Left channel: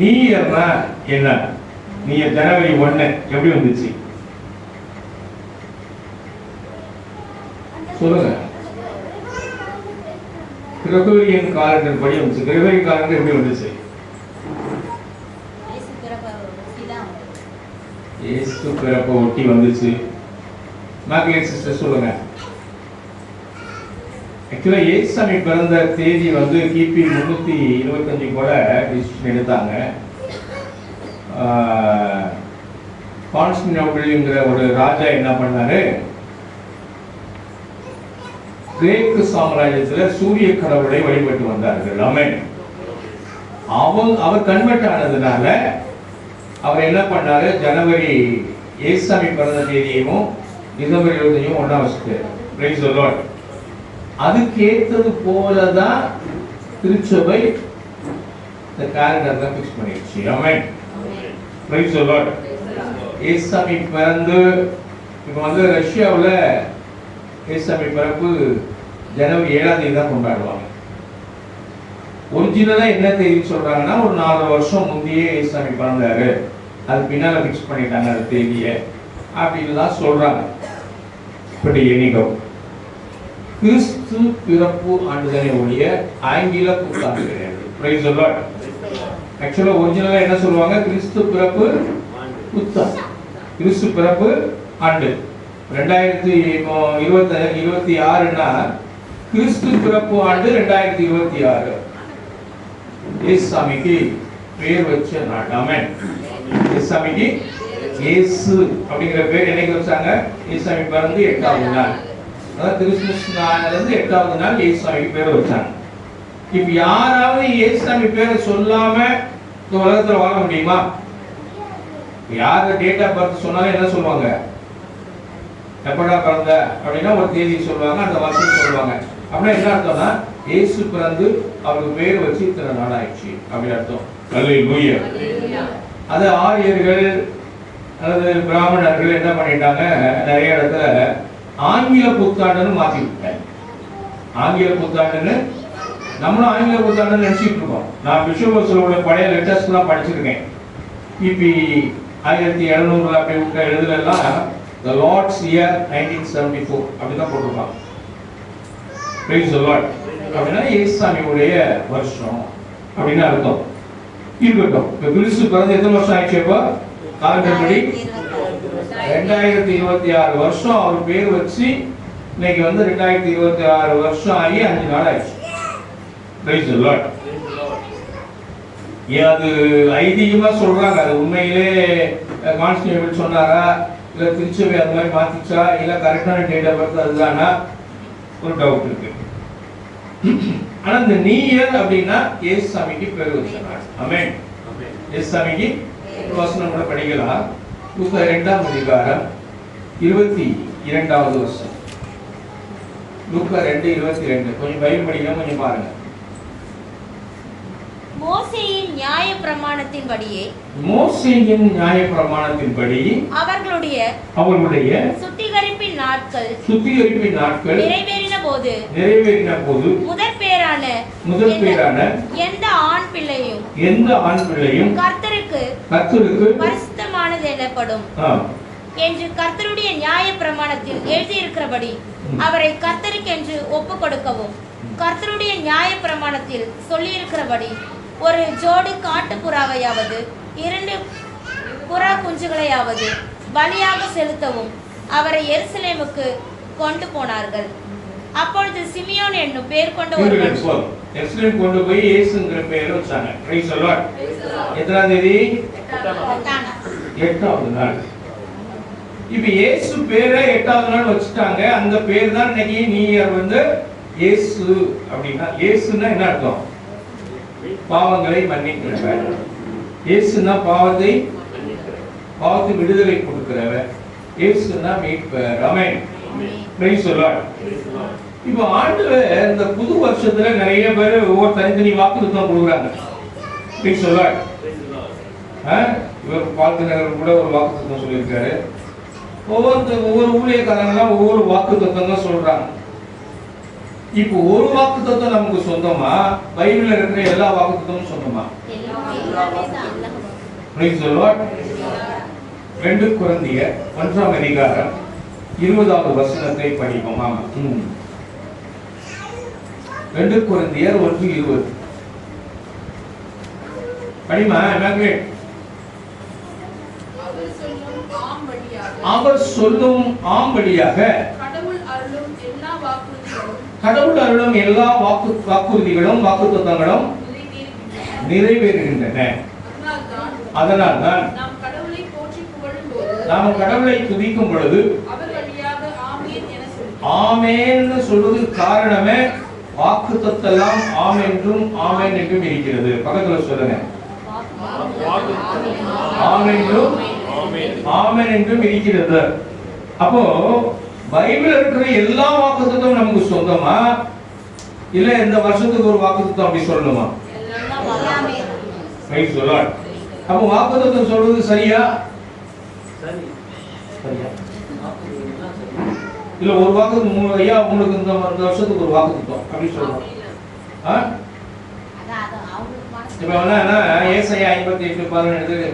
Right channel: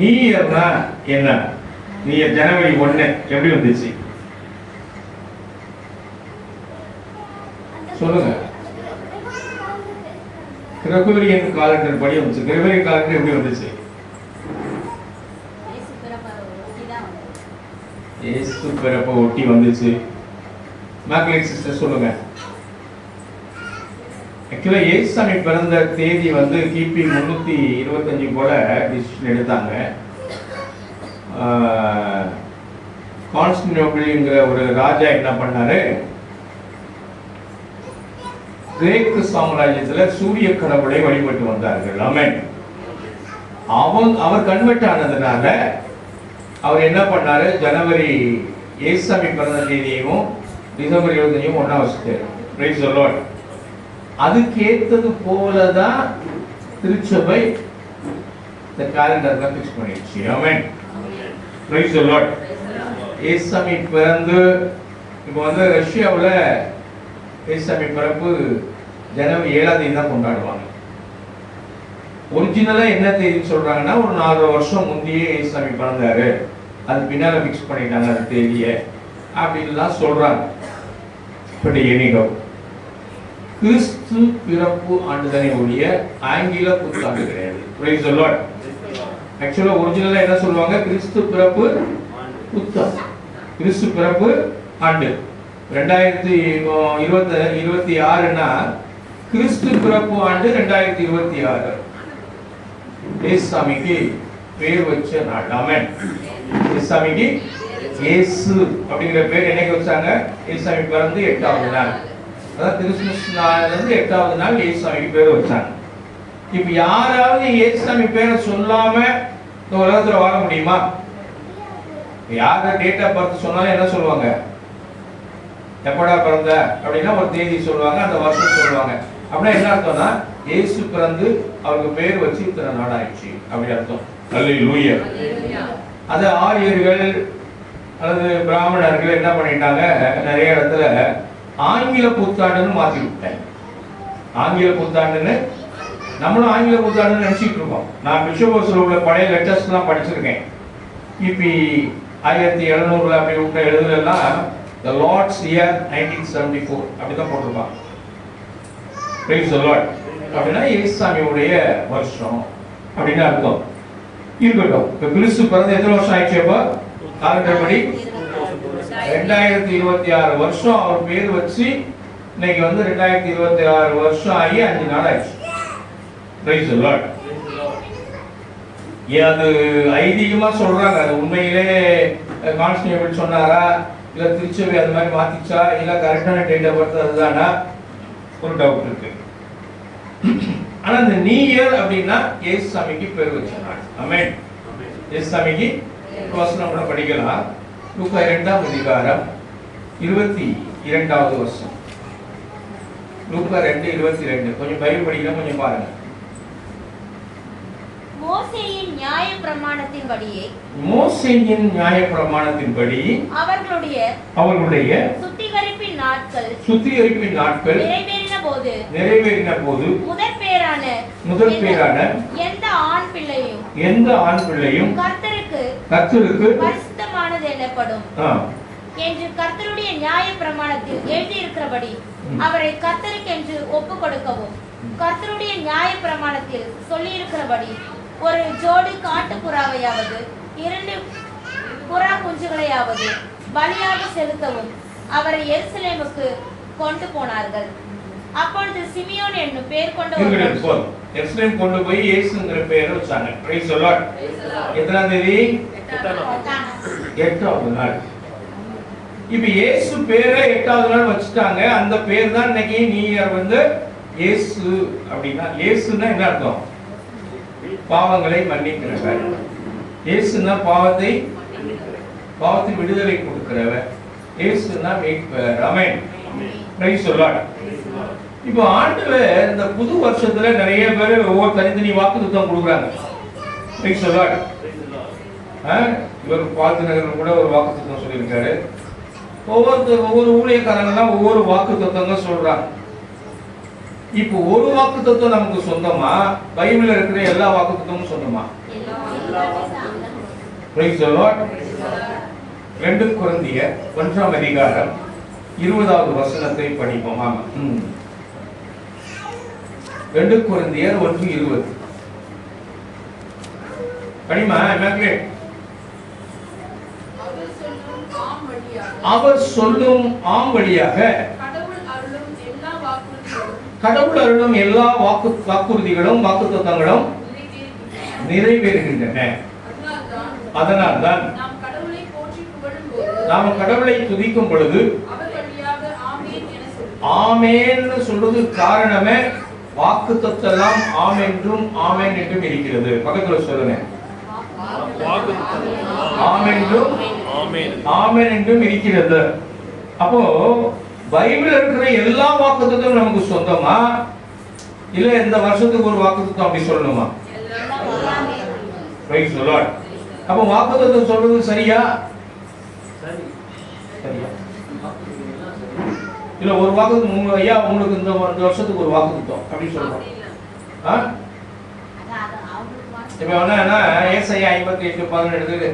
New இயர்னா என்ன? New year ஜனவரி 1 எப்படி வந்துச்சு சொல்லுங்க. கிரகோரியன் காலண்டர் படி வந்துச்சு. கிரகோரியன் காலண்டர் எப்படி வந்துச்சு? இயேசு பிறப்பை ஒட்டி வந்துச்சு. மேக்லேட் சிஸ்டர் சொல்லுங்க. ஆக்சுவலா இயேசுசாமி பிறந்த தேதி வந்து கிபி 325 போல டிசிஷன் எடுத்தாங்க. கான்ஸ்டன்டினோபிள்ங்கிற ஒரு ராஜா என்ன பண்ணாரு, கிரேக்கு சாம்ராஜ்யத்துல சூரிய கடவுளை வழிபட்டு வந்தார்கள். ஆமென். அவர் கன்வெர்ட் ஆனதுனால அவர் என்ன பண்ணாரு, ஜனவரி இயேசுசாமி பிறந்த தேதியையும் டிசம்பர் 25 ஒண்ணா வச்சுட்டாரு. Price the Lord. அதுக்கு ஏத்தது போலதான் திருச்சபை இந்த காலண்டர் தான் ஃபிக்ஸ் பண்ணிடுச்சு. ஆமென். Praise the Lord. இயேசுசாமி பிறந்து இப்போ வந்து ரஷ்யாவுல இயேசுசாமி பிறப்பு ஜனவரி 7ஆம் தேதி தான் கொண்டாடுவாங்க. ஒரிஜினலா என்ன தேதி சொல்றாங்கன்னா ஒரு 4 வருஷம் முந்தையே இயேசுசாமி பிறந்தாரு, அது பின்னால ஃபிக்ஸ் பண்ணிட்டாங்க அந்த தேதியை அப்படின்னு தான் சொல்றாங்க. இப்படி எண்ணிக்கோ கிறிஸ்து பிறப்பு ஆண்டுதானே ஒழிய ஆங்கில புத்தாண்டு கிடையாது. Price the Lord. ஆக்சுவலா ஒரிஜினலா என்ன சொல்லுவாங்க, கிறிஸ்து பிறப்பு புத்தாண்டு, கிறிஸ்து பிறப்பு ஆண்டு. 2026னா கிறிஸ்து பிறப்பு ஆண்டு 2026. இயேசுசாமிக்கு பேர் வச்ச நாள். ஆமென். இயேசுசாமிக்கு இயேசு அப்படிங்கிற பேர் என்னைக்கு வச்சாங்க? இயேசுசாமி பிறந்து 8வது நாள், அதாவது கிறிஸ்துமஸ் நாள்ல இருந்து 8வது நாள் இயேசுசாமிக்கு பேர் வச்சாங்க. இப்ப யாராவது இயேசுசாமி பேரை சொல்லாம இந்த உலகத்துல வாழ முடியுமா? யார டேட் ஆஃப் பர்த் சொன்னாலும் என்ன சொல்லுவாங்க, எப்படா பிறந்த அப்படின்னா ஒரு தேதி சொல்லுவாங்க, அந்த வருஷம் சொல்லுவாங்க. அப்படின்னா என்ன அர்த்தம்னா இயேசு பிறந்து அவருக்கு பேர் வச்சு இத்தனை நாள் ஆயிடுச்சு அப்படி அர்த்தம். அல்லேலூயா. அது ஆரியர்கள் அல்லது பிராமணர்கள் என்ன பண்ணிட்டாங்க, நிறைய இடத்துல ஆங்கில புத்தாண்டுன்னு மாத்தி விட்டாங்க. ஆங்கில புத்தாண்டுன்னு நம்மளும் ஆங்கில புத்தாண்டுன்னு நினைச்சிட்டு இருக்கோம். நான் பிஷோபஸ்ல உள்ள பழைய லெட்டர்ஸ் எல்லாம் படிச்சிருக்கேன். கிபி 1700 அப்படி விட்ட எழுதுலாம் the Lord's year 1974 அப்படிதான் போட்டிருப்பாங்க. Praise the Lord. அப்படின்னா இயேசுசாமியுடைய வருஷம் அப்படின்னு அர்த்தம். இருக்கட்டும். இப்ப கிறிஸ்து பிறந்து எத்தனை வருஷம் ஆயிடுச்சு? அப்ப காலண்டர் படி 2026 வருஷம் அவர் பேர் வச்சு இன்னைக்கு வந்து 2026 வருஷம் ஆகி 5 நாள் ஆயிடுச்சு. Praise the Lord. அது ஐதீகமா சொல்றாங்க. அது உண்மையிலே கான்ஸ்டன்டினோபிள் சொன்னாரா, இல்ல திருச்சபை அது மாதிரி மாத்திச்சா, இல்ல கரெக்டான டேட் ஆஃப் பர்த் அதுதானா, ஒரு டவுட் இருக்கு. ஆனா இந்த நியூ இயர் அப்படின்னா இயேசுசாமிக்கு பேர் வச்சாங்க. ஆமென். இயேசுசாமிக்கு வசனம் கூட படிக்கலாம். லூக்கா 2ஆம் அதிகாரம் 22வது வசனம். லூக்கா 2:22. கொஞ்சம் பைபிள் படிக்கலாம், கொஞ்சம் பாருங்க. மோசேயின் நியாயப்பிரமாணத்தின்படியே அவர்களுடைய சுத்திகரிப்பின் நாட்கள் நிறைவேறின போது முதற் பேரான எந்த ஆண் பிள்ளையும் கர்த்தருக்கு பரிசுத்தமானது எனப்படும் என்று கர்த்தருடைய நியாயப்பிரமாணத்தில் எழுதியிருக்கிறபடி அவரை கர்த்தருக்கென்று ஒப்புக் கொடுக்கவும், கர்த்தருடைய நியாயப்பிரமாணத்தில் சொல்லியிருக்கிறபடி ஒரு ஜோடி காட்டுப்புறாவையாவது 2 புறா குஞ்சுகளையாவது பலியாக செலுத்தவும் அவரை எருசலேமுக்கு கொண்டு போனார்கள். அப்பொழுது சிமியோன் என்னும் பேர் கொண்ட ஒரு எருசலேம் கொண்டு போய் இயேசுங்கிற பேரை வச்சாங்க. Praise the Lord. எத்தனாம் தேதி? 8வது நாள். இப்ப இயேசு பேரை 8வது நாள் வச்சுட்டாங்க. அந்த பேர் தான் இன்னைக்கு நியூ இயர் வந்து இயேசு அப்படின்னா. இயேசுன்னா என்ன அர்த்தம்? பாவங்களை மன்னிக்கிறவர். இயேசுன்னா பாவத்தை விடுதலை கொடுக்கிறவர். இயேசுன்னா மீட்பர். ஆமென். Praise the Lord. இப்போ ஆண்டவர் இந்த புது வருஷத்துல நிறைய பேர் ஒவ்வொரு தனித்தனி வாக்குத்தத்தம் கொடுக்குறாங்க. Price the Lord. இவர் பாத்திரர் கூட ஒரு வாக்குத்தத்தம் சொல்லியிருக்காரு. ஒவ்வொரு ஊழியக்காரங்களாம் ஒவ்வொரு வாக்குத்தத்தம் தான் சொல்றாங்க. இப்போ ஒரு வாக்குத்தத்தம் நமக்கு சொந்தமா, பைபிள்ல இருக்கிற எல்லா வாக்குத்தத்தமும் சொந்தமா? Praise the Lord. 2 கொரிந்தியர் 1ஆம் அதிகாரம் 20வது வசனத்தை படிப்போம். ஆமா. 2 கொரிந்தியர் 1:20. படிமா இமாக்குலேட். அவர் சொல்லும் ஆம்படியாக கடவுள் அருளும் எல்லா வாக்குறுதிகளும் வாக்குத்தத்தங்களும் நிறைவேறுகின்றன. அதனால்தான் நாம் கடவுளை துதிக்கும் பொழுது ஆமென் சொல்றது காரணமே வாக்குத்தத்தெல்லாம் ஆமென்றும் ஆமென் என்றும் இருக்கிறது. பக்கத்துல சொல்லுங்க. ஆமென்றும் ஆமென் என்றும் இருக்கிறது. அப்போ பைபிள்ல இருக்கிற எல்லா வாக்குத்தத்தமும் நமக்கு சொந்தமா இல்ல இந்த வருஷத்துக்கு ஒரு வாக்குத்தத்தம் அப்படி சொல்லணுமா? Price the Lord. அப்போ வாக்குத்தத்தம் சொல்றது சரியா? சரியா? இல்ல ஒரு வாக்குத்தத்தம் மூணு ஐயா உங்களுக்கு இந்த வருஷத்துக்கு ஒரு வாக்குத்தத்தம் அப்படி சொல்றோம். இப்ப என்ன ஏசாயா 58:11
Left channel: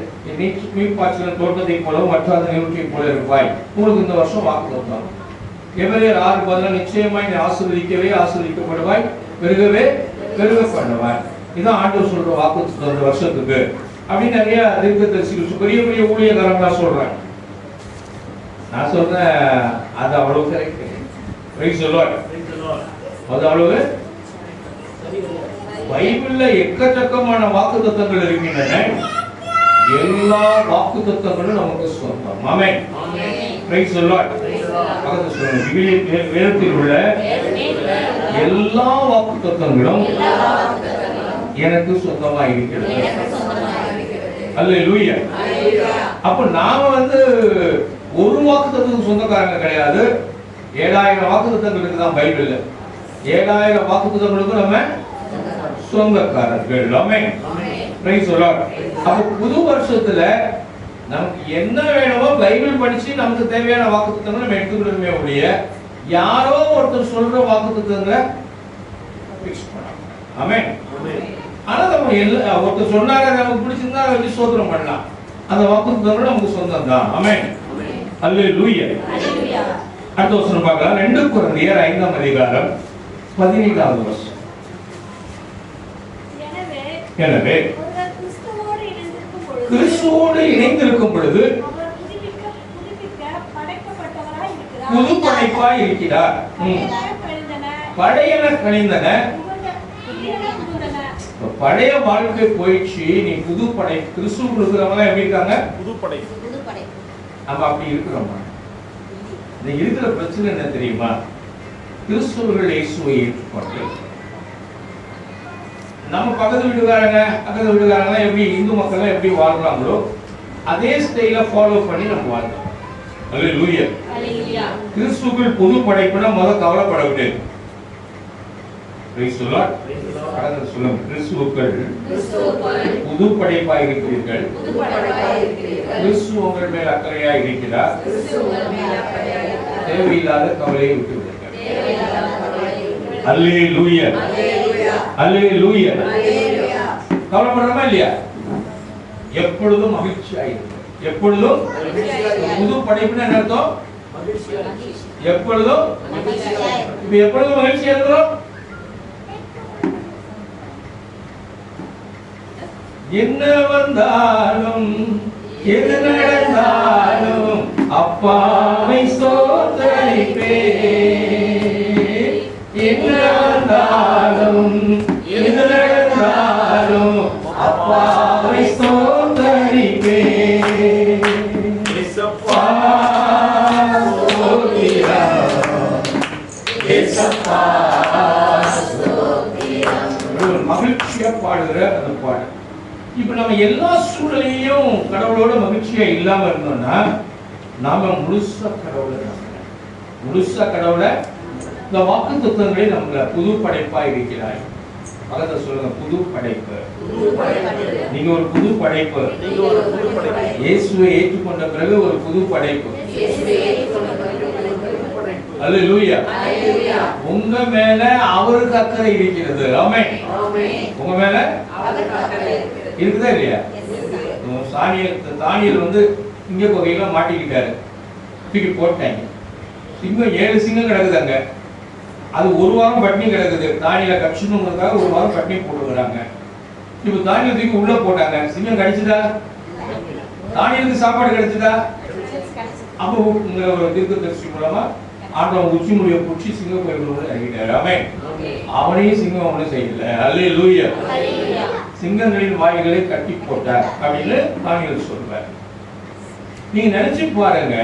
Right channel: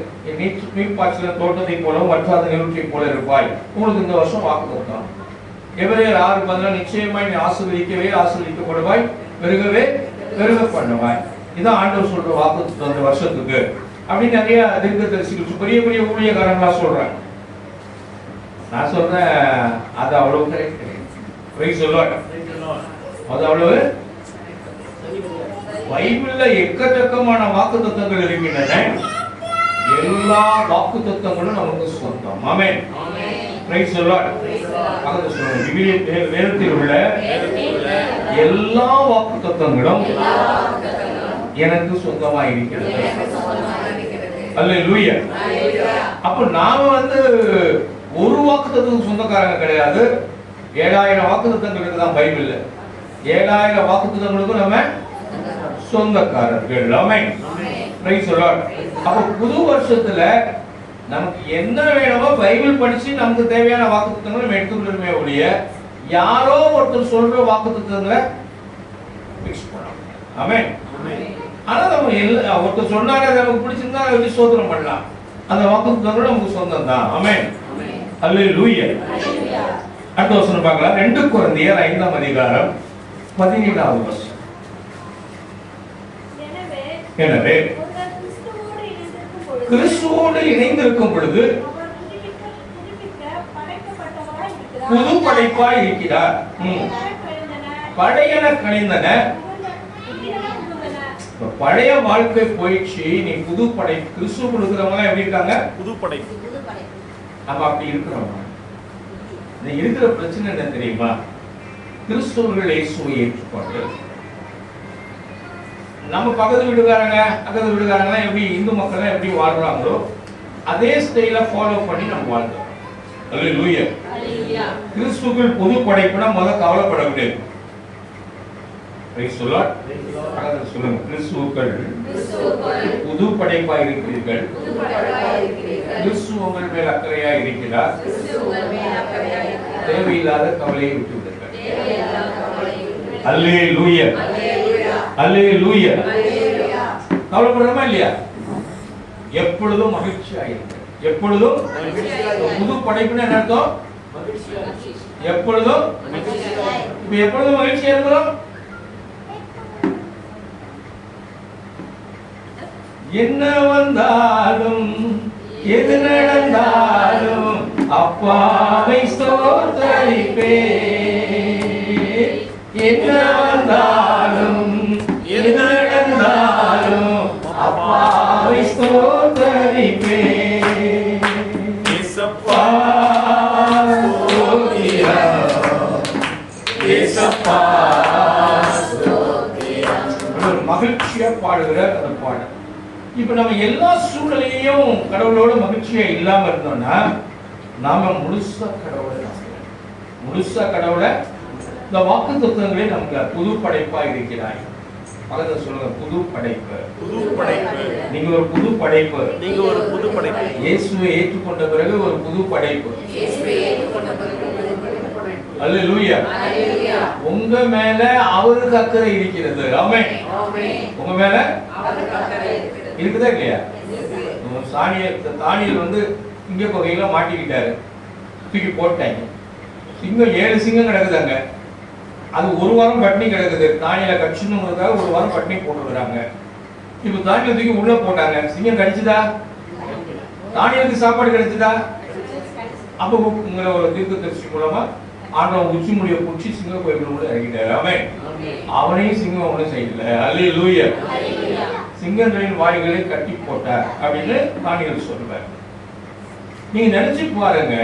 நீ பாய்ச்சல் தோட்டத்தை போலவும் வற்றாத நீரூற்றை போல இருப்பாய். உங்களுக்கு இந்த வருஷம் வாக்குத்தத்தம். எபிரேயர் 6:10 நிச்சயமாய் நீ ஆசீர்வதிக்கவே ஆசீர்வதிக்கப்படுவாய், பெருகவே பெருக பண்ணுவாய். இதான் ஆண்டவர் சொல்ற வாக்குத்தத்தம் இந்த வருஷத்துக்கு. அப்படி நிறைய தீர்க்கதரிசிகள் பெரிய பெரிய ஊழியக்காரங்களா சொல்றாங்க. நான் சொல்றேன் அது அவ்வளவு கரெக்ட். Price the Lord. அது அவ்வளவு பைபிள்ல எக்கச்சக்கமான வாக்குத்தத்தங்கள் இருக்கின்றன. எல்லா வாக்குத்தத்தங்களும் நமக்கு சொந்தம். ஆமென். Praise the Lord. அது சொல்லுங்க. வேதத்தில் உள்ள எல்லா வாக்குத்தத்தங்களும் எனக்கு சொந்தமா இருக்கிறது. அல்லேலூயா. அப்ப நாம ஒரு வாக்குத்தத்தத்துக்கு சொந்தக்காரங்க கிடையாது. 7000 வாக்குத்தத்தங்களுக்கு தான் பைபிள்ல. 7000 வாக்குத்தத்தங்களுக்கு நம்ம சொந்தக்காரர்கள். ஆமென். Praise the Lord. அப்ப புது வருஷத்துல நமக்கு என்ன வேணுமோ பைபிள் படிச்சு நமக்கு தேவையான வாக்குத்தத்தங்களை நம்ம எடுத்துக்கணுமே ஒழிய யாரோ ஒருத்தர் சொல்ற வாக்குத்தத்தங்களை ஃபிக்ஸ் பண்ணலாம். ஆமென். ஆனா நம்ம ஒருத்தர் சொன்னாரே நமக்கு பிடிச்சிருந்தா அதை ஸ்தோத்திரம் பண்ணலாம். அந்த வாக்குத்தத்தங்கள் நமக்கு சொந்தம் தான். ஆமென். அல்லேலூயா. அடுத்த வசனம் பார்க்கலாம். 2 கொரிந்தியர் 5ஆம் அதிகாரம் 17வது வசனம். எனவே கிறிஸ்துவோடு இணைந்திருக்கும் பொழுது புது படைப்பாய் இருக்கிறார். பழையன கழிந்தன. பழைய வாழ்க்கை போயிடுச்சு. நீ புது படை. கிறிஸ்துவுக்குள் இருக்கிறவங்க எப்படி இருக்காங்க? புது படைப்பு. நம்ம அப்படி இருக்கிறோமா? இந்த இருக்கிற பிரச்சனை என்ன தெரியுமா? கிறிஸ்துவர்கள் இயேசுவை ஏற்றுக்கொண்டு நம்ம பக்கத்து வீட்டுக்காரங்க அக்கத்து வீட்டுக்காரங்க எப்படி இந்து மக்கள் எப்படி வாழ்றாங்களோ அதே ஸ்டைல ஃபாலோ பண்ணி நம்ம வாழ்றோம். அல்லேலூயா. கிறிஸ்துவுக்குள் புது படைப்புனா முதல்ல கவலைப்பட விட்டு. Price the Lord. பக்கத்துல சொல்லுங்க. கிறிஸ்துவுக்குள் புது படைப்பாய் இருக்கிறீர்கள். கிறிஸ்து உங்கள் மேல் அக்கறையாய் இருக்கிறார். தேவையில்லாத கவலையை விட்டு விடுங்கள். அல்லேலூயா. அல்லேலூயா. கவலைப்படுறோமா இல்லையா? எப்பொழுதும் மகிழ்ச்சியா இருங்க. எப்பொழுதும் புது படைப்புன்னு என்ன அர்த்தம்? எப்பொழுதும் இப்ப எப்பொழுதும் மகிழ்ச்சியா இருக்கிறோம். என்ன வந்தாலும் எது நடந்தாலும் அப்பாவை ஸ்தோத்தரிப்பே. என்ன வந்தாலும் எது நடந்தாலும் அப்பாவை ஸ்தோத்தரிப்பே. ஏசப்பா ஸ்தோத்திரம், ஏசப்பா ஸ்தோத்திரம். மகிழ்ச்சியா பாடுகிற அந்த பாடல். இப்ப நம்ம எல்லா சூழ்நிலையும் கடவுளோட மகிழ்ச்சியா இல்லாம இருந்தோம்னா நாம முழுசா கடவுளை இந்த வாக்குத்தத்தங்களே நம்மள புது படைப்பா இருக்கிறாய். பக்கத்துல சொல்லுங்க. புது படைப்பு. நீங்க ஒரு புது படைப்பு. இயேசுவை ஏற்றுக்கொண்ட பிறகு ஒரு புது படைப்பு. அல்லேலூயா. உங்க மேல அவருக்கு அக்கறை இருக்கிறது. ஆமென். உங்க மேல அவருக்கு அக்கறை இருக்கிறது. இருக்குதா இல்லையா? தானியல் வந்து சிங்க கொகையில மாட்டிக்கிட்டாரு, தூக்கி போட்டாங்க. சிங்கம் 7 சிங்கம் கிடக்குதாங்க. அது ஒரு வாரம் பட்டினி கிடக்குது. தானியலை கட்சணுங்கிறதுக்காக ஒரு வாரம் பட்டினி போட்டுக்கிறாங்க. இப்ப தானியலை தூக்கி உள்ள போட்டாங்க. சிங்கம் கடிச்சுதா? தானியலுக்கு சாப்பாடு கிடைச்சதா? அப்போ ஒரு தீர்க்கதரிசி மூலமா ஆண்டவன் உச்சி முடிய பிடிச்சி சிங்க கோயிலுக்குள்ள இறங்கிட்டாரு. ஆமென். அவனையும் சிங்கம் ஒன்றும் செய்யல. அல்லேலூயா. சிங்கங்களின் வாய்களை கட்டி போட்டார் அப்படின்னு தானியல் சொல்றார். நீங்க நினைச்சு பாருங்க,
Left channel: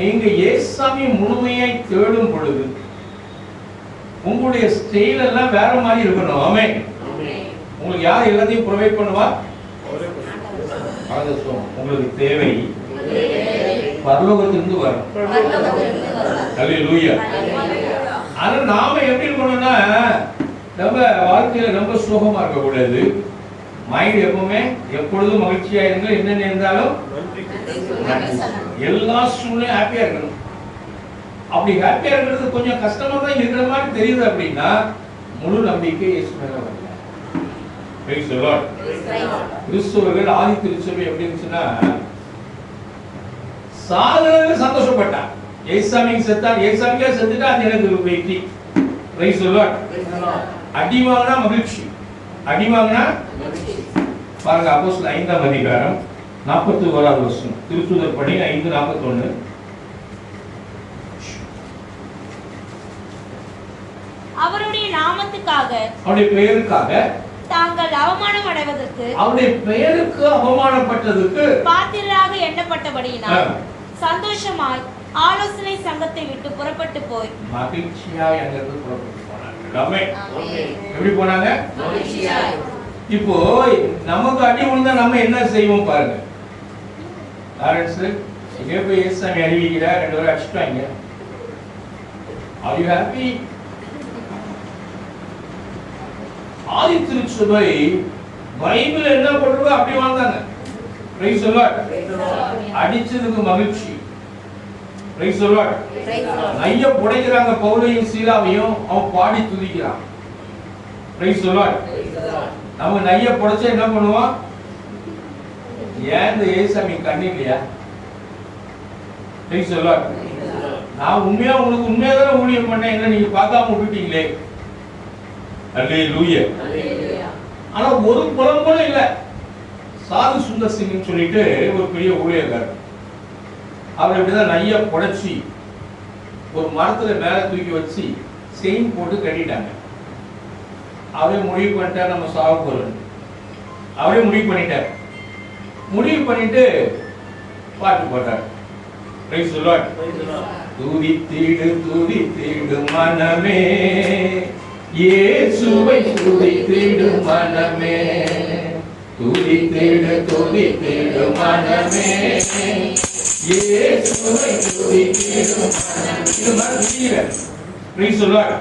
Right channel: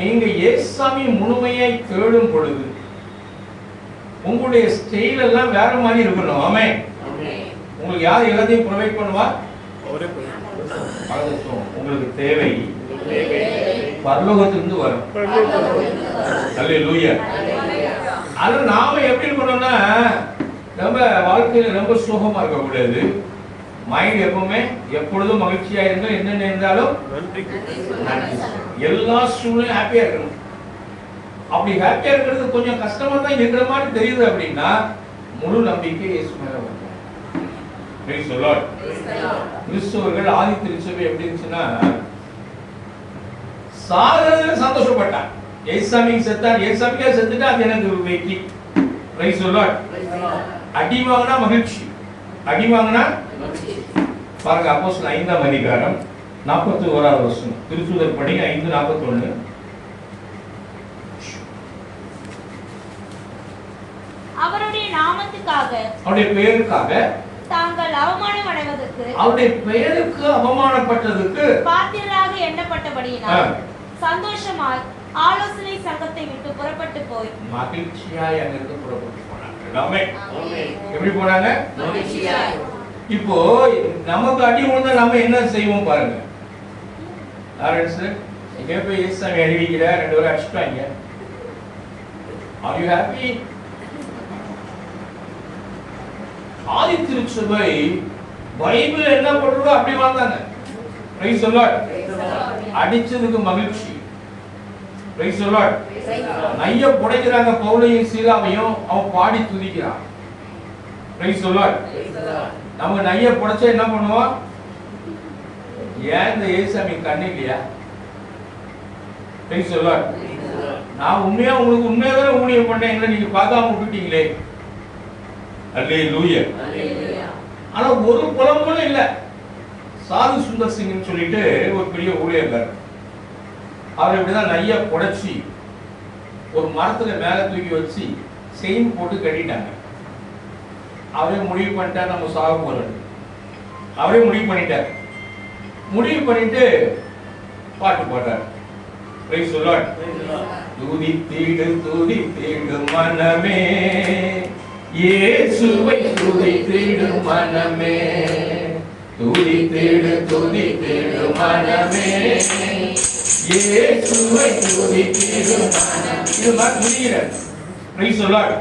நீங்க இயேசுவை முழுமையை தேடும் பொழுது உங்களுடைய ஸ்டைல் எல்லாம் வேற மாதிரி இருக்கணும். ஆமென். உங்களுக்கு யார் எல்லாத்தையும் ப்ரொவைட் பண்ணுவா? உங்களுக்கு தேவை பரலோகத்திலிருந்து வரும். அல்லேலூயா. ஆனா நாம எப்படி இருக்கணும்னா, நம்ம வாழ்க்கையில ரொம்ப சுகமா இருக்க கூடாது. மைண்ட் எப்பவுமே எப்பொழுதும் மகிழ்ச்சியா இருங்க. என்னென்ன இருந்தாலும் எல்லா சூழ்நிலையும் ஹாப்பியா இருக்கணும். அப்படி ஹாப்பியா இருக்கிறது கொஞ்சம் கஷ்டமா தான் இருக்கிற மாதிரி தெரியுது அப்படின்னா முழு நம்பிக்கை இயேசு மேல வரல. Price the Lord. கிறிஸ்தவர்கள் ஆதி திருச்சபை எப்படி இருந்துச்சுன்னா, சாகிறதுல சந்தோஷப்பட்டான். இயேசுசாமிக்கு செத்தான், இயேசுசாமிக்கா செத்துட்டா அது எனக்கு வெற்றி. Price the Lord. அடி வாங்கினா மகிழ்ச்சி, அடி வாங்கினா பாருங்க. அப்போஸ்தலர் 5ஆம் அதிகாரம் 41வது வசனம், திருத்தூதர் பணி 5:41. அவருடைய நாமத்துக்காக, அவருடைய பெயருக்காக தாங்கள் அவமானம் அடைவதற்கு, அவருடைய பெயருக்கு அவமானப்பட்டதற்கு பாத்திரராக எண்ணப்பட்டபடியினால் சந்தோஷமாய் ஆலோசனை சங்கத்தை விட்டு புறப்பட்டு போய் மகிழ்ச்சியாய் அங்கிருந்து புறப்பட்டு போனாங்க. ஆமென். எப்படி போனாங்க? மகிழ்ச்சியாய். இப்போ நமக்கு அடி விழுந்தா நம்ம என்ன செய்வோம் பாருங்க. லாரன்ஸ் இங்கே போய் இயேசுவை அறிவிக்கிறா, 2 பேரும் அடிச்சுட்டாங்க. Are you happy? ஆதி திருச்சபை பைபிள் என்ன போட்டிருக்கோ அப்படி வாழ்ந்தாங்க. Praise the Lord. அடிச்சதுக்கு மகிழ்ச்சி. Price the Lord. நைய புடைக்கிறாங்க பவுலையும் சீலாவையும், அவன் பாடி துதிக்கிறான். Price the Lord. நம்ம நைய புடைச்சா என்ன பண்ணுவோம்? ஏன் இந்த இயேசுசாமி கண்ணு இல்லையா? Price the Lord. நான் உண்மையா உங்களுக்கு உண்மையாதான ஊழியம் பண்ணேன், நீங்க பார்க்காம விட்டுட்டீங்களே. அல்லேலூயா. ஆனா ஒரு புலம்பலும் இல்ல. சாது சுந்தர் சிங்னு சொல்லிட்டு ஒரு பெரிய ஊழியர், அவர் இப்படிதான் நைய புடைச்சி ஒரு மரத்துல மேல தூக்கி வச்சு செயின் போட்டு கட்டிட்டாங்க. அவரே முடிவு பண்ணிட்டார் நம்ம சாக போறோம். அவரே முடிவு பண்ணிட்டார். முடிவு பண்ணிட்டு பாட்டு போட்டார். Price the Lord. துதித்திடு மனமே, இயேசுவை துதித்திடு மனமே, துதித்திடு மனமே, இயேசுவை துதித்திடு மனமே. இது மாதிரி துதிக்கிறார். Price the Lord.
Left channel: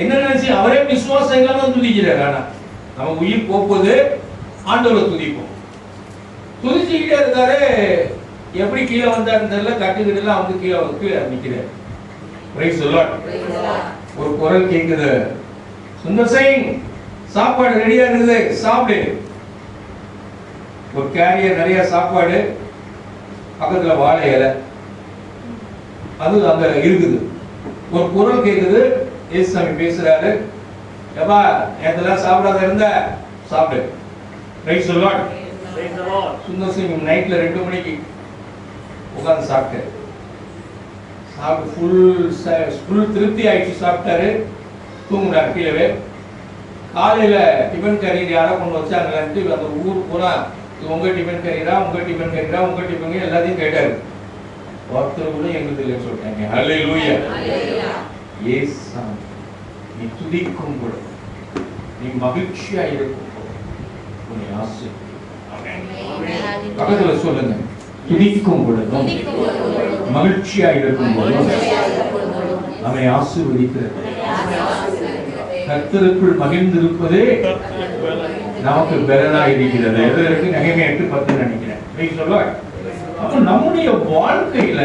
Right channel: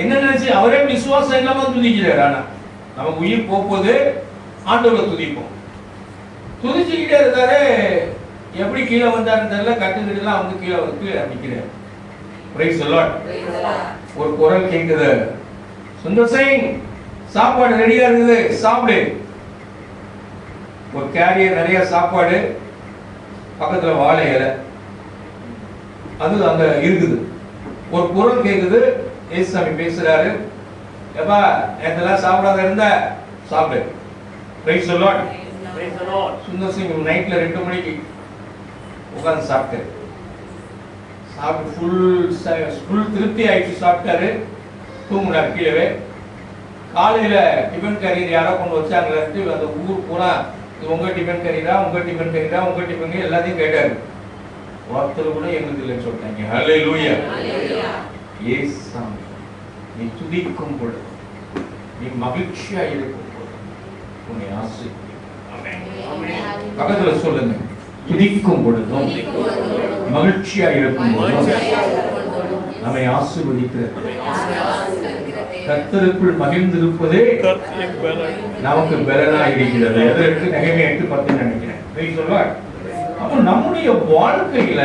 என்ன நினைச்சு அவரே விசுவாசம் இல்லாம துதிக்கிறார். ஆனா நமக்கு உயிர் போகுது, ஆண்டவரை துதிப்போம். துதிச்சுக்கிட்டே இருக்காரு. எப்படி கீழே வந்தாருன்னு தெரியல, கட்டுக்கிட்டுலாம் வந்து கீழே நிக்கிறார். Price the Lord. ஒரு குரல் கேக்குது, சுந்தர் சிங் சாப்பாடு ரெடியா இருக்குது, சாப்பிடு. ஒரு கேரியர் நிறைய சாப்பாடு, பக்கத்துல வாழை இலை அது அங்க இருக்குது. ஒரு குரல் கேக்குது, இயேசுசாமி பேசுறாரு, எப்பா நேத்தெல்லாம் சாப்பிடாத இருந்த சாப்பிடு. Price the Lord. Sundar Singh நைட்ல 2 மணிக்கு உட்கார்ந்து சாப்பிட்டாரு. ஃபுல் திருப்தி ஆயிடுச்சு, சாப்பிட்டாரு, தூங்குறாரு கீழே. காலையில டிஃபன் கரியர் யாரோ கொண்டு வச்சாங்க. அந்த ஊர் பூரா உங்க டிஃபன் கரியரா, உங்க டிஃபன் கரியரா, உங்க டிஃபன் எல்லாத்தையும் கேட்டாரு. ஒருத்தர் கூட எங்களுக்கு இல்லைன்னு சொல்லிட்டாங்க. அல்லேலூயா. இயேசுசாமி நீ துதிக்கும் பொழுது, நீ மகிழ்ச்சியா இருக்கும் பொழுது உன்னை ஆசீர்வதிப்பார். ஆமென். பக்கத்துல சொல்லுங்க, துதிக்கும் பொழுதும் மகிழ்ச்சியா இருக்கும் பொழுதும் நம்மை ஆசீர்வதிக்கிறது. கர்த்தருக்குள் மகிழ்ந்திருப்பதே நமக்கு பலனா இருக்கிறது. எதற்கு? நெகேமியா 8:10 நினைக்கிறேன். Price the Lord. அப்ப நம்முடைய வாழ்க்கையில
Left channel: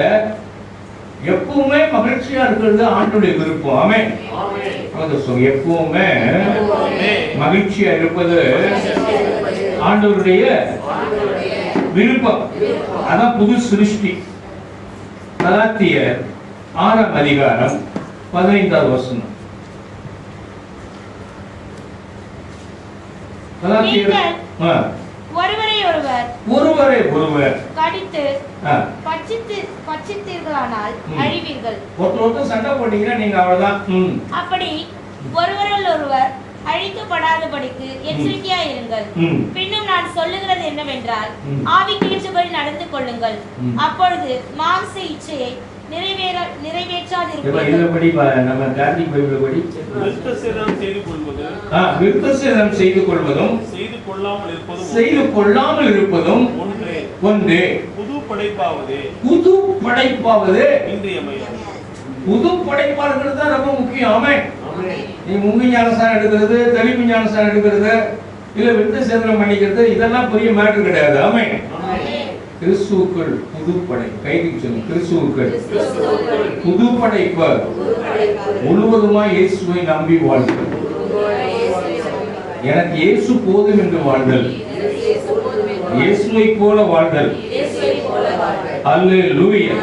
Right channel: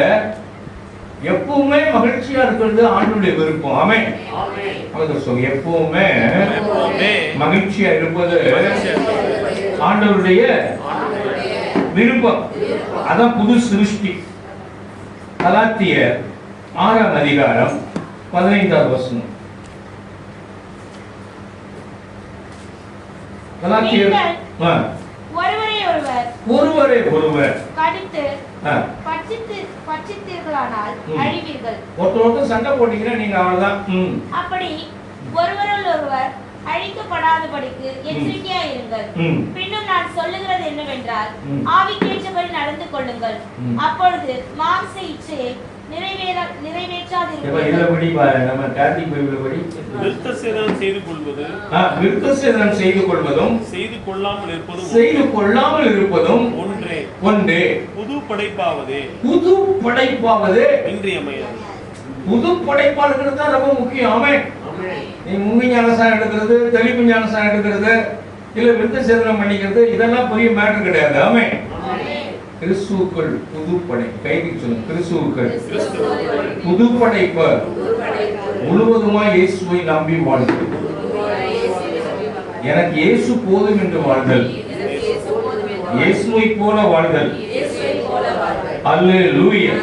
எப்பவுமே மகிழ்ச்சியா இருக்கிறது ஆண்டவருடைய விருப்பம். ஆமென். எப்பவுமே மகிழ்ச்சியா இருப்பது ஆண்டவருடைய விருப்பம். அதான் புது சிருஷ்டி. கலாத்தியர் 6ஆம் அதிகாரம் 15வது வசனம். கலாத்தியர் ஒருவரை ஒருவர் கடித்து பட்சித்தீர்களானால் அழிவீர்கள். ஒருத்தர் சண்டை போட்டீங்கன்னா நீங்க அவ்வளவுதான். அப்படி ஒருவரோடு ஒருவர் அழிக்கப்படாதபடிக்கு எச்சரிக்கையா இருங்கள். பின்னும் நான் சொல்லுகிறது என்னவென்றால், ஆவிக்கேற்றபடி நடந்து கொள்ளுங்கள், அப்பொழுது மாம்ச இச்சையை நிறைவேற்றாதிருப்பீர்கள். நம்ம கார்த்திக் பைபிள் படி விருத்தசேதனம் செய்து கொள்வது, விருத்தசேதனம் செய்து கொள்வதும் செய்து கொள்ளாமல் இருப்பதும் ஒன்றே. புது படைப்பாவது இன்றியமையாது. புது படைப்பா இருக்கிறது தான் ரொம்ப முக்கியம். ஆமென். நீ முங்கி ஞானசாரம் எடுக்கிறது, தெளிப்பு ஞானசாரம் எடுக்கிறது, இல்ல விருத்தசேதனம் பண்ணிக்கிறது, இதெல்லாம் பெரிய மேட்டர் கிடையாது. ஆமென். கிறிஸ்துவுக்குள் புது படை. கைதிக்கு சொல்லுங்க, கிறிஸ்துவுக்குள் புது படைப்பு. முழுவதுமா இயேசுவை நம்பி வாழ்தல். எனக்கு இயேசு போதும் என்று வாழ்தல், இயேசுவை போல வாழ்தல். அல்லேலூயா.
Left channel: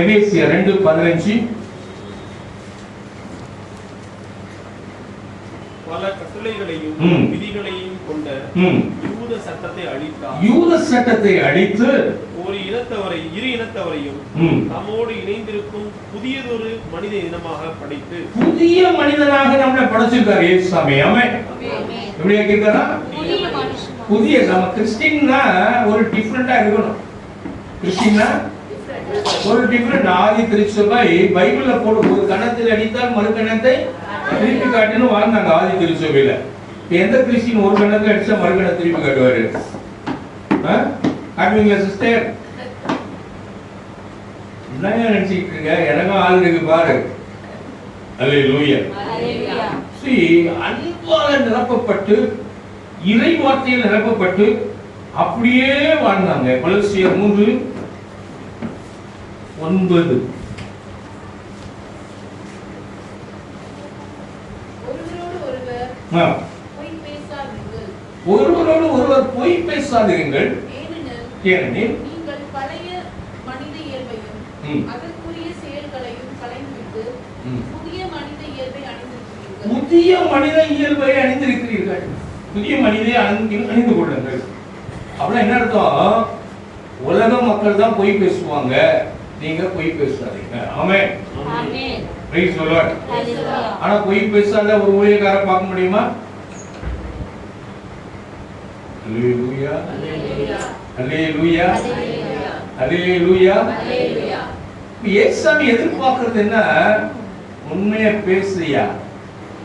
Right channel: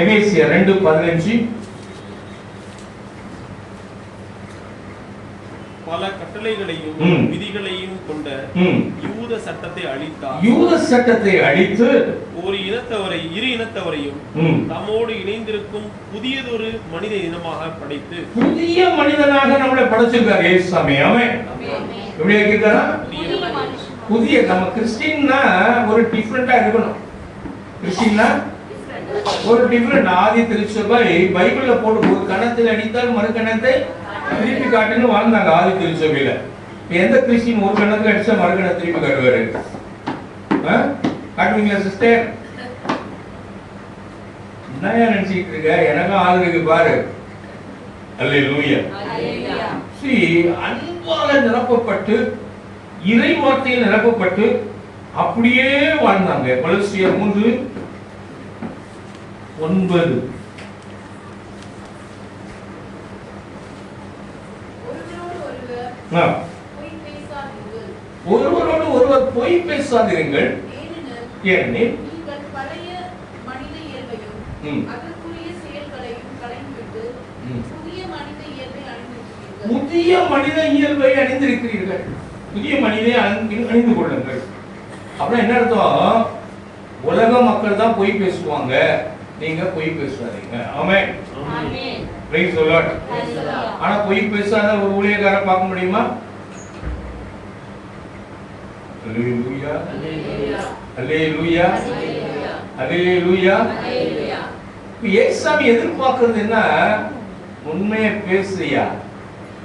எபேசியர் 2:15. பல கட்டளைகளையும் விதிகளையும் கொண்ட யூத சட்டத்தை அழித்து ஒரு இனத்தவரை இரு இனத்தவரையும் நம்மோடு இணைந்திருக்கும் புதியதொரு மனித இனமாக படைத்து, புதிய மனிதனாக நம்மளை படைச்சிருக்கார் இயேசு சாமி. ஆமென். எப்படி ஆக்கியிருக்காரா? புதிய. நம்ம கிறிஸ்டியன்னா ஒரு டிஃபரெண்டா இருக்கணும். கிறிஸ்டியன்னா ஒரு டிஃபரெண்ட். ஆதி திருச்சபை பைபிள்ல போடும் ஒரு கணத்தில் அடித்தால் மறு கணத்தை திருப்பி காட்டுன்னு வாழ்ந்தாங்க ஆதி திருச்சபையில. எந்த கிறிஸ்டியன் ஒரு கணத்துல அடிச்சா மறு கணத்தை திருப்பி காட்டுவாரு? காட்டுவீங்களா சிஸ்டர்? என்ன நினைச்சிட்டு இருக்க? எனக்கும் ஆள் இருக்கு பாரு. அல்லேலூயா. அன்பால நிரப்பப்பட்டு, இறை வார்த்தையில் நிரப்பப்பட்டு அப்படியே வாழ்ந்தாங்க. கொலோசியர் 3:9. ஒருவரோடு ஒருவர் பொய் பேசாதீர்கள், ஏனெனில் புதிய மனித இயல்பை அணிந்திருக்கிறீர்கள். புதிய மனிதை அணிந்து கொள்ளுங்கள். அப்படின்னா என்ன அர்த்தம்? உலக மக்கள் தான் பொய் பேசுவாங்க, நீங்க பொய் பேசாதீங்க. ஆமென். Praise the Lord. ஆனா பொய் பேசாத ஒரு ஊழியக்காரரை பார்க்க முடியுமா? அல்லேலூயா, அல்லேலூயா, அல்லேலூயா. இயேசுவை எதிர்பார்க்கிறது என்ன? உண்மையை பேசுறியா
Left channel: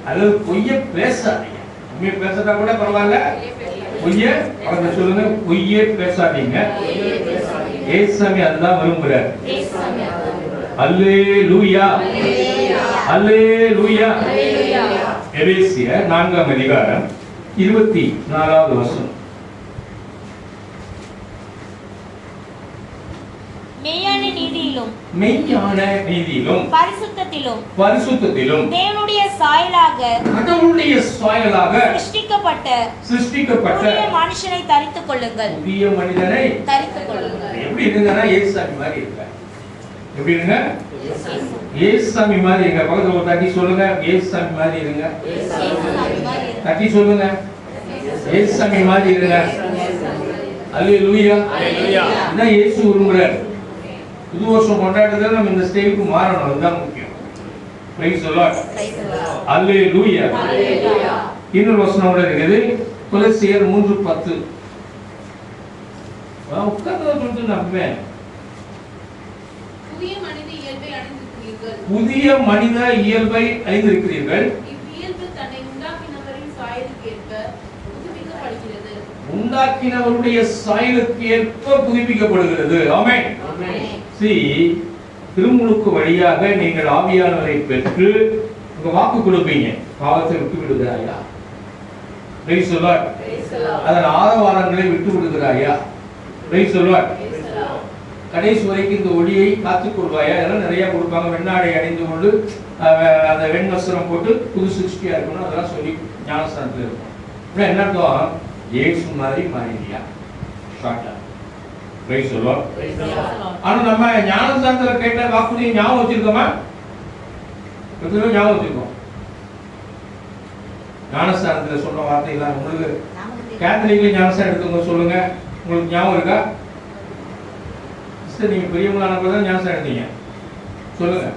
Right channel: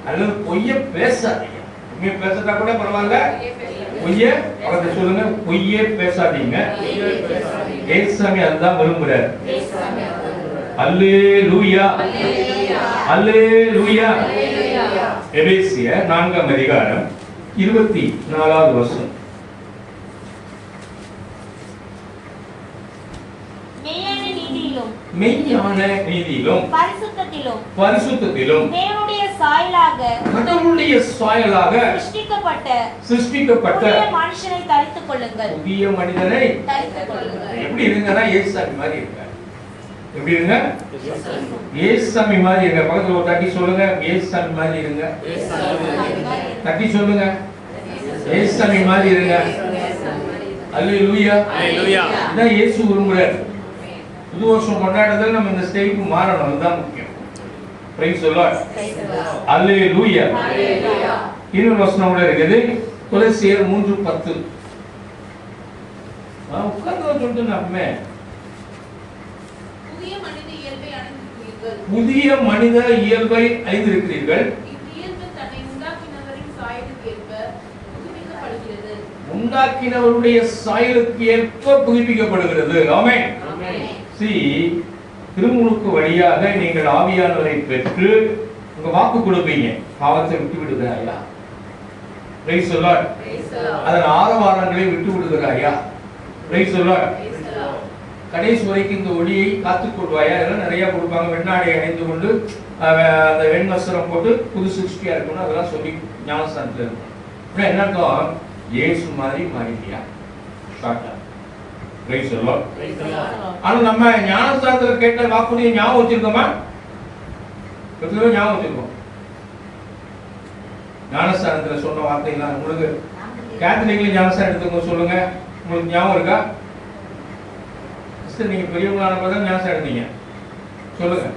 அல்லது பொய்ய பேசாதீங்க. உண்மையை பேசுறதா கூட பரவாயில்ல, பொய்ய அவரை சொல்லுங்க, பொய்யே பேசாதீங்க. இயேசுவை அதுதான் விரும்புறார். அல்லேலூயா, அல்லேலூயா. எபேசியர் 4ஆம் அதிகாரம் 24வது வசனம். மெய்யான நீதியிலும் பரிசுத்தத்திலும் தேவனுடைய சாயலாக கடவுளுடைய சாயலாக சிருஷ்டிக்கப்பட்ட மனுஷனை தரித்துக் கொள்ளுங்கள். புதிய மனிதனை தரித்துக் கொள்ளுங்கள். எப்படி இருங்கன்னா இயேசுசாமி மாதிரி இருக்க. எப்படி இருங்க? இயேசுசாமி மாதிரி இருங்க. பக்கத்துல ஒரு தட்டி சொல்லுங்க, இயேசுசாமி மாதிரி இருங்க. தட்டி சொல்லுங்க, இயேசுசாமி மாதிரி இருங்க. அல்லேலூயா, அல்லேலூயா. இதான் இயேசு விரும்புறார். புது வருஷம் கொண்டாடுறதுல நம்ம இந்த ஸ்டேஜுக்கு மாறணும். அதுதான் முக்கியம். Praise the Lord. அல்லேலூயா. இன்னொரு வசனம் கூட இருக்குது, கொலோசியர் 3:10. உட்கார்ந்து சொல்லிட்டு நம்மே புதிய மனித இயல்பை அணிந்திருக்கிறீர்கள். உண்டாக்கினவருடைய சாயலுக்கு ஏற்ப புதுப்பிக்கப்படுகிறது. ஆமென். திருமுழுக்கு வழியாக நீங்கள் ஆவியானவரை பெற்று உங்க வாக்கு கொடுப்பீங்க. பாவத்தை விட்டு விடுகிறாயா? Price the Lord. அதன் ஆரவாரங்களை விட்டு விடுகிறாயா? Price the Lord. கடைசி வரைக்கும் இந்த ஒளியை காத்துக்கொள்வாயா? அதெல்லாம் நிறைய கொடுப்பாங்க. வெண்ணாடை அணிந்து கொண்டு அந்த வெண்வஸ்திரம் போட்டு புது சிருஷ்டியா இருக்கணும், அதெல்லாம் சொல்லி ஞானஸ்தானத்தில் இருக்கும். என்ன அர்த்தம்? இயேசு மாதிரி மாறிட்டியா? ஷார்ட்டா பிரைஸ் தி லார்ட். ஆனா நம்ம ஞானஸ்தானத்துல கேட்ட வாக்குறுதியை ஞாபகம் வச்சிருக்கோமா? எத்தனை ஞாபகம் வச்சிருக்கோம்? ஞானஸ்தானத்துல சொன்ன வார்த்தைகள் உங்களுக்கு கேத்தலிக்ல ஞானஸ்தானம் எடுத்துங்க சொல்லுங்க, உங்களுக்கு ஞாபகம் இருக்கா? சரி, நீங்க பெரியவங்களான போது ஞானஸ்தானம் எடுத்தீங்க, சொல்லுங்க.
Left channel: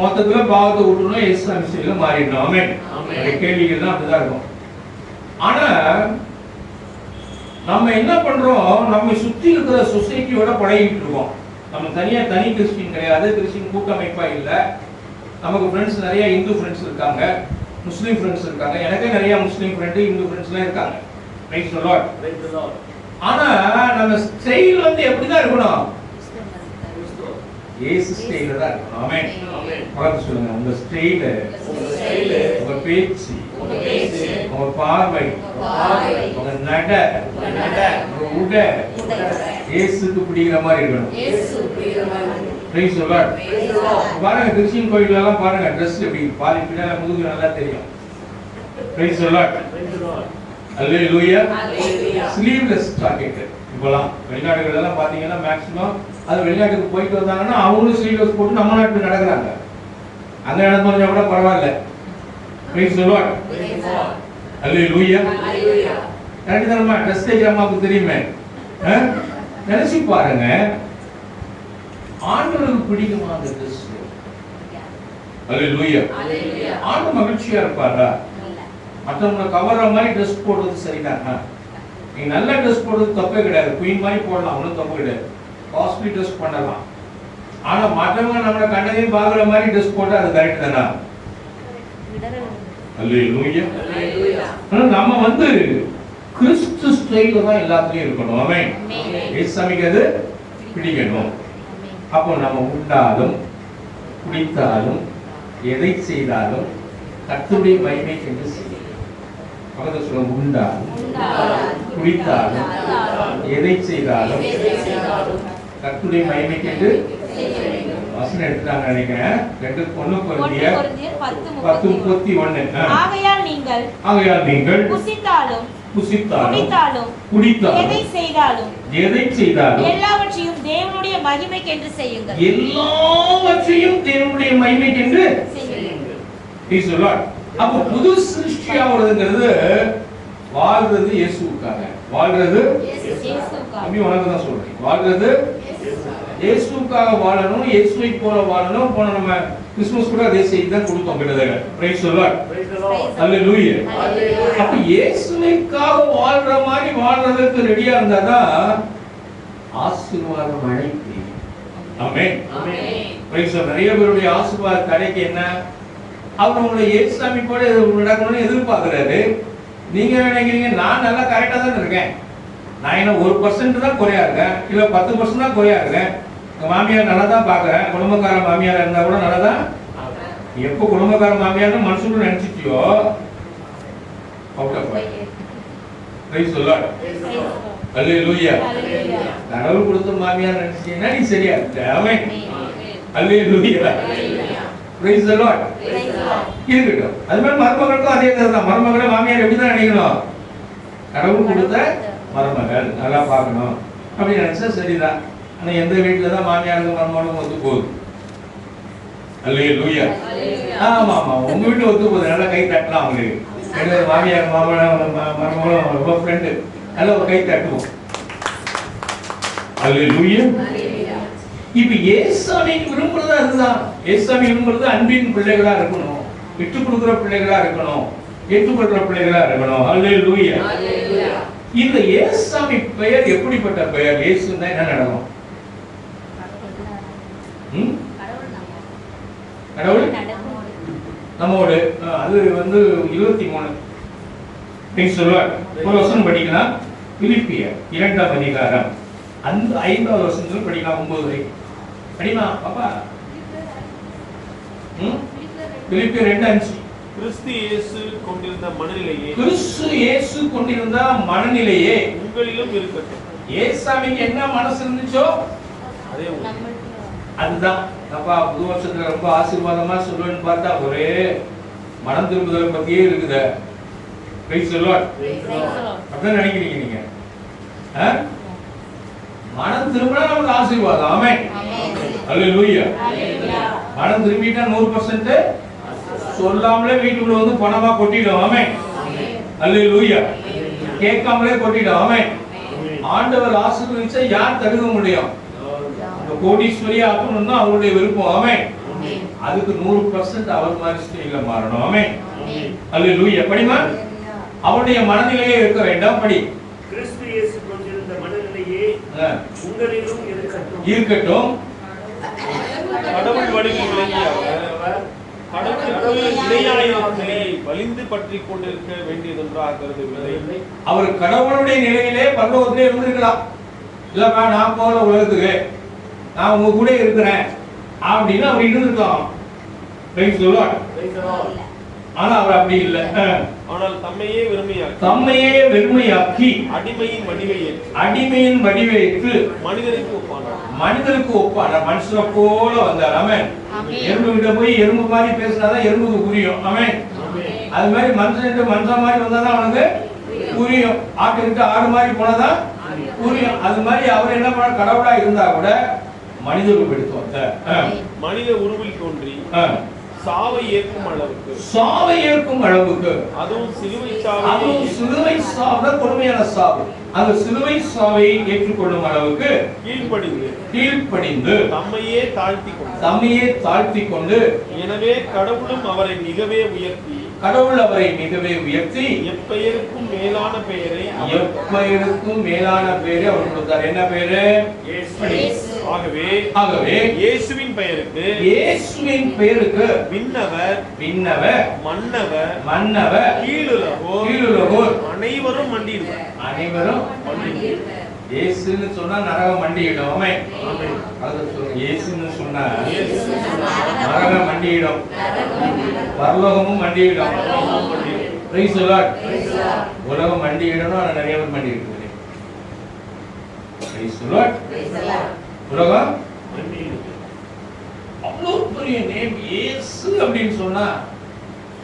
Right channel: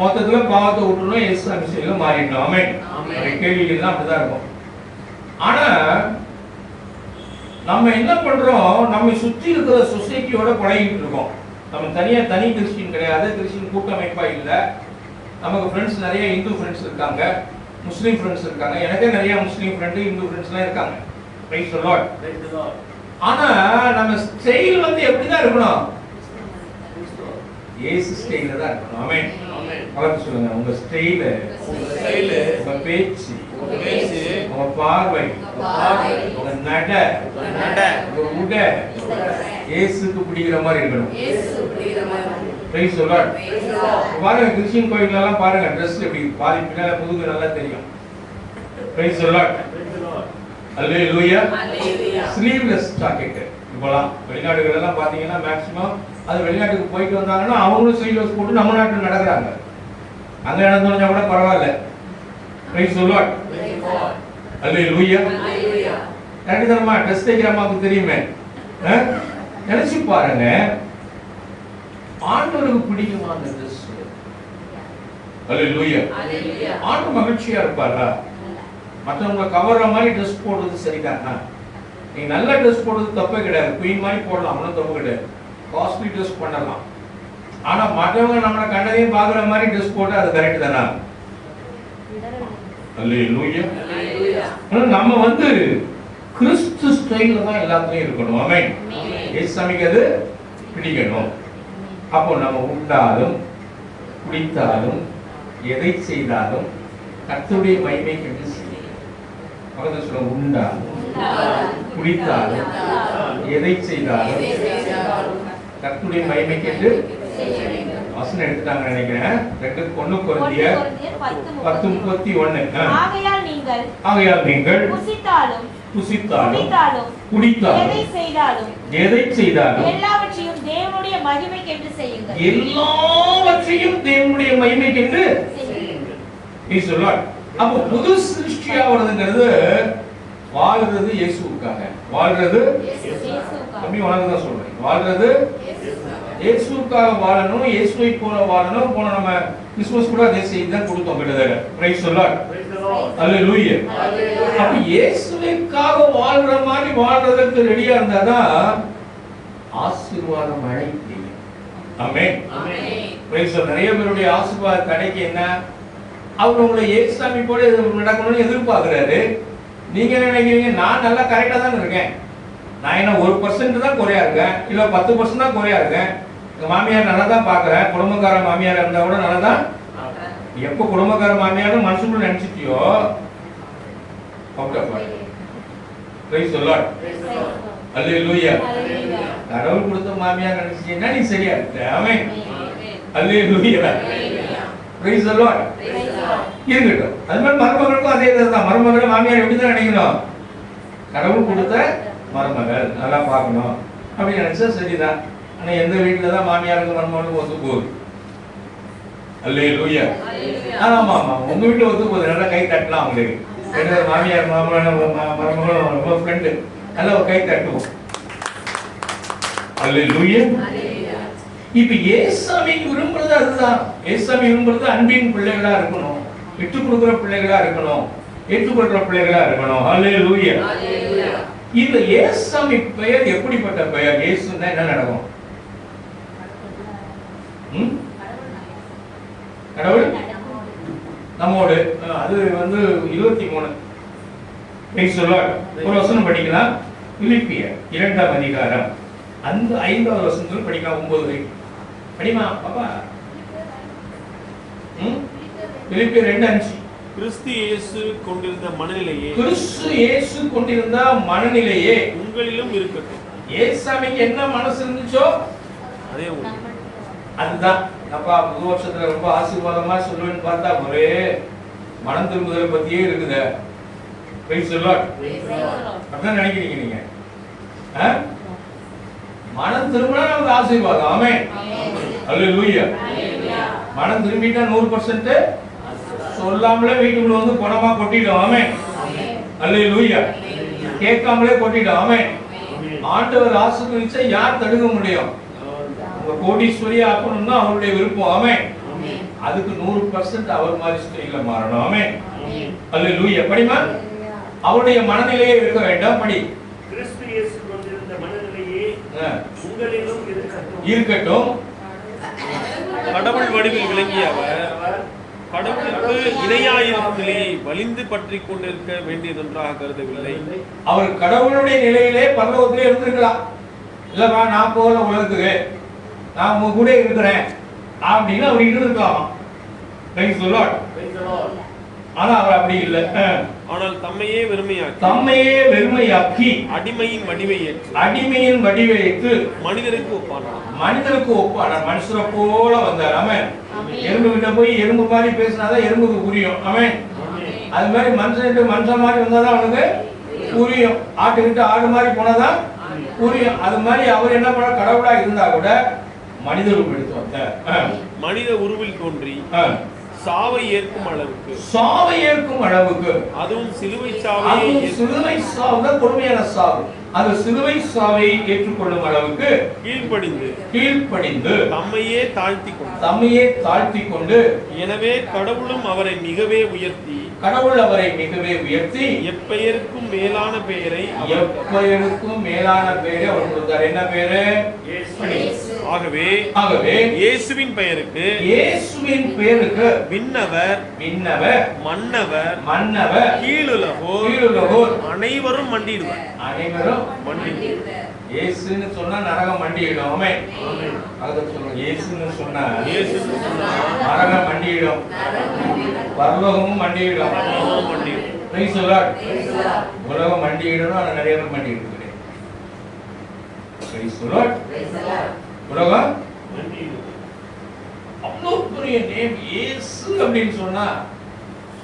மொத்தத்துல பாவத்தை விட்டுணும், இயேசு அபிஷேகத்துல மாறிடணும். ஆமென். அந்த கேள்விகள் தான் அப்படிதான் இருக்கும். ஆனா நம்ம என்ன பண்றோம்? நம்ம சுற்றி இருக்கிற சொசைட்டியோட பழகிட்டு இருக்கோம். நம்ம தனி கிறிஸ்டின் கிடையாது, கிறிஸ்டின் கூட்டமைப்பா இல்ல. நமக்கு ஃப்ரெண்ட்ஸ் நிறைய இந்து ஃப்ரெண்ட்ஸ் இருக்காங்க, முஸ்லீம் ஃப்ரெண்ட்ஸ் இருக்காங்க. எனக்கே நிறைய முஸ்லீம் ஃப்ரெண்டு, இந்து ஃப்ரெண்ட்ஸ்லாம் இருக்காங்க. Price the Lord. ஆனா நம்ம ஸ்டைல் வந்து எப்படிதான் இருக்கணும்? இயேசு ஸ்டைல்ல தான் இருக்கணும். ஆமென். பார்த்து சொல்லுங்க, உங்க ஸ்டைல், உங்க பேச்சு, உங்க பார்வை, உங்க நட, உங்க உடை இயேசுக்கு பிடிக்கிற மாதிரி இருக்கணும். Price the Lord. பாருங்க, கிறிஸ்டியன் கோயில்ல எல்லாம் பாருங்க, Dress எப்படி பாதி பின்னால முதுகு நல்லா தெரியும். Price the Lord. Hallelujah. Sleeveless jacket இப்போலாம் வெளிநாடுகள் எல்லாம் பாத்தீங்கன்னா மேக்ஸிமம் அது வெளிநாட்டுக்கு போயிட்டு வந்தாங்கன்னா அவங்களும் ஸ்லீவ்லெஸ் போட்டு நம்ம நாட்டுல நடக்கிறாங்க. அங்க நடந்தவங்க கூட பரவாயில்ல. Price the Lord. Hallelujah. Correct தானமா? ட்ரெஸ் தைக்கிற அம்மாவுக்கு தெரியுமே. நினைச்சு பாருங்க, ஆண்டவருக்கு பிடிக்குமா அந்த ட்ரெஸ்? அல்லேலூயா. ஆண்டவர் மகிழ்ச்சியா இருப்பாரா? மற்றவங்களை கவர்ற மாதிரி ட்ரெஸ் போடுறது சரிதானா? நீங்க நல்ல ட்ரெஸ் போடுறது தப்பே கிடையாது, குயின் மாதிரி போடலாம், ஒன்றும் தப்பு கிடையாது. காஸ்ட்லி ட்ரெஸ் பண்ணலாம். ஆனா மற்றவங்க நம்மளை கண்டதையும் பாக்குற மாதிரி ட்ரெஸ் போட்டா அது கரெக்ட் தானா? அல்லேலூயா. நம்ம வந்து கிறிஸ்து ஸ்டைல்ல தான் எல்லாத்துலயும் இருக்கணும். ஆமென். இயேசுவுக்கு அது பிடிக்கணும். அப்போ நம்ம உண்டாலும் குடித்தாலும் எதை செய்தாலும் கர்த்தருடைய மகிமைக்கு என்று செய்யணும். பக்கத்துல சொல்ல, உண்டாலும் குடித்தாலும் எதை செய்தாலும் கர்த்தருடைய மகிமைக்கு என்று வசனம் எடுத்துட்டாங்க நினைக்கிறேன். 2 கொரிந்தியர் 10:31. ஆகையால் நீங்கள் புசித்தாலும் குடித்தாலும் எதை செய்தாலும் எல்லாவற்றையும் தேவனுடைய மகிமைக்கு என்று செய்யுங்கள். எல்லாவற்றையும் தேவனுடைய மகிமைக்கு என்று செய்யுங்கள். அப்ப புது சிருஷ்டியா வருதுங்கிறது வாழ்றது இயேசுவுக்காக. வாழ்றது அப்படி உனக்கு தான் சொல்றேன். வாழ்றது இயேசுவுக்காக வாழணும், இயேசுவை போல வாழணும். போன நம்ம கிறிஸ்துமஸ் கூட அதே செய்தி தான் கொடுத்தோம் கிட்டத்தட்ட. Praise the Lord. அல்லேலூயா. அப்ப இயேசுவுக்காக வாழ்ற மாதிரி வாழ்றதுக்கு ரெடியா இருந்தாதான் ஆசீர்வாதம் மழை பெய்யும். ஆமென். Praise the Lord. நிறைய பேருடைய ஆசீர்வாத தடைக்கு என்ன? அவர் உங்களை இயேசுசாமி போல நடக்கணும்னு எதிர்பார்க்கிறாரு. நீங்க நினைக்கிறீங்க நான் நல்லா கரெக்டா தான் இருக்கேன், நான் என்ன 1% தான் குறையா இருக்கேன், இல்ல 10% தான் குறையா இருக்கேன், எங்க மாமியார் நல்லா தான் பாக்குறேன், குடும்பக்கார மாமியார் இருந்தா கூட நல்லா தான். எப்போ குடும்பக்கார மாமியார் மனுஷன் நினைச்சிட்டியோ out of line. Praise the Lord. அல்லேலூயா. கடவுள் கொடுத்த மாமியார் நினைச்சீங்கன்னா நீ சரியா இருக்க. ஆமென். அல்லேலூயா. Praise the Lord. இருக்கட்டும். அது மாதிரி மருமகளுக்கும் அதே தான். மருமகளை மாமியார் எப்படிதான் நினைக்கணும்? கடவுள் கொடுத்த மருமகள் நல்லா பார்க்கணும் அப்படின்னு நினைச்சா சரிதான். ஆனா எந்த வீட்டுல தான் மாமியாருக்கு மருமகளுக்கும் ஒத்து போகுது? அல்லேலூயா. ஆமா ஆமா, உங்க வீட்டுல ஒத்து போகுது. நல்லா கை தட்டலாம் அவங்களுக்கு. மாமியார் மருமகளும் ஃப்ரெண்டு நல்லா கை தட்டுவோம். அல்லேலூயா. இப்ப இயேசுவை விரும்புறது அதுதான். இயேசுவை விரும்புறது அன்பின் பிள்ளைகளா இருக்கணும், விட்டு கொடுக்கிற பிள்ளைகளா இருக்கணும், ஏற்றுக்கொள்ற பிள்ளைகளா இருக்கணும். அல்லேலூயா. இந்த இயேசுவை பெயர் எப்படிப்பட்ட பெயர்? இயேசுன்னா என்ன நடக்கும்? கடவுள் நம்மோடு. அது வந்து 23 ஒரு வசனம் படிக்கலாம். பிலிப்பியர் 2ஆம் அதிகாரம் அந்த 5வது வசனத்தில் படிக்கலாம். 9 வரைக்கும் படிமா பாப்பா. பிலிப்பியர் 2:5. கிறிஸ்து இயேசு கொண்டிருந்த மனநிலையே உங்களிலும் இருக்கட்டும். ஏசாமிக்கு என்ன மனசு இருந்துச்சோ அதே அதுதான். அப்பா புது வருஷத்துல ரொம்ப ஆசீர்வாதமா சொல்லுன்னு பார்த்தா ஒரே மனம் திரும்புதல் பத்தியே இருக்குது. Price the Lord. அப்படிதான் நினைக்கிறீங்க நீங்க? மனம் திரும்பினா நமக்கு ஆசீர்வாதம். ஆமென். அல்லேலூயா. மனம் திரும்பிட்டா 100% சொல்லாமலே வீட்டுக்குள்ள வந்து பணமா கொட்டிடும். ஆமென். அல்லேலூயா. கேட்காமலே கொட்டிடும். ஆமென். ஆண்டவர் ஆசீர்வதிச்சா யார் தடுக்க முடியும்? கோடீஸ்வரி ஆகணும்னா அவருடைய விருப்பம். ஆமென். அதுக்கு 100% அவர் மாதிரி ஸ்டைல்ல மாறணும். ஆமென். அல்லேலூயா. படிமா அவருடைய மனநிலையே இருக்க வேண்டாம். படி. கிறிஸ்து இயேசு கொண்டிருந்த மனநிலையே உங்களிலும் இருக்கட்டும். கடவுள் வடிவில் விளங்கிய அவர் கடவுளுக்கு இணையாயிருக்கும் நிலையை வலிந்து பற்றி கொண்டிருக்க வேண்டியதொன்றாக கருதவில்லை. அவர் கடவுளுடைய நிலையிலே பரலோகத்திலே இருந்திருக்கலாம். இல்லப்பா நான் போல உலகத்துக்கு நான் உங்க கூட இருக்கிறேன் அப்படின்னு அவர் இருந்திருக்கலாம். Price the Lord. ஆனா அவர் அப்படி இல்லை. ஆனால் தம்மையே வெறுமையாக்கி அடிமையின் வடிவையேற்று மனிதருக்கு ஒப்பானார். மனுஷரை போல வந்தார். ஆமென். எறும்பு கிட்ட போய் எறும்பு மாதிரி பேசினாதான் எறும்புக்கு புரியும். ஆமென். அது மாதிரி மனுஷன் மாதிரி வந்தாதான் அவனுக்கு புரியும். ஆட்டுக்கிட்ட ஆடு மாதிரி போனாதான் புரியும். அது மாதிரி அவர் என்ன பண்ண கடவுளா இருந்தா கூட மனித உருவம் எடுத்து வந்தார். மனித உருவில் தோன்றி சாவை ஏற்கும் அளவுக்கு அதுவும் சிலுவை சாவு கொடுமையான சாவு. அந்த சிலுவை சாவை ஏற்றுக்கொள்ளும் அளவுக்கு கீழ்ப்படிந்து தம்மையே தாழ்த்தி கொண்டு எனவே கடவுள் அவரை மிகவே உயர்த்தி எப்பெயருக்கும் மேலான பெயரை அவர் கொடுத்தார். என்ன பெயரு? ஆகவே இயேசுவின் பெயருக்கு விண்ணவர் மன்னவர் கீழுலகோர் அனைவரும் மண்டியிடுவார். இயேசுன்னு சொன்னா நரகம் மண்டியிடும். ஆமென். அத சொல்லுங்க. இயேசுன்னு சொன்னா நரகம் மண்டியிடும், பரலோகமும் மண்டியிடும். Price the Lord. உலகம் மண்டியிடணும். ஆனா நிறைய பேர் மண்டியிடுறாங்க. Price the Lord. உலகம் அவ்வளவு பெரிய நேம் இயேசு அப்படின்னு சொன்னா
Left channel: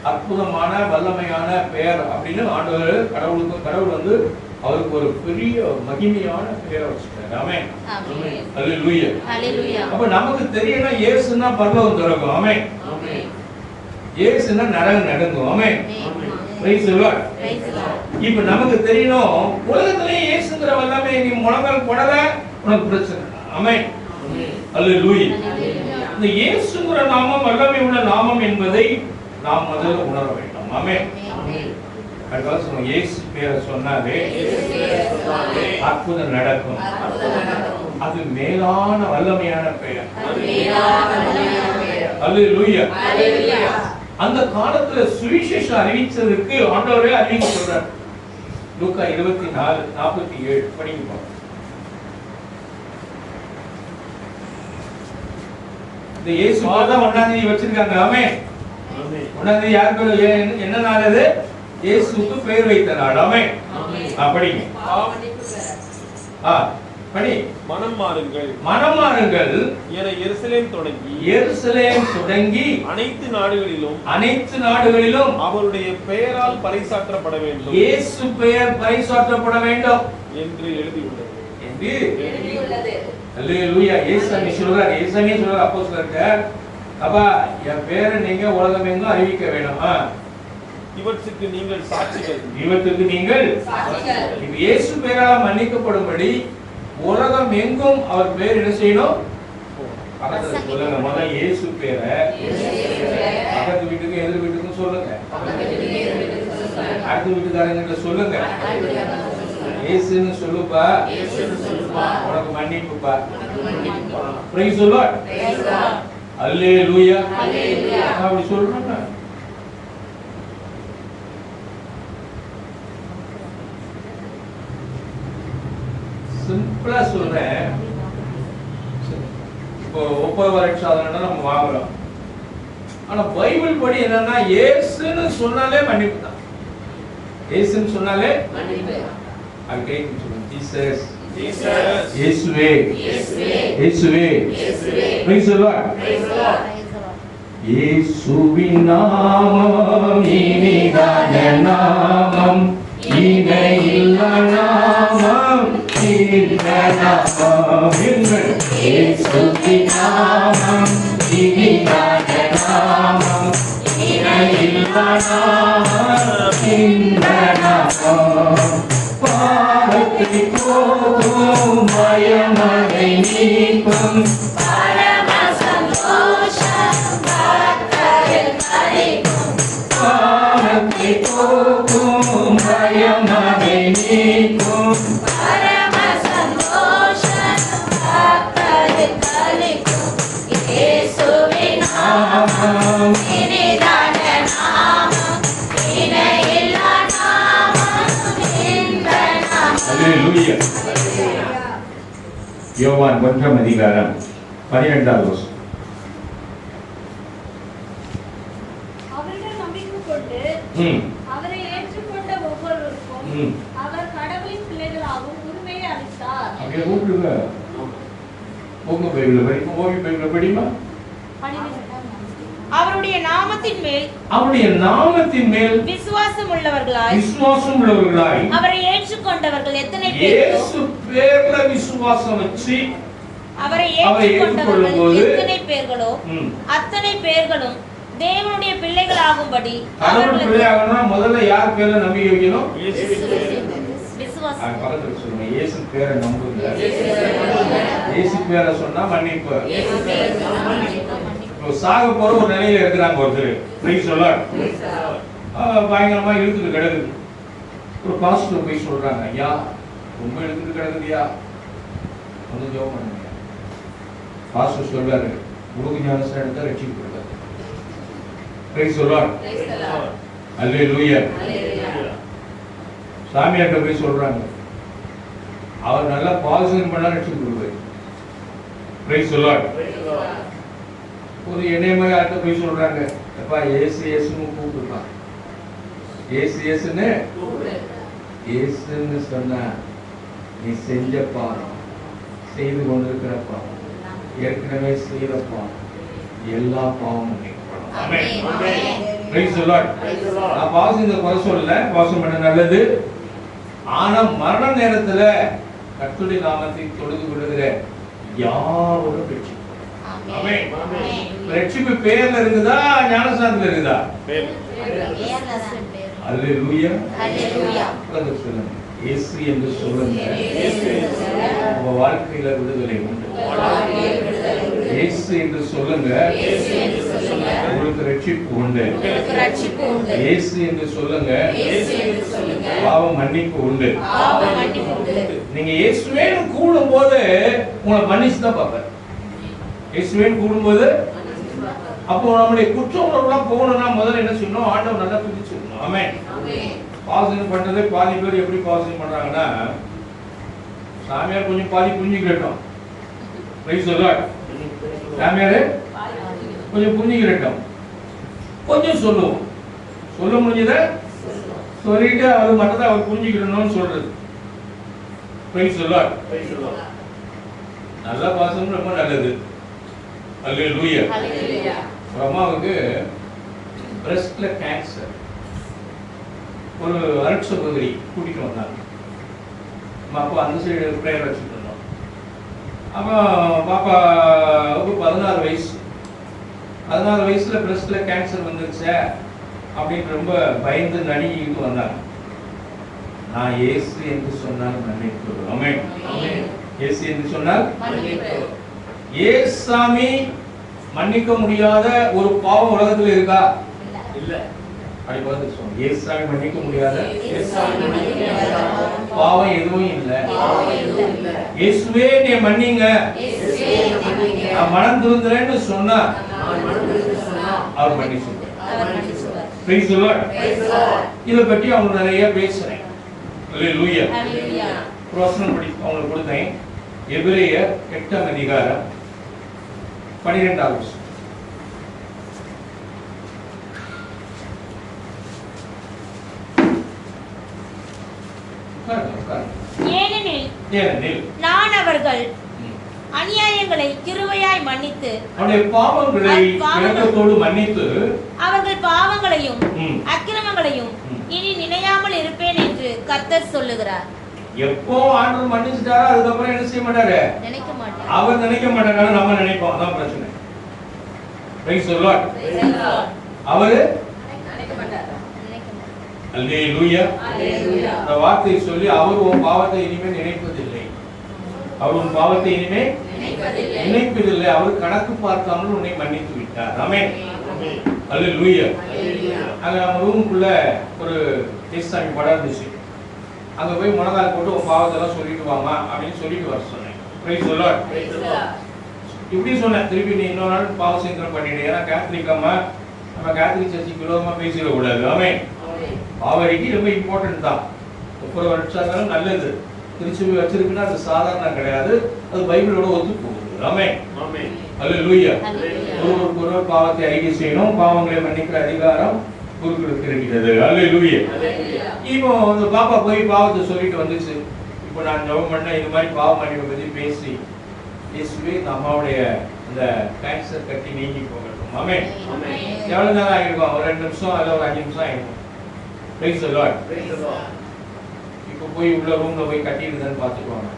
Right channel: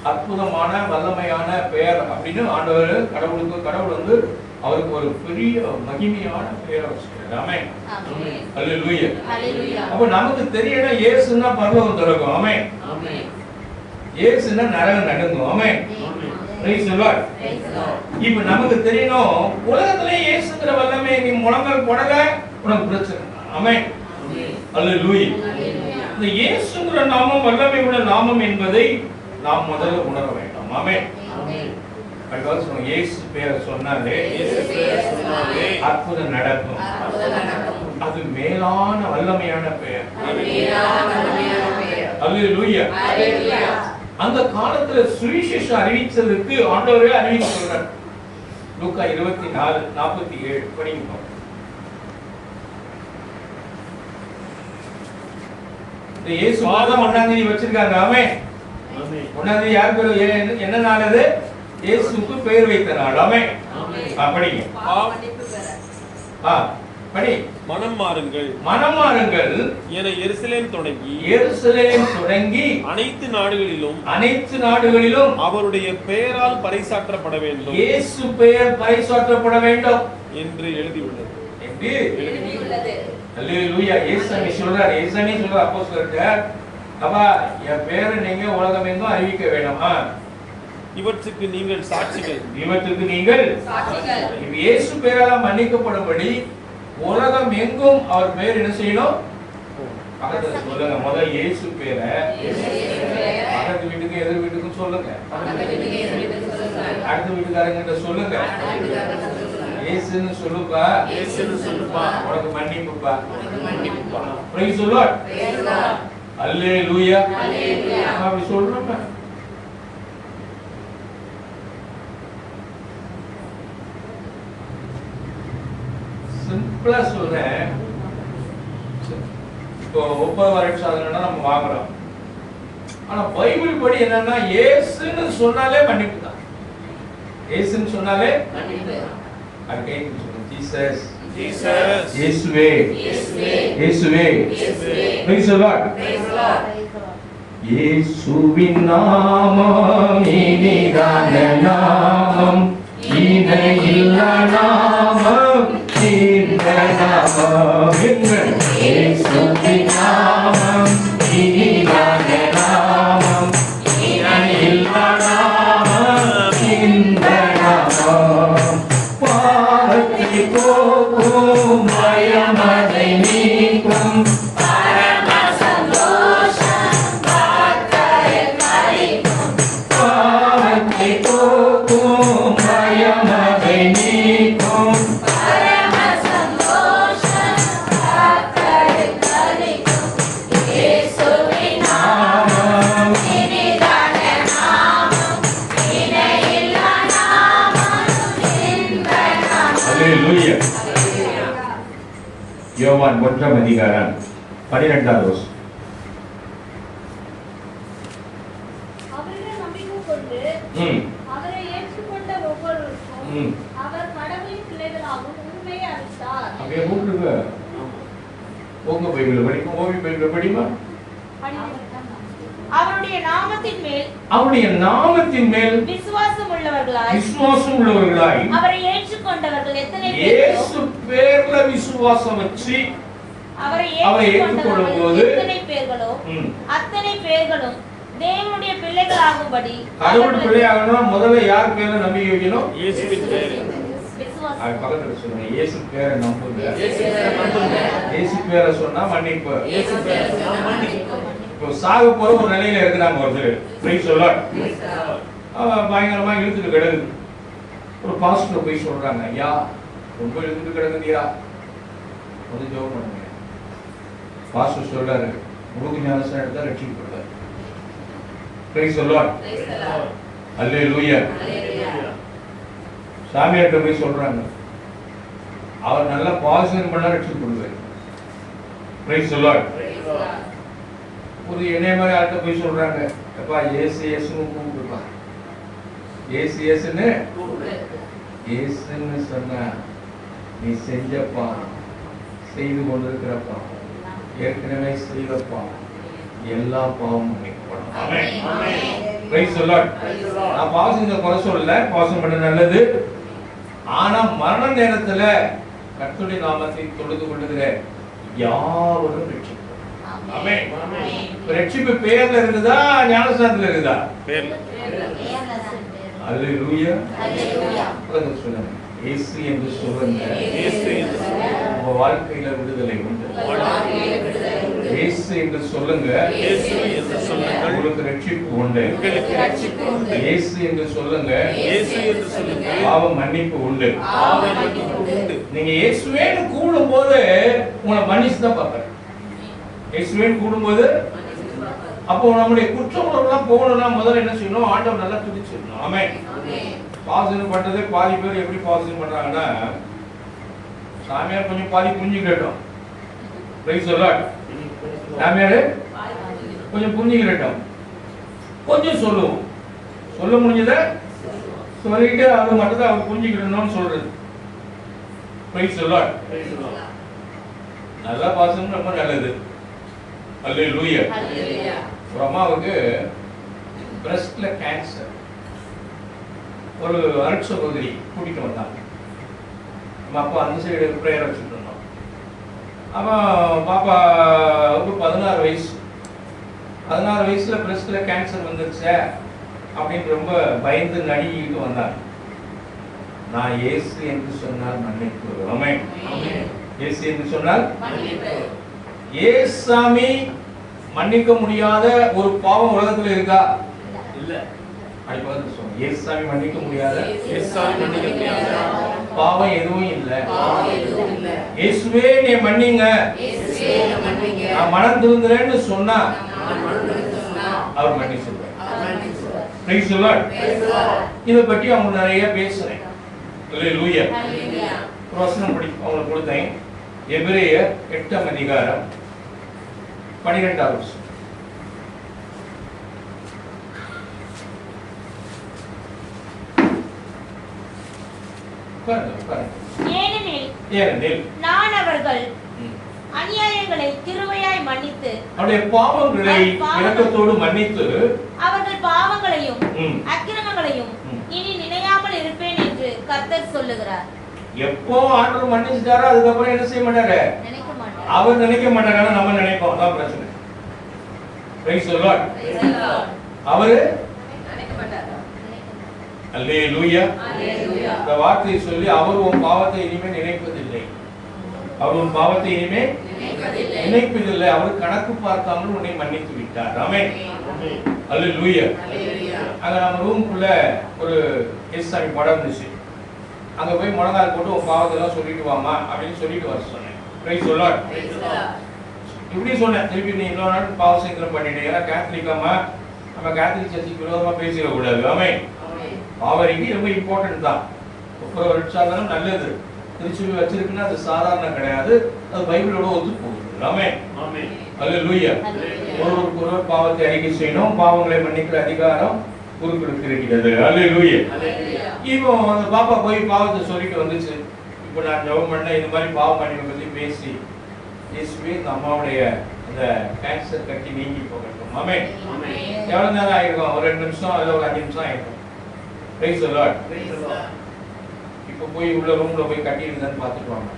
அற்புதமான வல்லமையான பெயர் அப்படின்னு ஆண்டவர் கடவுள் வந்து அவருக்கு ஒரு பெரிய மகிமையான பெயரை வச்சிருக்காரு. ஆமென். அல்லேலூயா. அப்ப நமக்கு தெரியணும் இயேசுன்னா பரலோகம் திறக்கும். ஆமென். இயேசுன்னா நரகம் நடுங்கும். ஆமென். Praise the Lord. இப்ப நமக்கு தெரியணும் உலகத்திலே இயேசுங்கிற வல்லமை நீ முழங்கால் போடல உனக்கு பிரச்சனை. ஆமென். அல்லேலூயா. இந்த இயேசுங்கிற நாமம் வல்லமை உள்ள நாமம் என்பதை நாம் முதல்ல உணர வேண்டும். ஆமென். இயேசு பேரை சொன்னாலே அற்புதம் நடக்கும். அது மேலான வல்லமையான பெயர். அல்லேலூயா. அந்த காலத்துல சுவிசேஷம் அறிவிச்சதுக்கு ஆண்டவரே அறிவிக்க சொல்றார். லூக்கா 24:47 படிங்க. இந்த இயேசு மாதம் 1ஆம் தேதி வச்சிருக்காங்க. ஆமென். 1ஆம் தேதி யார் பேர்? என்ன நாள் அது? இயேசுவுக்கு பெயர் வைத்த நாள். ஆமென். படிங்க. படி. மனம் மாறுங்கள் என எருசலேம் தொடங்கி அனைத்து நாடுகளிலும் அவருடைய பெயரால் பறைசாற்றப்பட வேண்டும். இயேசு பெயர் பறைசாற்றப்பட வேண்டும் என்று எழுதியுள்ளது. அல்லேலூயா. இயேசுவே சொல்றார். அப்போஸ்தலர்ட்ட அப்பா என் பேரை நீங்க உலகம் எங்கும் அறிவிக்க வேணும். இவற்றுக்கு நீங்கள் சாட்சிகள். இயேசு பெயரால் மன்னிக்கப்படும்படி உலகம் எங்கும் அவர் பெயர் என்ன செய்யணும்? பக்கத்துல சொல்லுங்க. முதல் இயேசு பேரை பக்கத்து வீட்டுக்கும் எதிர் வீட்டுக்கும் சொல்லுங்க. அடுத்த வீட்டுக்காரங்கிட்ட சொல்லுங்க. இயேசுன்னு சொல்லுப்பா, உனக்கு மன்னிப்புப்பா. Price the Lord. அல்லேலூயா. அப்படி சொல்றோம். சிம்பிளா சொல்றேன். இப்போ ஒப்ப வரை சாதனம்னா நம்ம வாங்குறோம். ஆனா பைபிள் படி என்னன்னா இயேசுன்னு சொன்னாலே மன்னிப்பு தான். இயேசுன்னு சொன்னாலே மன்னிப்பு. அது கைக்கு சொல்லுங்க, ஜீசஸ், ஜீசஸ், இயேசுவே, இயேசுவே, இயேசுவே, இயேசுவே. Praise the Lord. Praise the Lord. இயேசுவின் நாமம் இனிதான நாமம், இணையில்லா நாமம், இந்த நாமம். இயேசுவின் நாமம் இனிதான நாமம், இணையில்லா நாமம், இந்த நாமம். பாவத்தை போக்கும், பயமதை நீக்கும், பாவத்தை போக்கும், பயமதை நீக்கும், நாமம். அல்லேலூயா. யோவான் 1 அதிகாரம் 12வது வசனம். அவரிடம் நம்பிக்கை கொண்டு அவரை ஏற்றுக்கொண்ட ஒவ்வொருவருக்கும் அவர் கடவுளின் பிள்ளைகளாகும் உரிமையை அளித்தார். அப்படியே கூப்பிடுங்க. உங்க பைபிள் படிமா, ஓவி பைபிள் படிமா. அவருடைய நாமத்தின் மேல், அவருடைய நாமத்தின் மேல் விசுவாசம் உள்ளவர்களாய், விசுவாசம் உள்ளவர்களாய், அவரை ஏற்றுக்கொண்டவர்கள் எத்தனை பேர்? இயேசு பேர்ல விசுவாசம் வச்சு அவரை அவரை ஏற்றுக்கொண்டவர்கள் ஏற்றுக்கொள்ளும்போது எத்தனை பேர்களோ அத்தனை பேர்களும் தேவனுடைய பிள்ளைகளாகும்படி கடவுள் பிள்ளையாகணும்னா முதல்ல யார் பேர்ல நம்பிக்கை வைக்கணும்? இயேசுவின் பேரில். விசுவாசம். அது பக்கத்துல சொல்லுங்க, இயேசு பேரை நம்புங்க. இயேசு பேரை சொன்னா மன்னிப்பு. இப்போ சாக போற ஒரு நிலையில இருக்கிறாங்க ஒருத்தர். Price the Lord. பயங்கரமா இழுத்துட்டு கிடக்குது. ஒரு பாஸ்டர் போய் சொல்றாங்க, ஐயா ரொம்ப இழுத்துட்டு கிடக்குதியா, கொஞ்சம் ஜெபம் பண்ணுங்க. பாஸ்டர் சொல்றாரு, முழுக்க ஞானஸ்நானம் எடுத்தா ரட்சிக்கப்படுவார். Price the Lord. அல்லேலூயா. சாமியார்ட்ட போய் சொல்றாங்க, அவர் நல்லா பாசனம் பண்ணா ரட்சிக்கப்படுவார். Price the Lord. ஒரு என்னைய மாதிரி ஆட்ட போய் சொல்றாங்க, அப்பா ஏசு ஏசுன்னு கூப்பிடுப்பா, ஏசு ஏசுன்னு ஏசுன்னு சொன்ன நீ செஞ்சப்பா, செய்து கொண்டிருக்கிறப்பா, ஏற்கனவே செய்யறப்பா, எல்லா பாவமும் நீக்கப்படும். ஆமென். Praise the Lord. நான் பாசங்க குறை சொல்லல, பாசம் பண்ண நல்லது. ஆனா மரண நேரத்துல கர்த்தருடைய நாமத்தை தொழுது கொள்ளுகிற யாவரும் ரட்சிக்கப்படும். ஆமென். ரட்சிப்பு பேர்ல இருக்குதா, ஞானஸ்நானத்துல இருக்குதா? அல்லேலூயா. அல்லேலூயா. சொல்லுங்க, இயேசு என்று சொல்லுங்க. உங்க வாழ்க்கையில விடுதலை உண்டு. இயேசு என்று சொல்லுங்க, உங்களுக்கு ரட்சிப்பு உண்டு. இயேசு என்று சொல்லுங்க, பாவம் மன்னிப்பு உண்டு. நீங்க இயேசுவேன்னு கூடும்போது உங்களை மன்னிச்சு தான் பார்ப்பார். இயேசுவேன்னு கூடும்போது அப்போ நம்முடைய குற்ற உணர்வுலாம் போகணும்னா முதல்ல என்ன செய்யணும்? ஆண்டவர் நல்லா துதிச்சிடணும். ஆமென். பாசனம் பண்ணது பாதி பேர் எப்படி பாசனம் பண்றாங்கன்னா, சாமியார் கொஞ்சம் பாதி புரிஞ்சு கேட்டோம். Price the Lord. சாமியார் கொஞ்சம் புரிஞ்சு கேட்டோம், கொஞ்சம் சொல்லுவோம், சொல்ல முடிஞ்சதை சொல்லிட்டு அது மட்டும் அவர் புரிஞ்சுக்கிடணும்னு சொல்றது. Price the Lord. நல்லா பாசனம் ரொம்ப நல்லது. அல்லேலூயா. ஒரு அம்மாவுக்கு பிரஸ்ட்ல கேன்சர். ஒரு அருட் சகோதரி கூட்டிட்டு வந்தாங்க. அப்போ அந்த சைடு பிரேயர் வச்சுட்டு இருந்தோம். அவன் பாப்பாவுக்கு 16 வயசு. 16 வயசுல பிரஸ்ட்ல கேன்சர் வந்துருச்சே அப்படின்னு ரொம்ப பயந்து நடுங்கிட்டு வந்தாங்க. நான் இயேசு என்று சொன்னால் மன்னிப்பு. ஆமென். இயேசு என்று சொன்னால் மன்னிப்பு. ஏசாமி மன்னிக்க முடியாத ஒரு பாவம் உலகத்துல இருக்கா? இல்ல. அப்படி பார்த்து சொல்லுங்க, ஏசாமி மன்னிக்க முடியாத பாவம் எதுவும் இல்ல. இயேசுவே நீ மன்னிங்க, நான் மனம் திருந்துறேன்னு சொன்னா அவர் மன்னிச்சுப்பார். Price the Lord. இத பற்றி அவங்க நிறைய பேசுறேன். அல்லேலூயா. வசனம் படி அவங்களுக்கு கொடுத்தேன். எபிரேயர் 8 அதிகாரம் 12வது வசனம். ஏனெனில் நான் அவர்கள் அநியாயங்களை கிருபையாய் மன்னித்து அவருடைய பாவங்களை இரக்கத்தோடு மன்னித்து அவர்கள் பாவங்களையும் அக்கிரமங்களையும் இனி நினையாமல் இருப்பேன் என்று கர்த்தர் சொல்லுகிறார். எப்போ ஆண்டவர் மன்னிச்சிட்டாரோ அதுக்கப்புறம் என்ன செய்ய மாட்டாரு? நினைக்க மாட்டார். அவர் நினைக்க மாட்டாரு, நம்ம நினைப்போம். அதான் பிரச்சனை. Price the Lord. அவரு நினைக்க மாட்டாரு. அல்லேலூயா. அல்லேலூயா. இந்த வார்த்தையை சொல்லி அவர் உன் பாவத்தை இனிமே நினைப்பதில்லை. அவர் உன் பாவத்தை இனிமே நினைப்பதில்லை. அவர் கணக்கு பார்க்காமல் உன்னை மன்னித்து விட்டார். ஆமென். அல்லேலூயா. அங்க நம்ம ரூமுக்குள்ள ஒரு ஏசாமி படம் இருந்துச்சு. அங்க போய் முழங்கால் போட்டு உன் பாவத்தை எல்லாம் சொல்லிட்டு வாமா அப்படின்னு சொல்லிட்டு வர சொன்னேன். Price the Lord. இப்படி சொன்னேன். திருப்பி நீ இன்னொரு நாள் பாவ சங்கீதம் பண்ணிட்டு, ஏன்னா கேத்தலிக்காம நம்ம கேத்தலிக் சர்ச்சுக்கு விரோதமா பேசிடக்கூடாது. ஆமென். பாவரிக்கு ரொம்ப இம்பார்ட்டன்ட் தான். ஒவ்வொரு வருஷம் நல்லது. திருச்சி வச்சிருக்குன்னா அது சாதாரண கிடையாது. அது பைபிளோட ஒத்து போகுது. ஆமென். ஆமென். அல்லேலூயா. ஒருவருக்கொருவர் பாவத்தை அறிக்கை செய்யணும். பாவங்களை மன்னிக்கிற அதிகாரம் குருக்களுக்கு இருக்கிறது. அல்லேலூயா. இப்போ அந்த பாப்பா போய் பாவத்தை சொல்லிட்டு வந்துச்சு. இப்போ நான் ஜெபம் பண்ண இந்த மாதிரி பாவ மன்னிப்பை பத்தி பேசி இயேசுவே இந்த அம்மாவுடைய அந்த கேன்சர் கட்டி நீங்கி போகட்டும். ஆமென். ஆமென். எவ்வளவு நேரம் ஆயிருக்கும்? ஒரு 2 நிமிஷம் அல்ல ஒரு 5 நிமிஷம் ஆயிருக்கும். Price the Lord. இப்போ போய் உள்ள ரூம்ல போய் கட்டி இருந்தான்னு பார்த்துட்டு வாங்க.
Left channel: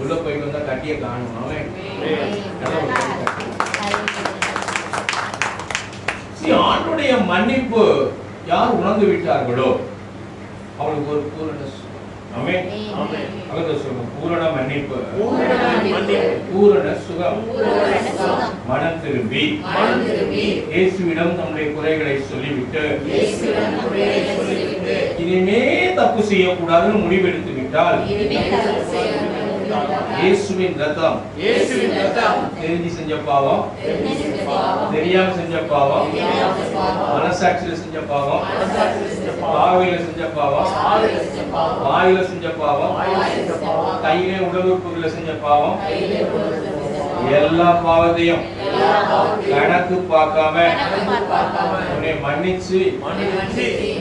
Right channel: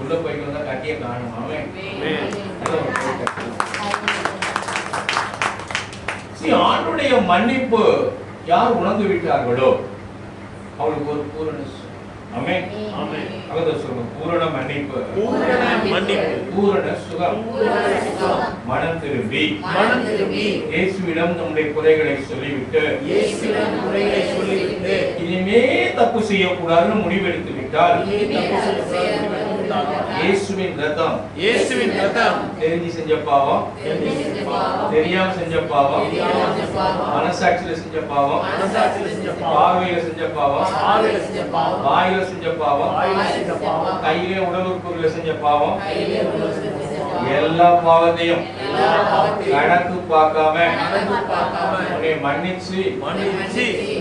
உள்ள போயிட்டு வந்தா கட்டிய காணும். ஆமென். ஆண்டவருடைய மன்னிப்பு யார் உணர்ந்து விட்டார்களோ அவளுக்கு ஒரு பூரண ஆமென். ஆமென். அவர்கள் சொல்லும் பூரண மன்னிப்பு, பூரண சுகம், மனம் திரும்பி இயேசுவிடம் நம்முடைய குறைகளை சொல்லிவிட்டு இனிமே தப்பு செய்யக்கூடாதுன்னு முடிவெடுத்து விட்டால் இயேசுவின் ரத்தம் தெரிஞ்சு செஞ்ச பாவம், தெரியாம செஞ்ச பாவம், மனசாட்சியில செஞ்ச பாவம், பார்வையில செஞ்ச பாவம், வாயில செஞ்ச பாவம், கையிலே உடல் உறுப்புகளை செஞ்ச பாவம், எல்லா பாவத்தையும் கணக்கு பார்க்காம உன்னை மன்னிச்சு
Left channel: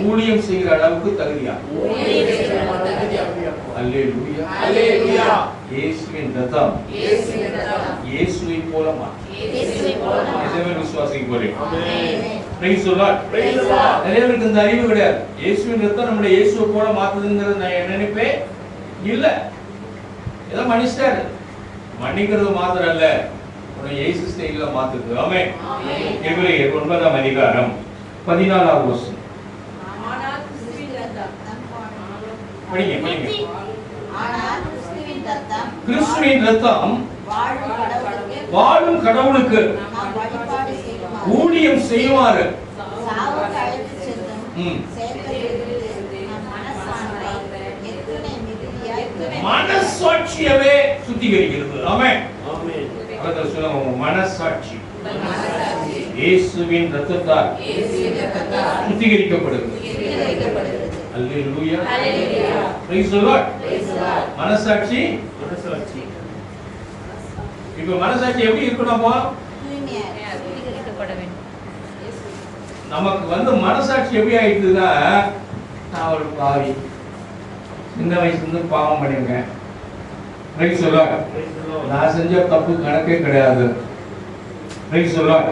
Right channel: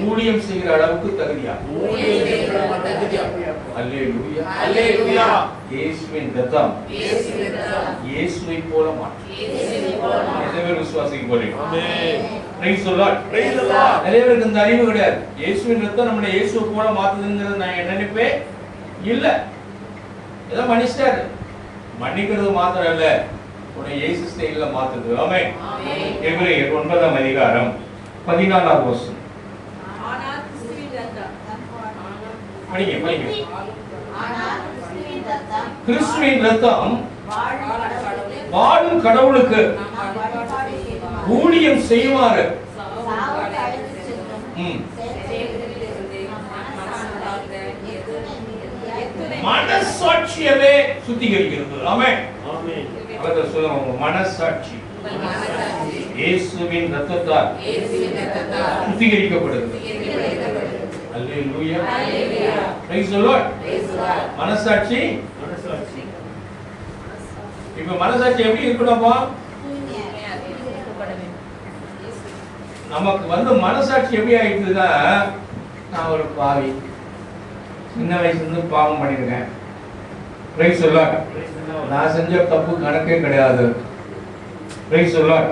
ஊழியம் செய்கிற அளவுக்கு தகுதியா. அல்லேலூயா. அல்லேலூயா. இயேசுவின் ரத்தம் இயேசுவை போல மாற்றும். விசுவாசிக்க போறேன். Price the Lord. நிறைய பேருக்கு இந்த அறிவு கிடையாது. இயேசுவின் ரத்தம் நம்மளை இயேசுவை போல மாத்துதுங்கிறது நான் என்ன நினைப்பேன் இல்ல. ஏதோ மன்னிச்சிட்டாரு. மன்னிக்கிறது மாத்திரம் இல்ல, உன்னை இயேசு ஸ்டைல்ல மாத்துது. ஆமென். எபிரேயர் 9ஆம் அதிகாரம் 14ஆவது வசனம். படிங்க. கிறிஸ்துவின் ரத்தம் வாழும் கடவுளுக்கு ஊழியம் செய்வாரு. மனசாட்சியவே சுத்திகரிக்கிறது. ஆமென். அவர்கள் சொல்லுங்க, மனசாட்சி இயேசுவின் ரத்தத்தால் சுத்திகரிக்கப்படுகிறது. அல்லேலூயா. Praise the Lord. மனசாட்சி இப்ப மனசாட்சி எப்படி இருக்கணும்ப்பா? நமக்கு மனசாட்சி எப்படி ஆயிடுதுன்னா, நான் ஒரு பாவி, சின்ன வயசுல இருந்து பாவம் பண்ணிருக்கேன். Price the Lord. நான் செஞ்ச தப்பு கணக்கே கிடையாது. Price the Lord.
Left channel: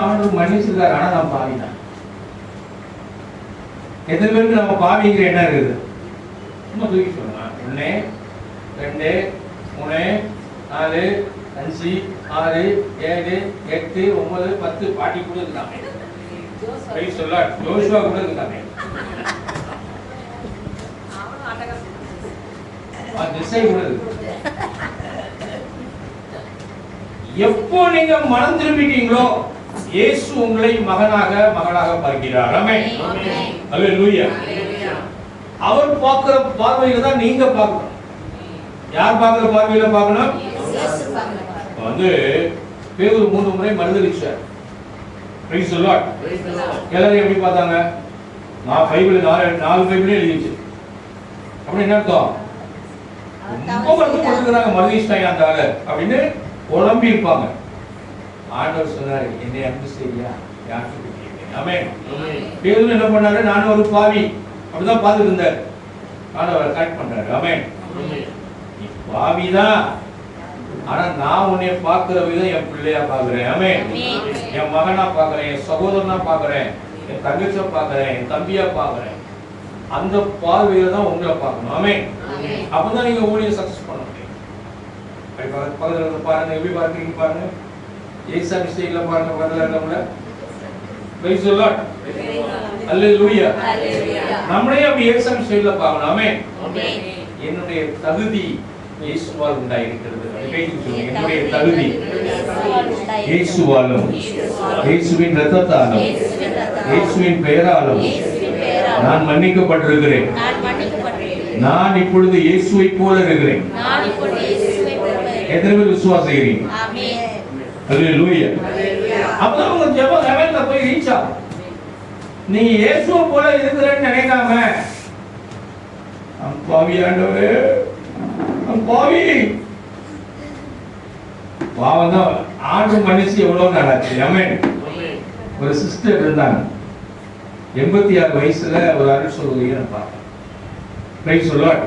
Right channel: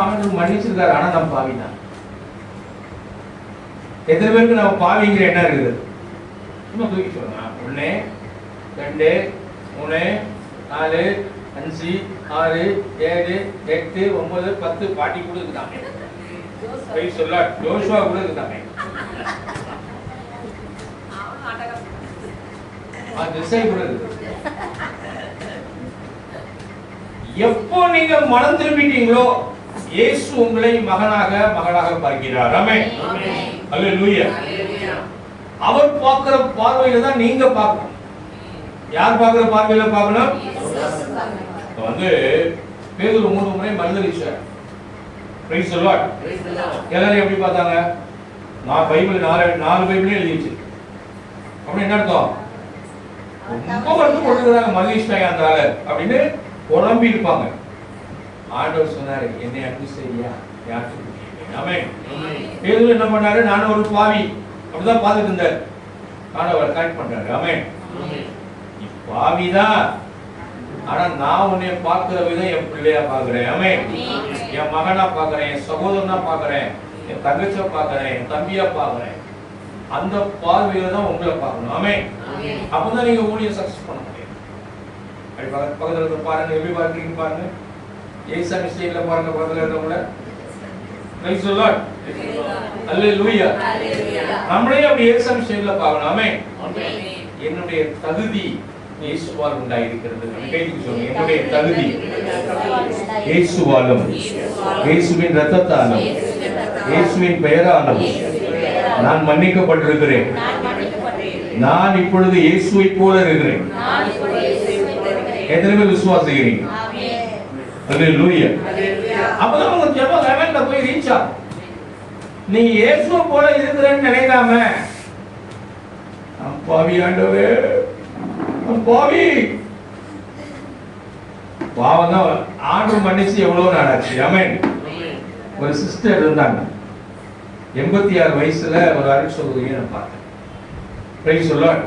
அவனுக்கு மன்னிச்சிருக்காரு, ஆனா நான் பாவி தான். எத்தனை பேருக்கு நம்ம பாவிங்கிற என்ன இருக்குது? இன்னும் தூக்கி சொல்லலாம். 1 2 3 4 5 6 7 8 9 10 பாட்டி கூட இருக்காங்க. Price the Lord. ஜோஷுவா கூட இருக்காங்க. திசை கூட இருக்கு. எப்போ நீங்க மனம் திரும்பிட்டீங்களோ இயேசு உங்களை மகனாக மகளாக பார்க்கிறார். ஆமென். அல்லேலூயா. அவர் பார்க்கிற பார்வையில தான் நீங்க பார்க்கணும். யார் பார்க்கிற பார்வையில பார்க்கணும்? பேதுரு 3 முறை மறுதலிச்சார். Price the Lord. எல்லாரும் எப்படி பார்த்தாங்க? நான் பைபிள் 4 பைபிளே எழுதிச்சு. அப்படி என்ன அர்த்தம்? ரொம்ப கருத்து கொடுக்குறாங்க, மறுதலிச்சாங்க அந்த ஆளு அப்படின்னு குழம்பி இருப்பாங்க. ஆண்டவர் சொன்னாரு, என்னை அன்பு செய்யா யாருக்கு? ஆமென். பேதுரு என்ன பண்ணாரு? நானும் ஒரு பாவி அப்படிதான் பார்த்துட்டு இருந்தார். ஆண்டவர் கரெக்ட் பண்றாரு. ஆமென். நீ பாவிதான், ஆனா நான் உன்னை பார்க்கிற விதம் என் பிள்ளையா பார்க்கிறேன். ஆமென். என் மகனா பார்க்கிறேன், என் சகோதரனா பார்க்கிறேன், என் தங்கச்சியா பார்க்கிறேன், என் தம்பியா பார்க்கிறேன். அந்த பார்வையில தான் உங்களை பார்க்கணும். ஆமென். அப்பதான் நீங்க ஊழியம் சக்சஸ் பண்ண முடியும். பக்கத்துல இருந்து பாருங்க, எப்படி பார்க்கறீங்க பாருங்க. ஏசாமி ஸ்டைல்ல பாருங்க, பக்கத்துல இருக்கவங்கள. Praise the Lord. அல்லேலூயா. நம்மளே அப்படி ஏசாமி ஸ்டைல்ல பார்க்கணும். ஆமென். என்னுடைய தகுதி இயேசுவால் உண்டாயிருக்கிறது. கைக்கு சொல்லுங்க, என்னுடைய தகுதி இயேசுவாலும் இயேசுவின் இரத்தத்தாலும் இயேசுவின் பெயராலும் நான் மன்னிக்கப்பட்டிருக்கிறேன். நான் இப்பொழுது இயேசுவை போல இருக்கிறேன். எத்தனை பேர் விசுவாசிக்கிறீங்க? அல்லேலூயா. அப்பதான் உங்க ஜெபம் லெவல்ல போய் ரீச் ஆகும். நீ இயேசுவை போல இருக்கிறேன்னு நினைக்காம, பாவி ஆண்டவரே, பாவி பாவம் தான் ஆண்டு மன்னிச்சு எவ்வளவு நாள் ஆச்சு. ஆமென். ஒரு சிஸ்டர் இருந்தாங்க, 86 வயசுல ஒரு அருள் சகோதரியை நான் பார்த்தேன். Price the Lord.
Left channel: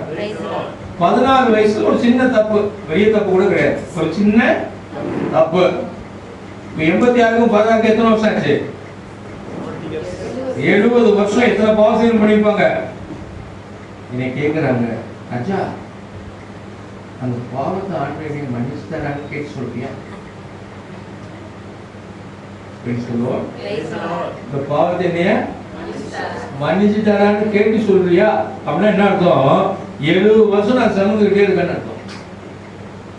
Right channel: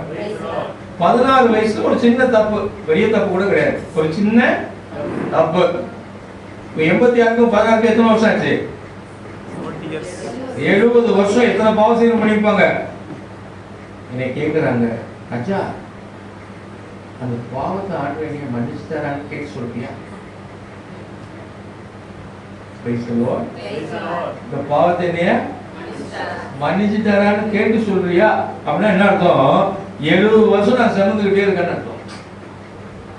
14 வயசுல ஒரு சின்ன தப்பு, பெரிய தப்பு கூட கிடையாது, ஒரு சின்ன தப்பு. 86க்கும் 16க்கும் எத்தனை வருஷம் ஆச்சு? 70 வருஷம். எத்தனை பாவம் பண்ணிருப்பாங்க? என்னை கேட்கிறாங்க, அச்சா அந்த பாவத்தை ஆண்டவரே மன்னிச்சுட்டாரான்னு கேட்டு சொல்றியா? Price the Lord. இந்த பாவத்தை என்னைய மன்னிச்சுட்டாரான்னு கேட்டு சொல்றியா? அப்படின்னா என்ன அர்த்தம்? 70 வருஷம் நான் சுமந்துக்கிட்டே இருக்கேன்னு அர்த்தம்.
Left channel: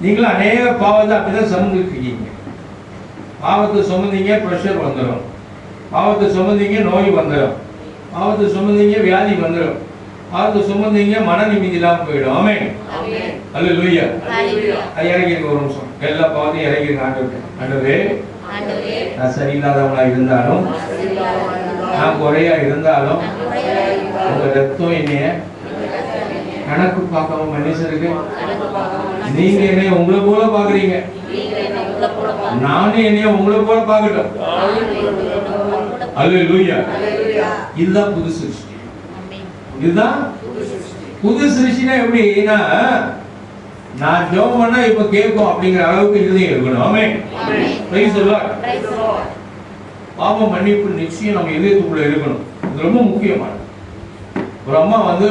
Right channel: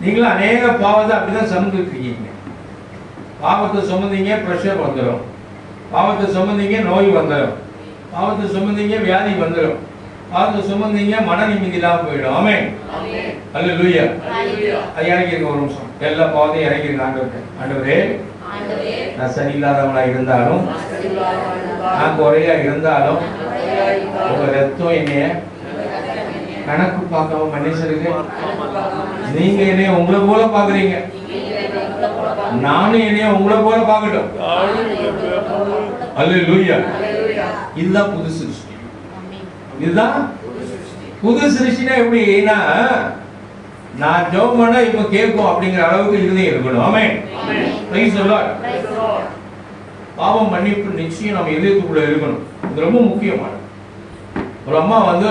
நீங்களும் அநேக பாவத்தை அப்படிதான் சுமந்துட்டு இருக்கீங்க. பாவத்தை சுமந்தீங்க, பிரஷர் வந்துடும். பாவத்தை சுமந்தீங்க, நோய் வந்துடும். பாவத்தை சுமந்தீங்க, வியாதி வந்துடும். பாவத்தை சுமந்தீங்க, மன நிம்மதி இல்லாம போயிடும். ஆமென். அல்லேலூயா. இறங்கிருக்க ஒரு நிமிஷம். எல்லா பாவத்தையும் இறங்கிருக்க ஆண்டவரே, நான் சரியில்லாதவங்களா இருந்தாலும், நான் குறையா இருந்தாலும், உங்க ரத்தம் என்னைய கணக்கு பார்க்காம மன்னிச்சிருக்கு. நீங்க என்னைய உங்களை போல பாக்குறீங்க, நானும் என்னைய உங்களை போல பார்க்கட்டும். அல்லேலூயா. இதுதான் புது சிருஷ்டி. இதுதான் புது சிருஷ்டினா எப்படின்னா, நான் ஜெபம் பண்ணா இப்ப கேட்கும் அப்படிங்கிற அளவுக்கு இருதயம் இருக்கணும். ஆமென். Praise the Lord. பாவ மன்னிப்பு நிச்சயம் நம்ம இதயத்துக்குள்ள இருக்கணும். இது ரொம்ப முக்கியமானது. ஒரு அம்மா வந்து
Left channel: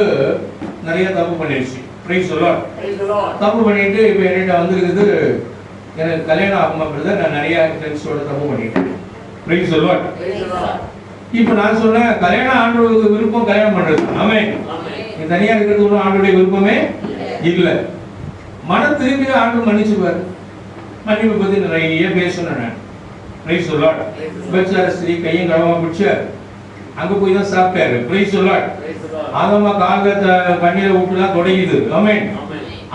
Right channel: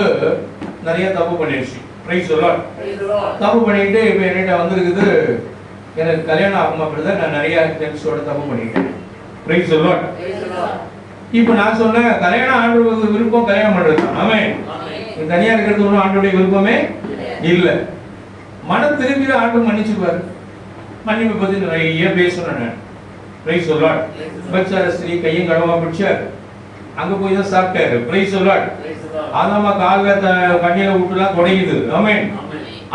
நிறைய தப்பு பண்ணிடுச்சு. Price the Lord. தப்பு பண்ணிட்டு இப்ப என்கிட்ட வந்திருக்குது, எனக்கு கல்யாணம் ஆகுமா பிரதர், நான் நிறைய ஜென்ஸோட தப்பு பண்ணிட்டேன். Price the Lord. இப்ப நான் சொன்னேன், கல்யாணம் ஆண்டவருக்கு விருப்பம் கல்யாணம் பண்றது. ஆமென். நீ தனியா இருக்கிறது ஒன்றும் ஆண்டவருடைய விருப்பமே இல்ல. மனம் திரும்பி ஆண்டவர் மன்னிச்சுப்பாரு. மன்னிப்பு பத்தி நிறைய பேசணும் நான். Price the Lord. பச்சார ஸ்திரீ கையும் கடவா பிடிச்சார், அங்க போய் தான் சாப்பிட்டாரு. Price the Lord. அந்த அம்மா கால்ல கண்ணீரை விட்டுலாம் தொடங்கிது. ஆமென்.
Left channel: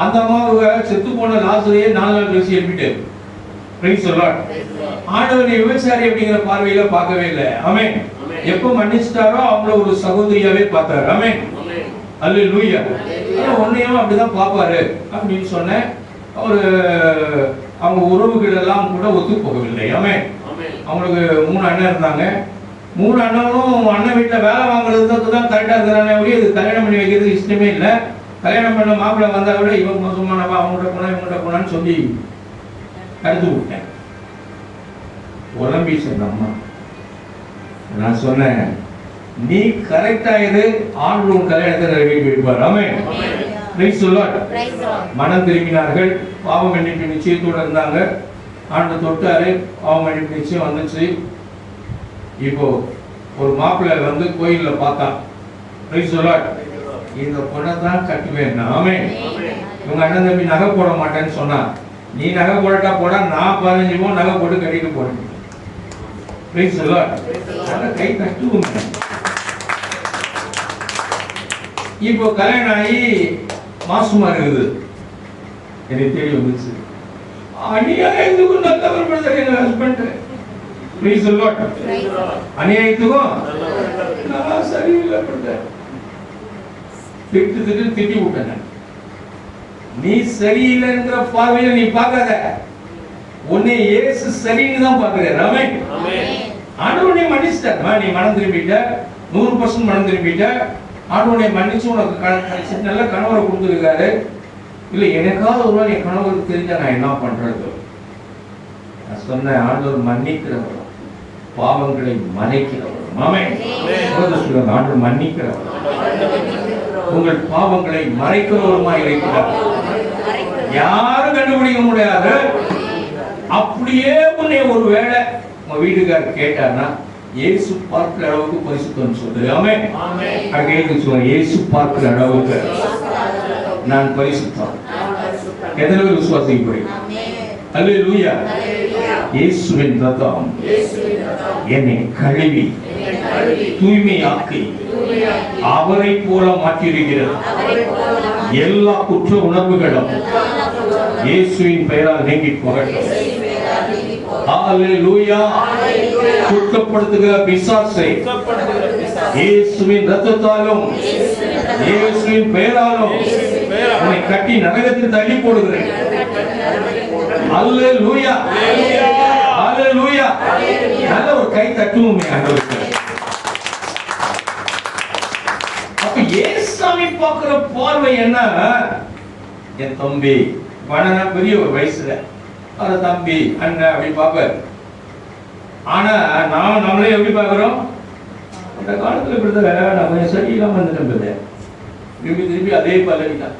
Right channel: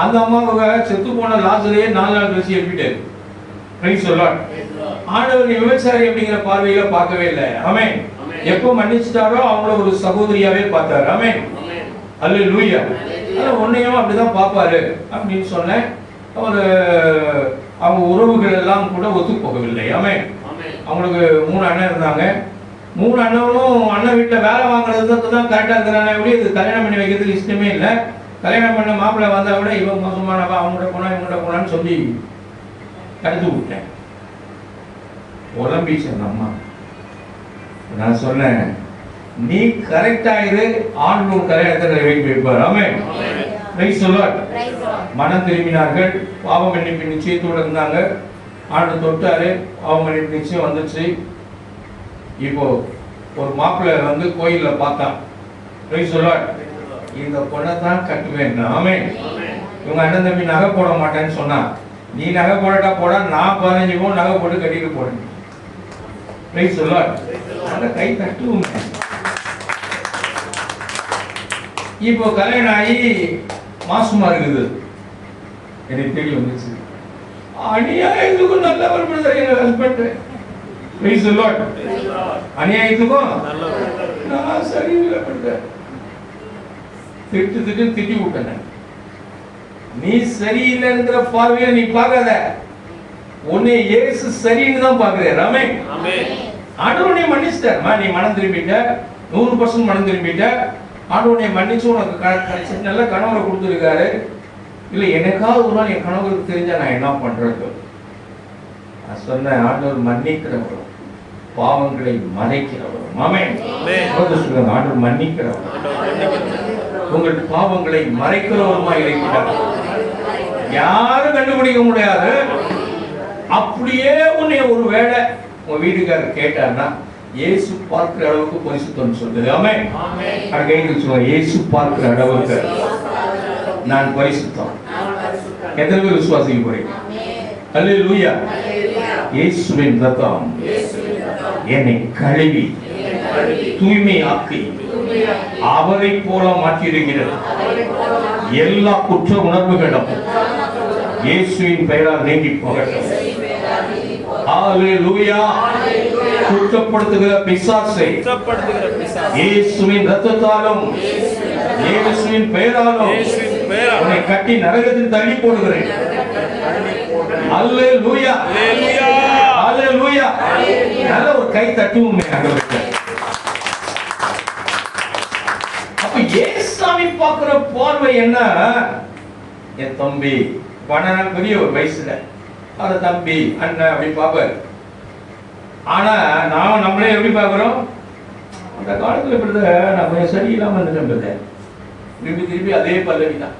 அந்த அம்மாவுக்கு செத்து போன லாசரையே 4 நாள் கழிச்சு எழுப்பிட்டாரு. Price the Lord. ஆண்டவர் விபச்சாரி அப்படிங்கிற பார்வையில பார்க்கவே இல்லை. ஆமென். எப்ப மன்னிச்சிட்டாரோ அவங்கள ஒரு சகோதரியாவே பார்த்தாரு. ஆமென். அல்லேலூயா. உன்னையும் அப்படிதான் பார்ப்பாரு அப்படின்னு சொன்னேன். அவங்க உறவுகள் எல்லாம் கூட ஒத்து போகவில்லை. ஆமென். அவங்களுக்கு 3 அண்ணன் இருந்தாங்க. 3 அண்ணனும் அண்ணன் வீட்டுல வேலை வாங்குறதுக்கு தான் கரெக்டா இருக்கிறானே, இது கல்யாணம் பண்ணி வைக்கிறதுக்கு இஷ்டமே இல்லை. கல்யாணம் பண்ண மாப்பிள்ளை வந்தா விட இவன் மோசமானவா, அவங்ககிட்ட போனா இவங்ககிட்ட போனான்னு சொல்லி கருத்து விட்டேன். உடம்பீச்சு அந்த அம்மா. நான் சொன்னேன், நீ கரெக்டா இரு, ஆண்டவர் கல்யாணத்தை நிறைவேற்றி வைப்பார். ஆமென். Praise the Lord. மனம் திரும்பினார்கள், பாவ மன்னிப்பு நிச்சயத்தோடு இருந்தாங்க. ஆண்டவர் தொட்டாரு, பாவ மன்னிப்பு நிச்சயம் வந்துச்சு. இப்போ ஒரு மாப்பிள்ளை வந்து கோயில்ல பார்த்தான். Price the Lord. இந்த பொண்ணை தான் கட்டுவேன். ஆமென். இவங்க அண்ணன் தம்பி நகை போட மாட்டேன்னு சொன்னா, நீ நகை போடட்டா போட, நான் 15 பவுன் நகை போட்டு கட்டிட்டு போறேன். Price the Lord. கை தட்டுவோம். இப்போ கல்யாணம் ஆகி மாசமா இருக்குது, எனக்கு தேடி வந்துச்சு. அநியாயத்துக்கும் நல்லவர் பிரதர் எங்க ஹஸ்பண்ட். Praise the Lord. அநியாயத்துக்கும் நான் சரியில்லை பிரதர். திட்டி விட்டேன். நீ சரியில்லைங்கிற பார்வையில நீ பார்க்காத, உன்னை இயேசு சரின்னு தான் பார்க்கிறார். ஆமென். ஆண்டவர் நீ மன்னிச்சிட்டார். நீ மனம் திரும்பிட்ட, 100% மனம் திரும்பிட்ட. ஆண்டவனை மன்னிச்சு உனக்கு நல்ல கணவரை கொடுத்துருக்காரு, இல்லை எனக்காவது ஒரு நாள் என் கணவருக்கு தெரிஞ்சா நான் என்ன பண்றது? நான் சொன்னேன், ஆண்டவர் மன்னிக்கிறவரும் பாவங்களை மறைக்கிறவரும். ஆமென். ஆண்டவர் மன்னிக்கிறவரும் உங்கள் பாவங்களை மறைக்கிறவருமாய் இருக்கிறார். யாரும் கண்டுபிடிக்க முடியாது. அப்படியே உன்னை ஒரு வேளை உங்க வீட்டுக்காரர் கேட்டார்னா இயேசு பார்க்கிற அளவுக்கு பரிசுத்தம் சொல்லுது. ஆமென். கையில் சொல்லுங்க, இயேசு பார்க்கிற அளவுக்கு நான் பரிசுத்தம். எத்தனை பேர் விசுவாசிக்க போறீங்க? அல்லேலூயா. இயேசுவின் ரத்தம் என்னை கழுவி தூய்மையாக்கி அவரை போல மாற்றியிருக்கிறது. எல்லா குற்ற உணர்வுகளும் இயேசுவின் பெயரால் நீங்கி போகட்டும். அல்லேலூயா. குற்றப்படுத்துகிற பிசாசை இயேசுவின் ரத்தத்தாலும் இயேசுவின் பெயராலும் உன்னை கட்டி நரகத்தில் தள்ளி போடுகிறேன். அல்லேலூயா. அல்லேலூயா. நல்ல ஒரு கை தட்டுவோமே ஆண்டவருக்கு. அப்ப ஏசாமி பார்க்கிற பார்வை என்ன? என் தம்பி வடனா பெரிய ஒரு வயசுல அது தம்பி அண்ணன் அப்படி பார்ப்பாரு. ஆனா நான் நம்மளே எப்படி பார்க்கிறோம்? அந்த காலத்துல பிரதர் நான் கொஞ்சம் சரியில்லாம வந்துட்டேன் பிரதர், திருப்பி திருப்பி அதே பல்லவி தான்.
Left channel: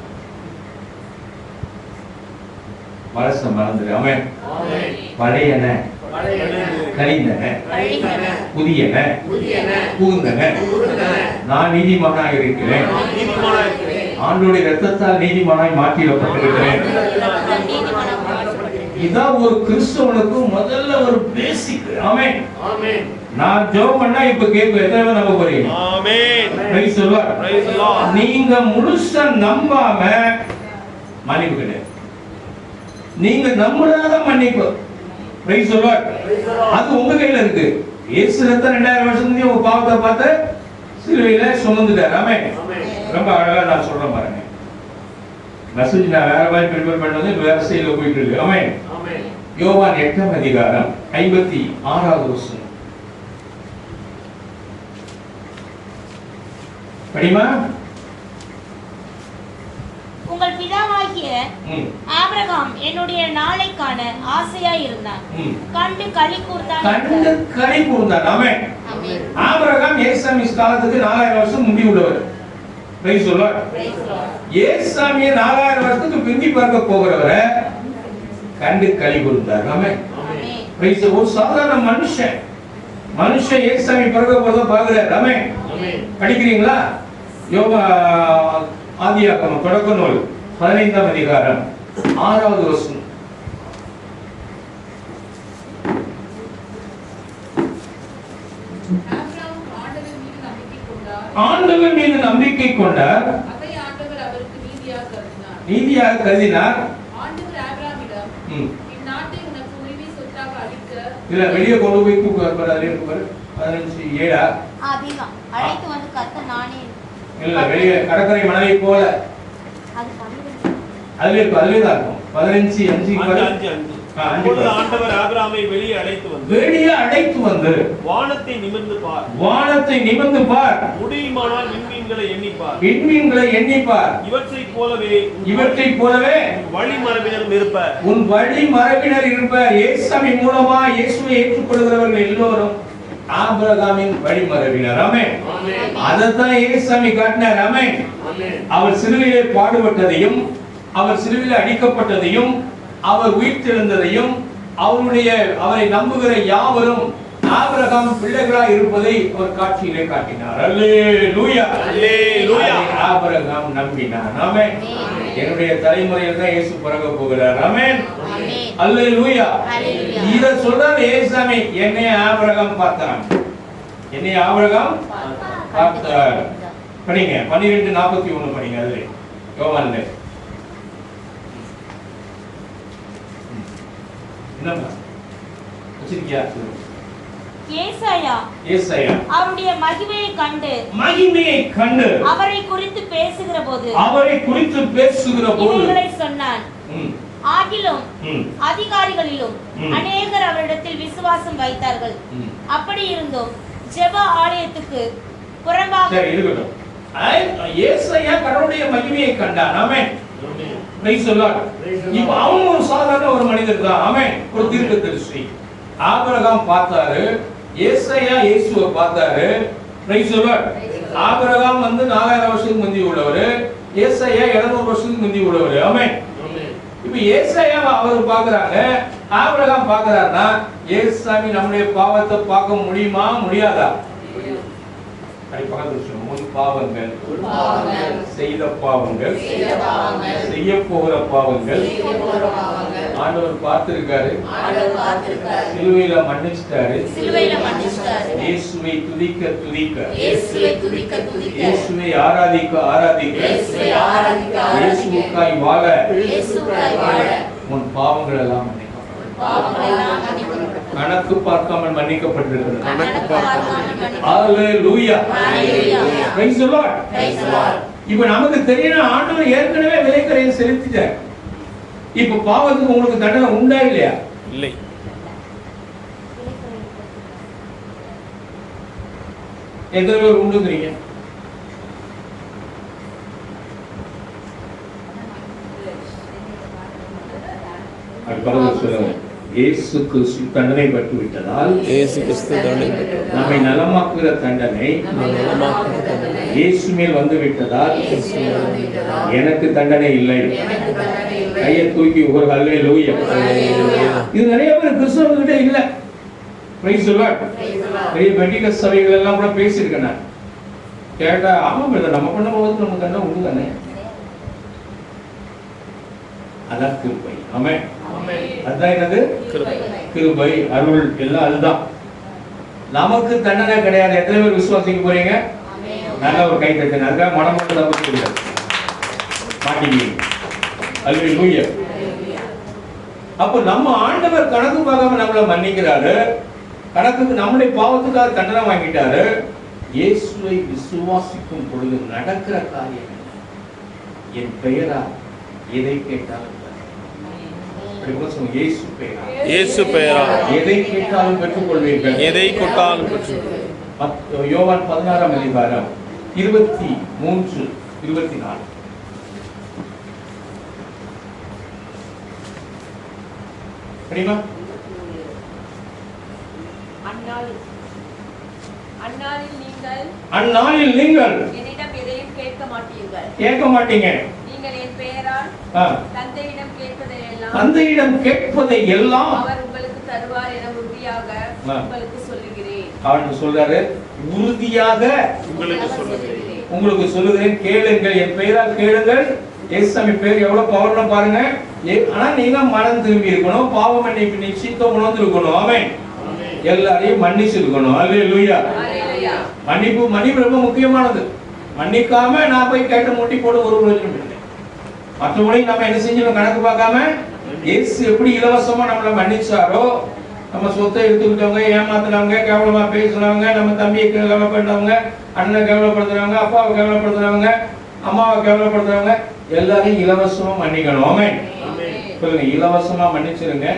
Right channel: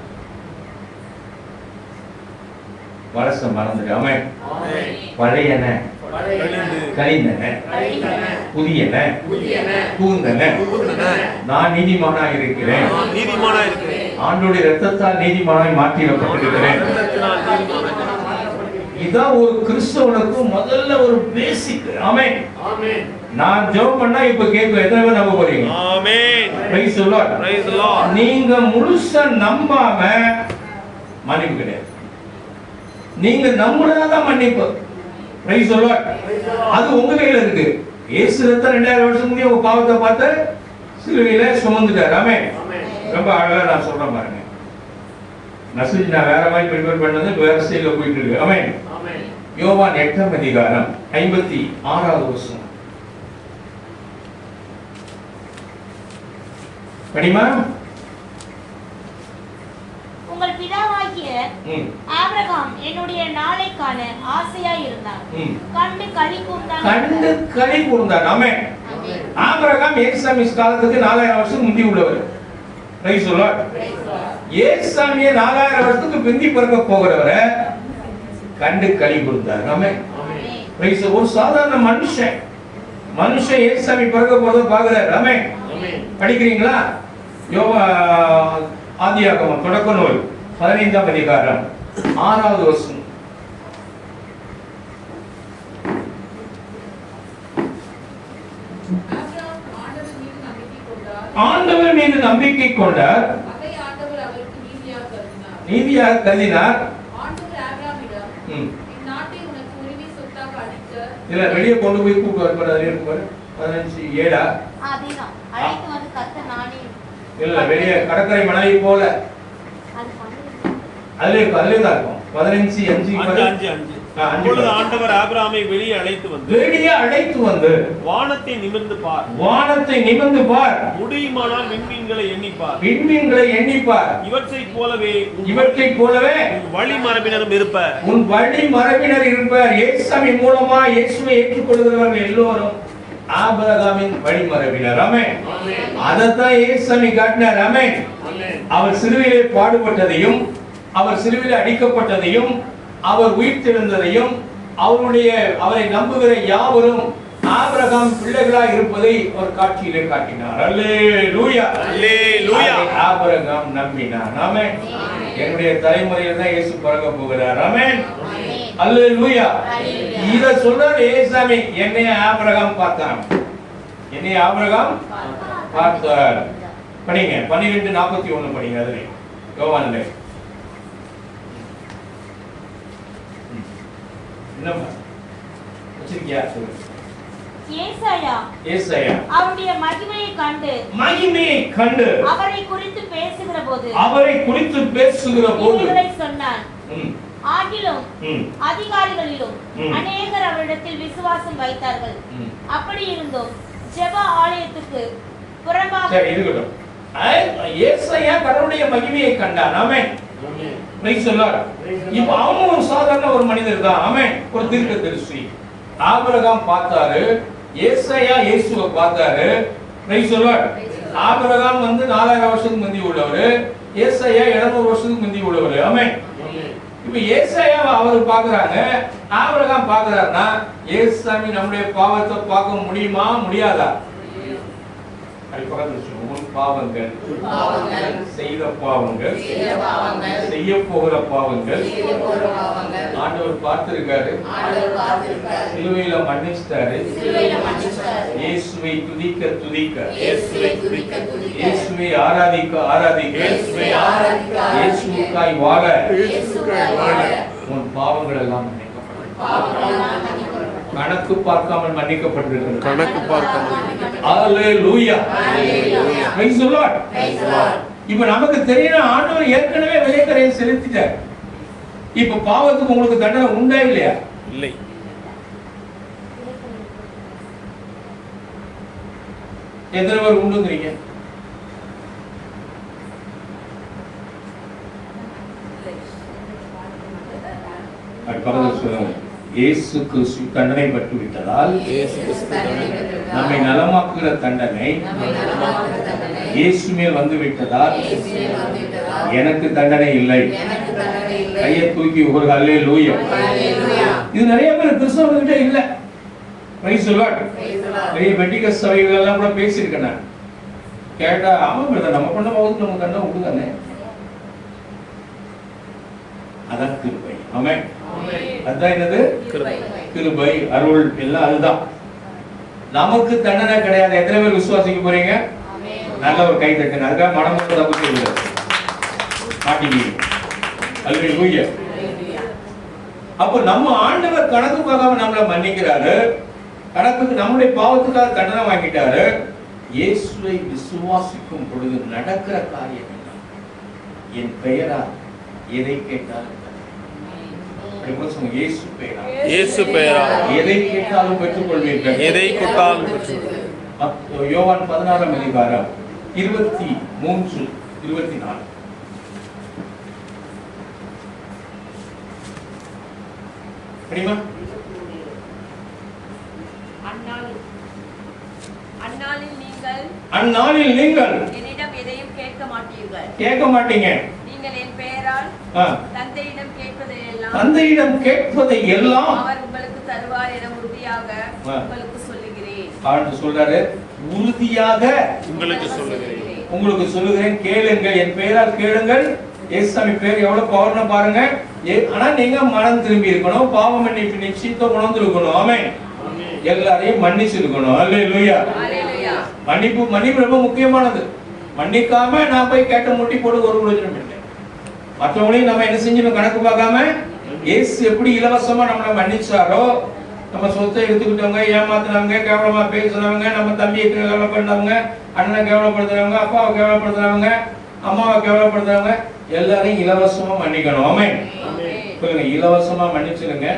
வளச மறந்துடு. ஆமென். பழையன கழிந்தன புதியன புகுந்தன. நான் நீதிமானாக இருக்கிறேன், ஆண்டோடைய ரத்தத்தால் நீதிமானாய் மாற்றிடப்பட்டிருக்கிறேன். இதான் ஒரு கிறிஸ்தவனுக்கு முதல்ல ஒரு பேசிக். ஆமென். நான் ஜெபம் பண்ணா இப்ப கேட்க எத்தனை பேர் நம்ப போறீங்க? Price the Lord. நீங்க முழுசா நம்பாம மன்னிப்பு கிடையாது. நீங்க நம்புறதான் மன்னிப்பு. Price the Lord. அது உங்க கையில இருக்கு. இயேசு ரத்தம் 2000 வருஷம் முன்னாடி உங்க பாவத்தை பார்த்து சிலுவையில சுமந்துட்டார். ஆமென். ரொம்ப அழகா நான் சொல்றேன் பாருங்க. மெசேஜ் நான் வேற மாதிரி ப்ரிப்பேர் பண்ணது வேற ஸ்டைல்ல போயிட்டு இருக்கு. ஆமென். யோவான் 8ஆம் அதிகாரம் 56வது வசனம் படிமா. உங்கள் பிதாவாகிய ஆபிரகாம் என்னுடைய நாளை காண ஆசையாய் இருந்தான், கண்டு களி கூர்ந்தான். ஆமென். ஆபிரகாம் ஏசாமி காலத்துக்கு 4000 வருஷம் முந்தி உள்ளவர். Price the Lord. ஏசாமிய 4000 வருஷத்துக்கு பிந்தி பார்க்க போகிறவரை கண்டு களி கூர்ந்தார். ஆமென். பிரைஸ். ஒரு சாதாரண மனுஷன் ஏசாமி பிறக்க போறத பாக்குறார். ஆமென். படிக்கிறீங்களா? ஆதியாகமம் தொடக்க நூல் 15ஆம் அதிகாரம் 6வது வசனம். ஆண்டவர் மீது நம்பிக்கை கொண்டார், நீதியாக கருதினார். இல்ல வெளியே கொண்டு போய் கூப்பிட்டு 15:7 இல்ல வெளியே கடற்கரை மணலை போல அதுல தான் இருக்கும். 15:5 ஆண்டவர் ஆபிரகாமை வெளியே அழைத்து வந்து வானத்தை நிமிர்ந்து பார், முடியுமானால் விண்மீன்களை எண்ணிப்பார், இவற்றைப் போலவே வழிமரபினரும் இருப்பார். உன் வழிமரபினர் இருப்பார். இயேசுவின் மூலமா இயேசுவை ஏற்றுக்கொள்கிறவர்கள் எல்லோரும் ஆபிரகாமின் வழிமரபினர். ஆமென். அதத்தான் இயேசுவை காட்டினார். ஆமென். அவர் சிலுவையிலே பாடுபட்டதையும், அவர் சிலுவையிலே அடிக்கப்பட்டதையும், அவர் உயிர்த்தெழுந்ததையும், அவரை நம்புகிற யாவரும் ஆபிரகாம் பிள்ளைகளாய் இருப்பதை ஒரு காட்சியிலே காட்டினார். அல்லேலூயா. ஆபிரகாம் நம்பினார். ஆமென். என்னுடைய தலைமுறையில் தான் இயேசு பிறக்க போகிறார். ஆமென். அல்லேலூயா. இத சொல்றார் ஏசாமி. என்னை ஆபிரகாம் பார்த்தான். பார்த்தார். படிங்க 12:41 படிங்க. அதுல யோவான்ல என்னமா வச்சிருக்கியா? ஏசாயா அவருடைய மகிமையை கண்டு அவரை குறித்து பேசுகிற போது சொன்னான். ஆகிலும் அதிகாரிகளிலும் அநேகர் அவரிடத்தில் விசுவாசம் வைத்தார்கள். அப்படி இருந்தும் ஜெப ஆலயத்துக்கு புறம்பாக ஏசாயா கடவுளுடைய மகிமையை கண்டான். ஆமென். Praise the Lord. இப்போ அவன் ஒரு சாதாரண ஒரு மனிதர் தான். ஆமென். ஒரு தீர்க்கதரிசி. ஆபிரகாம் பார்த்தாரு, ஏசாயா இயேசுவை பார்த்தாரு. Price the Lord. ஆபிரகாம் 4000 வருஷத்துக்கு முந்தி உள்ளவர், ஏசாயா 700 வருஷத்துக்கு முந்தி உள்ளவர். ஆமென். இப்போ ஏசாயா அவர் பார்க்கறாங்க, ஆபிரகாம் பார்க்கறாருன்னா ஏசாமி நம்முடைய பாவத்தை பார்க்க முடியுமா முடியாதா? பாவங்கள், செய்த பாவங்கள், செய்ய போகிற பாவங்கள் ஆண்டவர் பார்த்திருக்காரு, சிலுவையில மன்னிச்சிட்டாரு. இயேசுவை துதிக்க துதிக்க, இயேசுவை ஆராதிக்க ஆராதிக்க, இயேசுவுக்காய் வாழ உன் பாவங்கள் எல்லாம் கணக்கு பார்க்காமல் மன்னிக்கப்பட்டிருக்கிறது. கணக்கு பார்க்காமல். ஹalleluya. praise the lord. இப்போ நமக்கு தெரியணும் ஆண்டவர் ஏற்கனவே விலைக்கரையை செலுத்திட்டார். இப்போ பாவத்துக்கு உங்களுக்கு தண்டனை உண்டா இல்லையா? இல்லை. எத்தனை பேர் உண்டுங்கிறீங்க? அடுத்த சொல்லுங்க. இயேசு கிறிஸ்து தண்டனை பட்டு விட்டதால், இயேசு கிறிஸ்து நம்மை நலமாக்குகிற தண்டனை இயேசு மேல் வந்து விட்டதால் எனக்கு தண்டனை இல்லை. கையை தூக்கி ஒரு ஹல்லேலூயா. இது நிறைய பேர் கிறிஸ்தவர்கிட்ட இல்ல. Price the Lord. நிறைய பெண்டிகோஸ்ட் சபைகள் எல்லாம் கூட பேசியிருக்கேன் நான். கேட்டா ஆமா பிரதர், நம்ம பண்ண போது நமக்கு தண்டனை உண்டு தானே. அதான் கிருபை. ஆமென். அதான் என்னது? கிருபை, அருள் எல்லாம் அதுதான். நமக்கு தண்டனை கிடையாது. எத்தனை பேர் விசுவாசிக்க போறீங்க? நல்ல ஒரு கை தட்டுங்க. அதுக்காக மனமும் தப்பு இல்லை. மாட்டீங்க. ஹல்லேலூயா. அப்ப நம்ம ஆண்டவர் கணக்கு பார்க்காம நம்மளை மன்னிக்கிறாரு. கணக்குக்கு நம்முடைய பாவத்துக்காக தண்டனை வாங்கிட்டாரு. இயேசுவை விசுவாசிக்கும் பொழுது நடக்கிற காரியம் என்ன? என் பெயரா எதை கேட்டாலும் இயேசு பெயரா எதை கேட்டாலும் பெற்றுக்கொள்வீர்கள். எதை கொட்டாலும் பெற்றுக்கொள்வீர்கள். யோவான் 16ஆம் அதிகாரம் 23, 24. படிமா. அந்நாளில் நீங்கள் என்னிடம் எதையும் கேட்க மாட்டீர்கள். கேட்க மாட்டீங்க. நீங்கள் என் பெயரால் தந்தையிடம் கேட்பதை எல்லாம் அவர் உங்களுக்கு தருவார் என உறுதியாக உங்களுக்கு சொல்லுகிறேன். அவர் சொல்றாரு, உறுதியாக உங்களுக்கு சொல்லுகிறேன். கேளுங்கள், என் பெயரால் கேளுங்கள். இயேசுசாமி பேர் எவ்வளவு பவர்னு பாருங்க. ஆனா நீங்க மனம் திரும்பி இருக்கணும், பாவ மன்னிப்பு நிச்சயத்தை உணர்ந்து இருக்கணும். ஆமென். எல்லாரையும் மன்னிச்சு இருக்கணும். ஹல்லேலூயா. மன்னிப்பு ரொம்ப முக்கியமானது. மன்னிக்காம நான் போய் கேட்ட முட்டி போட ஒரு பிரயோஜனம் இல்லை. மற்றவங்களையும் நம்ம என்ன செஞ்சணும் கணக்கு பார்க்காம, இயேசு எப்படி இலவசமா நம்மளை மன்னிச்சாரோ, நம்ம சொத்தை எடுத்துக்கிட்டவங்க, ஏமாத்துறவங்க, கேவலமா பேசுறவங்க, நம்ம தம்பியை கேவலப்படுறவங்க, அண்ணனை கேவலப்படுத்துறவங்க, அப்பாவை கேவலப்படுத்துறவங்க, அம்மாவை கேவலப்படுத்துறவங்க எல்லாரையும் இலவசமா மன்னிக்கணும். ஆமென். சொல்லுங்க, இலவசமா மன்னிச்சிருங்க.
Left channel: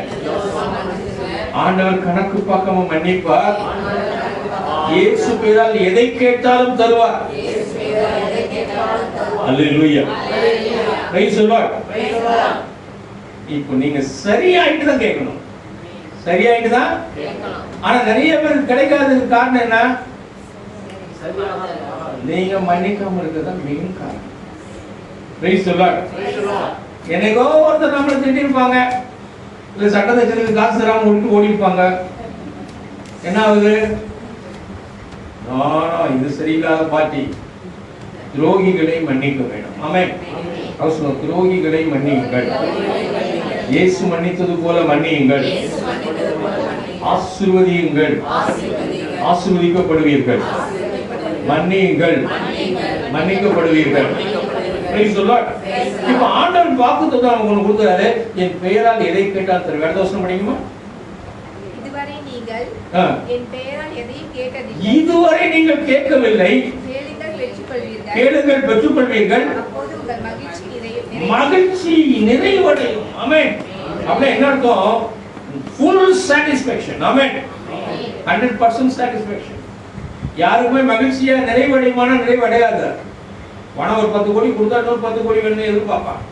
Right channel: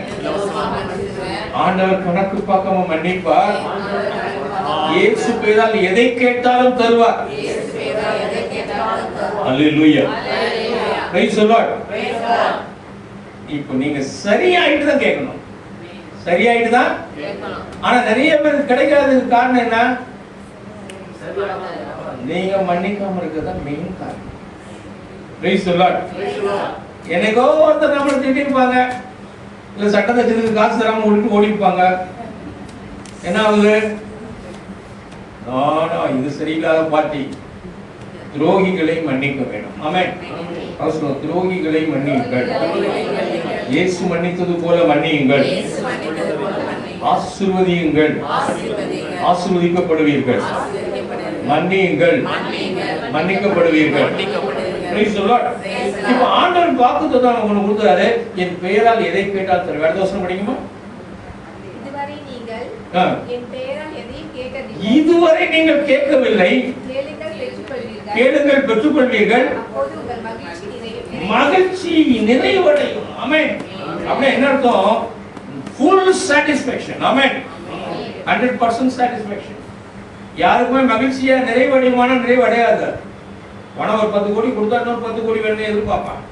ஆண்டவர் கணக்கு பார்க்காம மன்னிப்பார். இயேசு பெயரால் எதை கேட்டாலும் தருவார். அல்லேலூயா. Praise the Lord. இப்போ நீங்க சரியாயிட்டு தான் கேட்கணும். சரியாயிட்டு தான் கேட்கணும். ஆனா நிறைய பேருக்கு கிடைக்காததுக்கு காரணம் என்ன? நீங்க மன்னிக்காம இருக்கதா மெயின் காரணம். Price the Lord. என்னைக்கோ ஒருத்தர் நம்மளை திட்டிருப்பாங்க, இல்ல சட்டத்திற்கு காசு தராம விட்டு ஓடிப்பாங்க. என்ன ஆகுது? இது சரியில்லாத பார்ட்டி. துரோகிகளை மன்னிக்க வேண்டும். ஆமென். துரோகிகளை மன்னியுங்கள், இயேசு மன்னித்தது போல மன்னியுங்கள். ஆசீர்வதியுங்கள், ஆசீர்வதிக்கப்படுவீர்கள். மன்னியுங்கள், மன்னிக்கப்படுவீர்கள். இப்ப ஆண்டவர் வாக்குத்தத்தம் உங்களுக்கு கொடுக்கிறாரு, என் பெயரால் எதை கேட்டால் தருவேன். அடுத்த வசனம் படிக்குமா? இதுவரை நீங்கள் கேட்கவில்லை, கேளுங்கள் பெற்றுக்கொள்வீர்கள், மகிழ்ச்சி நிறைவடையும். ஆமென். அப்ப என்ன அர்த்தம்? full satisfaction. ஆமென். 100% satisfaction. யாருக்குமே மகிழ்ச்சியா நிறைவடையுமானா நிறைவடையாது. பணம் ஒரு 10 கோடி கொடுத்தா இன்னொரு 10 கோடி வேணும்னு எதிர்பார்ப்பான்.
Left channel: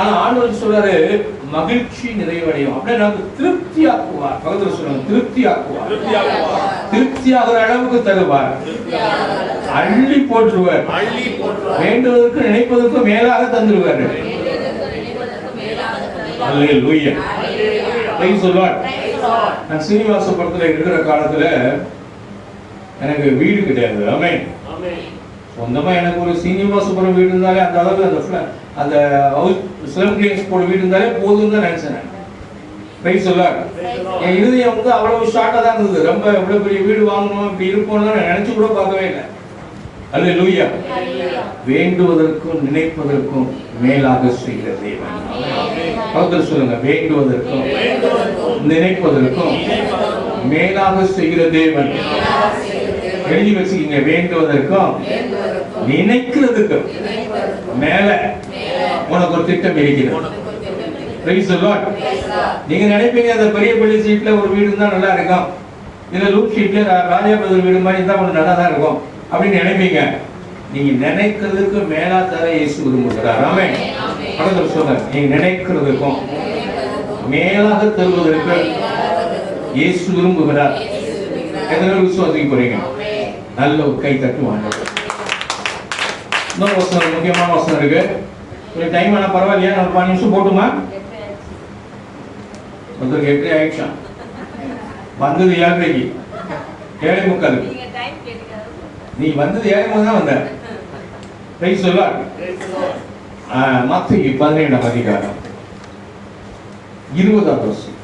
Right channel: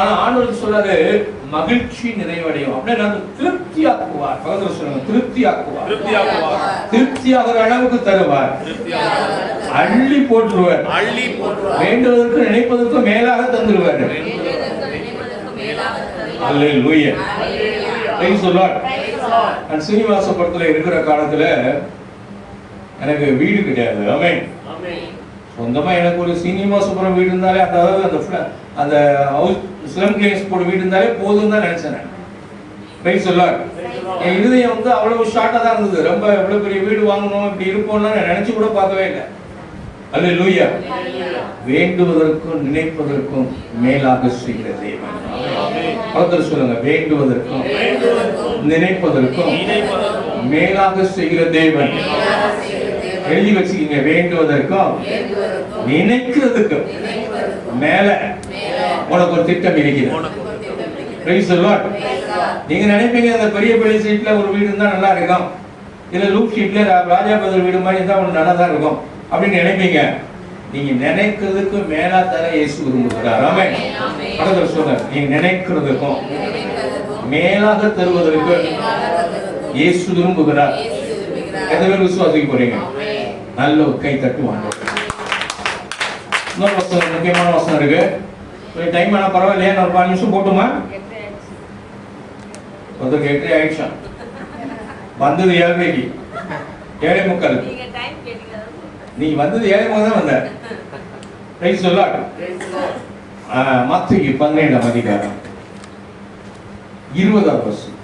ஆனா ஆண்டவர் சொல்றாரு மகிழ்ச்சி நிறைவடையும். அப்படியே நம்ம திருப்தி ஆக்குவார். பகதர் சொல்லுங்க, திருப்தி ஆக்குவார். திருப்தி ஆகுற அளவுக்கு தருவார். அள்ளி போட்டுருவார். வேண்டுவதற்கு நினைப்பதற்கு மேலாக தந்துருவார். அல்லேலூயா. Praise the Lord. நான் சீனிவாச படத்துல இருக்கிற காலத்துல எனக்கு வீடு கிடையாது. ஆமென். சொந்தமா எனக்கு ஒரு சீனிவாசபுரம் வீடு இருந்தாலே அந்த அதாவது அந்த ஹவுஸ் ஸ்லம் கிளீன்ஸ் போட வீடு இருந்தாலே போதும் தான் நினைச்சேன். Price the Lord. என் இருதயம் வந்து அவ்வளவு ஷார்ட்டா தான் இருந்தது. ரொம்ப இவ்வளவு பெரிய வீடு வாங்கணும் இப்படி இருப்போம்னு நான் நினைச்சு கூட பார்க்கவே இல்லை. அல்லேலூயா. வேண்டுவதற்கும் நினைப்பதற்கும் மேலாக செய்கிற தேவன். பகதர் சொல்லுங்க, வேண்டுவதற்கும் நினைப்பதற்கும் மேலாக செய்கிற தேவன். எழுதி வச்சுக்கீங்க, வேண்டுவதற்கும் நினைக்கிறதுக்கும் மேல உனக்கு ஒரு திட்டம் இருக்கிறது. Price the Lord. நீங்க நினைப்பீங்க அந்த பெரிய பெரிய சீட்ல ஒரு வீடு இருந்தா நல்லா இருக்கும், இல்ல லூப் ஷீட்ல ராஜாபதி வீடு மாதிரி இருந்தா ஒன்று நல்லா தான் இருக்கும் அப்படின்னு நினைப்பீங்க. நீங்க நினைக்கிறதுக்கு மேலா தர இயேசு விரும்புகிறார். ஆமென். பகதர் சொல்றார், நீங்க நினைக்கிறதுக்கும் மேலாக தருவதற்கு இயேசு விரும்புகிறார். எத்தனை விசுவாசிக்க போறீங்க? நல்ல ஒரு கை தட்டுவாங்க. இன்னொரு வசனம், முக்கியமான வசனம் இருக்கு. கொஞ்சம் டைம் ஆனா பரவாயில்லையா? நான் 5 நிமிஷம் போட்டுமா? ஒருத்தருக்கு 8 ஆயிடுச்சா? வந்தது 7:30, 7:45. நீ வந்தது 7:30 தான் வந்த. Price the Lord. மத்தேயு 17ஆம் அதிகாரம் 20ஆவது வசனம்.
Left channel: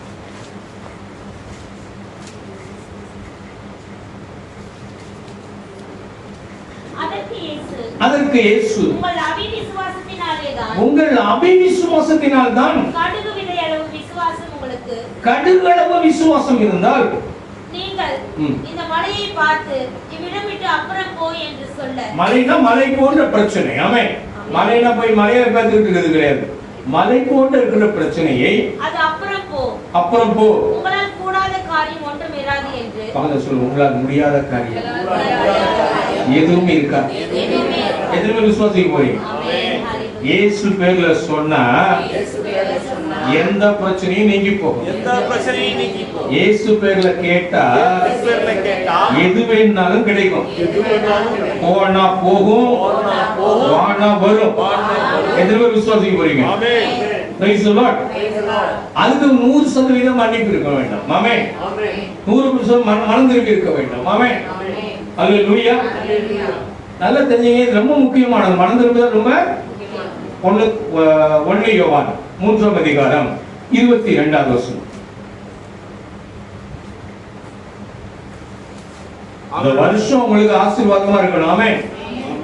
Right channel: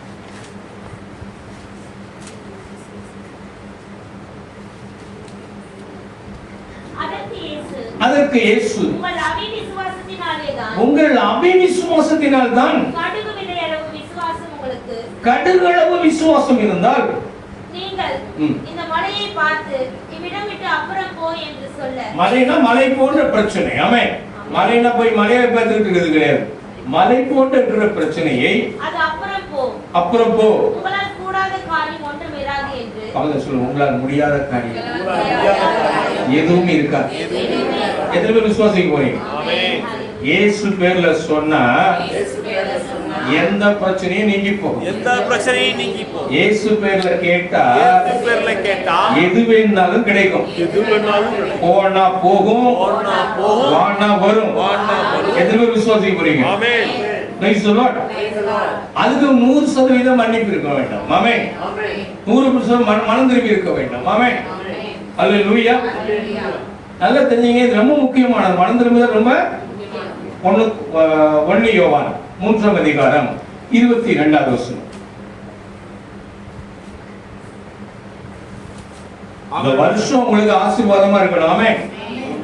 அதற்கு இயேசு, உங்கள் அவிசுவாசத்தினால் தான், கடுகளவு விசுவாசம் இருந்தால் நீங்கள் இந்த மலையை பார்த்து இவ்விடம் விட்டு அப்புறம் போ என்று சொல்ல. மலைனா மலை போன்ற பிரச்சனை. ஆமென். மலைனா போய் மலையை பார்த்துட்டு இருக்கிறது கிடையாது. மலை போன்ற இருக்கிற பிரச்சனையை அது அப்புறம் போ, அப்புறம் போ. உங்களால் கூடாத காரியம் ஒன்றும் இராது என்று. பகல சொல்ல, உங்களால் முடியாத காரியம் எதுவும் இருக்காது. எத்தனை பேர் விசுவாசிக்க போறீங்க? இயேசு பேர்ல சொன்னா எந்த பிரச்சனையும் நீங்கி போகும். இயேசு பேர்ல கேட்டா எது வேணாலும் கிடைக்கும். போனா போகும், வானா வரும். எத்தனை பேர் விசுவாசிக்க போறீங்க? Price the Lord. அதுக்கு 100% மன்னிப்பு இருக்க வேண்டும். ஆமென். 100% மனம் திரும்பி இருக்க வேண்டும். ஆமென். அல்லேலூயா. நல்லா தெரிஞ்சீங்க, இது ரொம்ப முக்கியமானது. மனம் திரும்புதல் ரொம்ப 1 யோவான் 3ஆம் அதிகாரம் 22வது வசனம். இந்த வருஷம் உங்களுக்கு ஆசீர்வாதமா இருக்கணும். ஆமென்.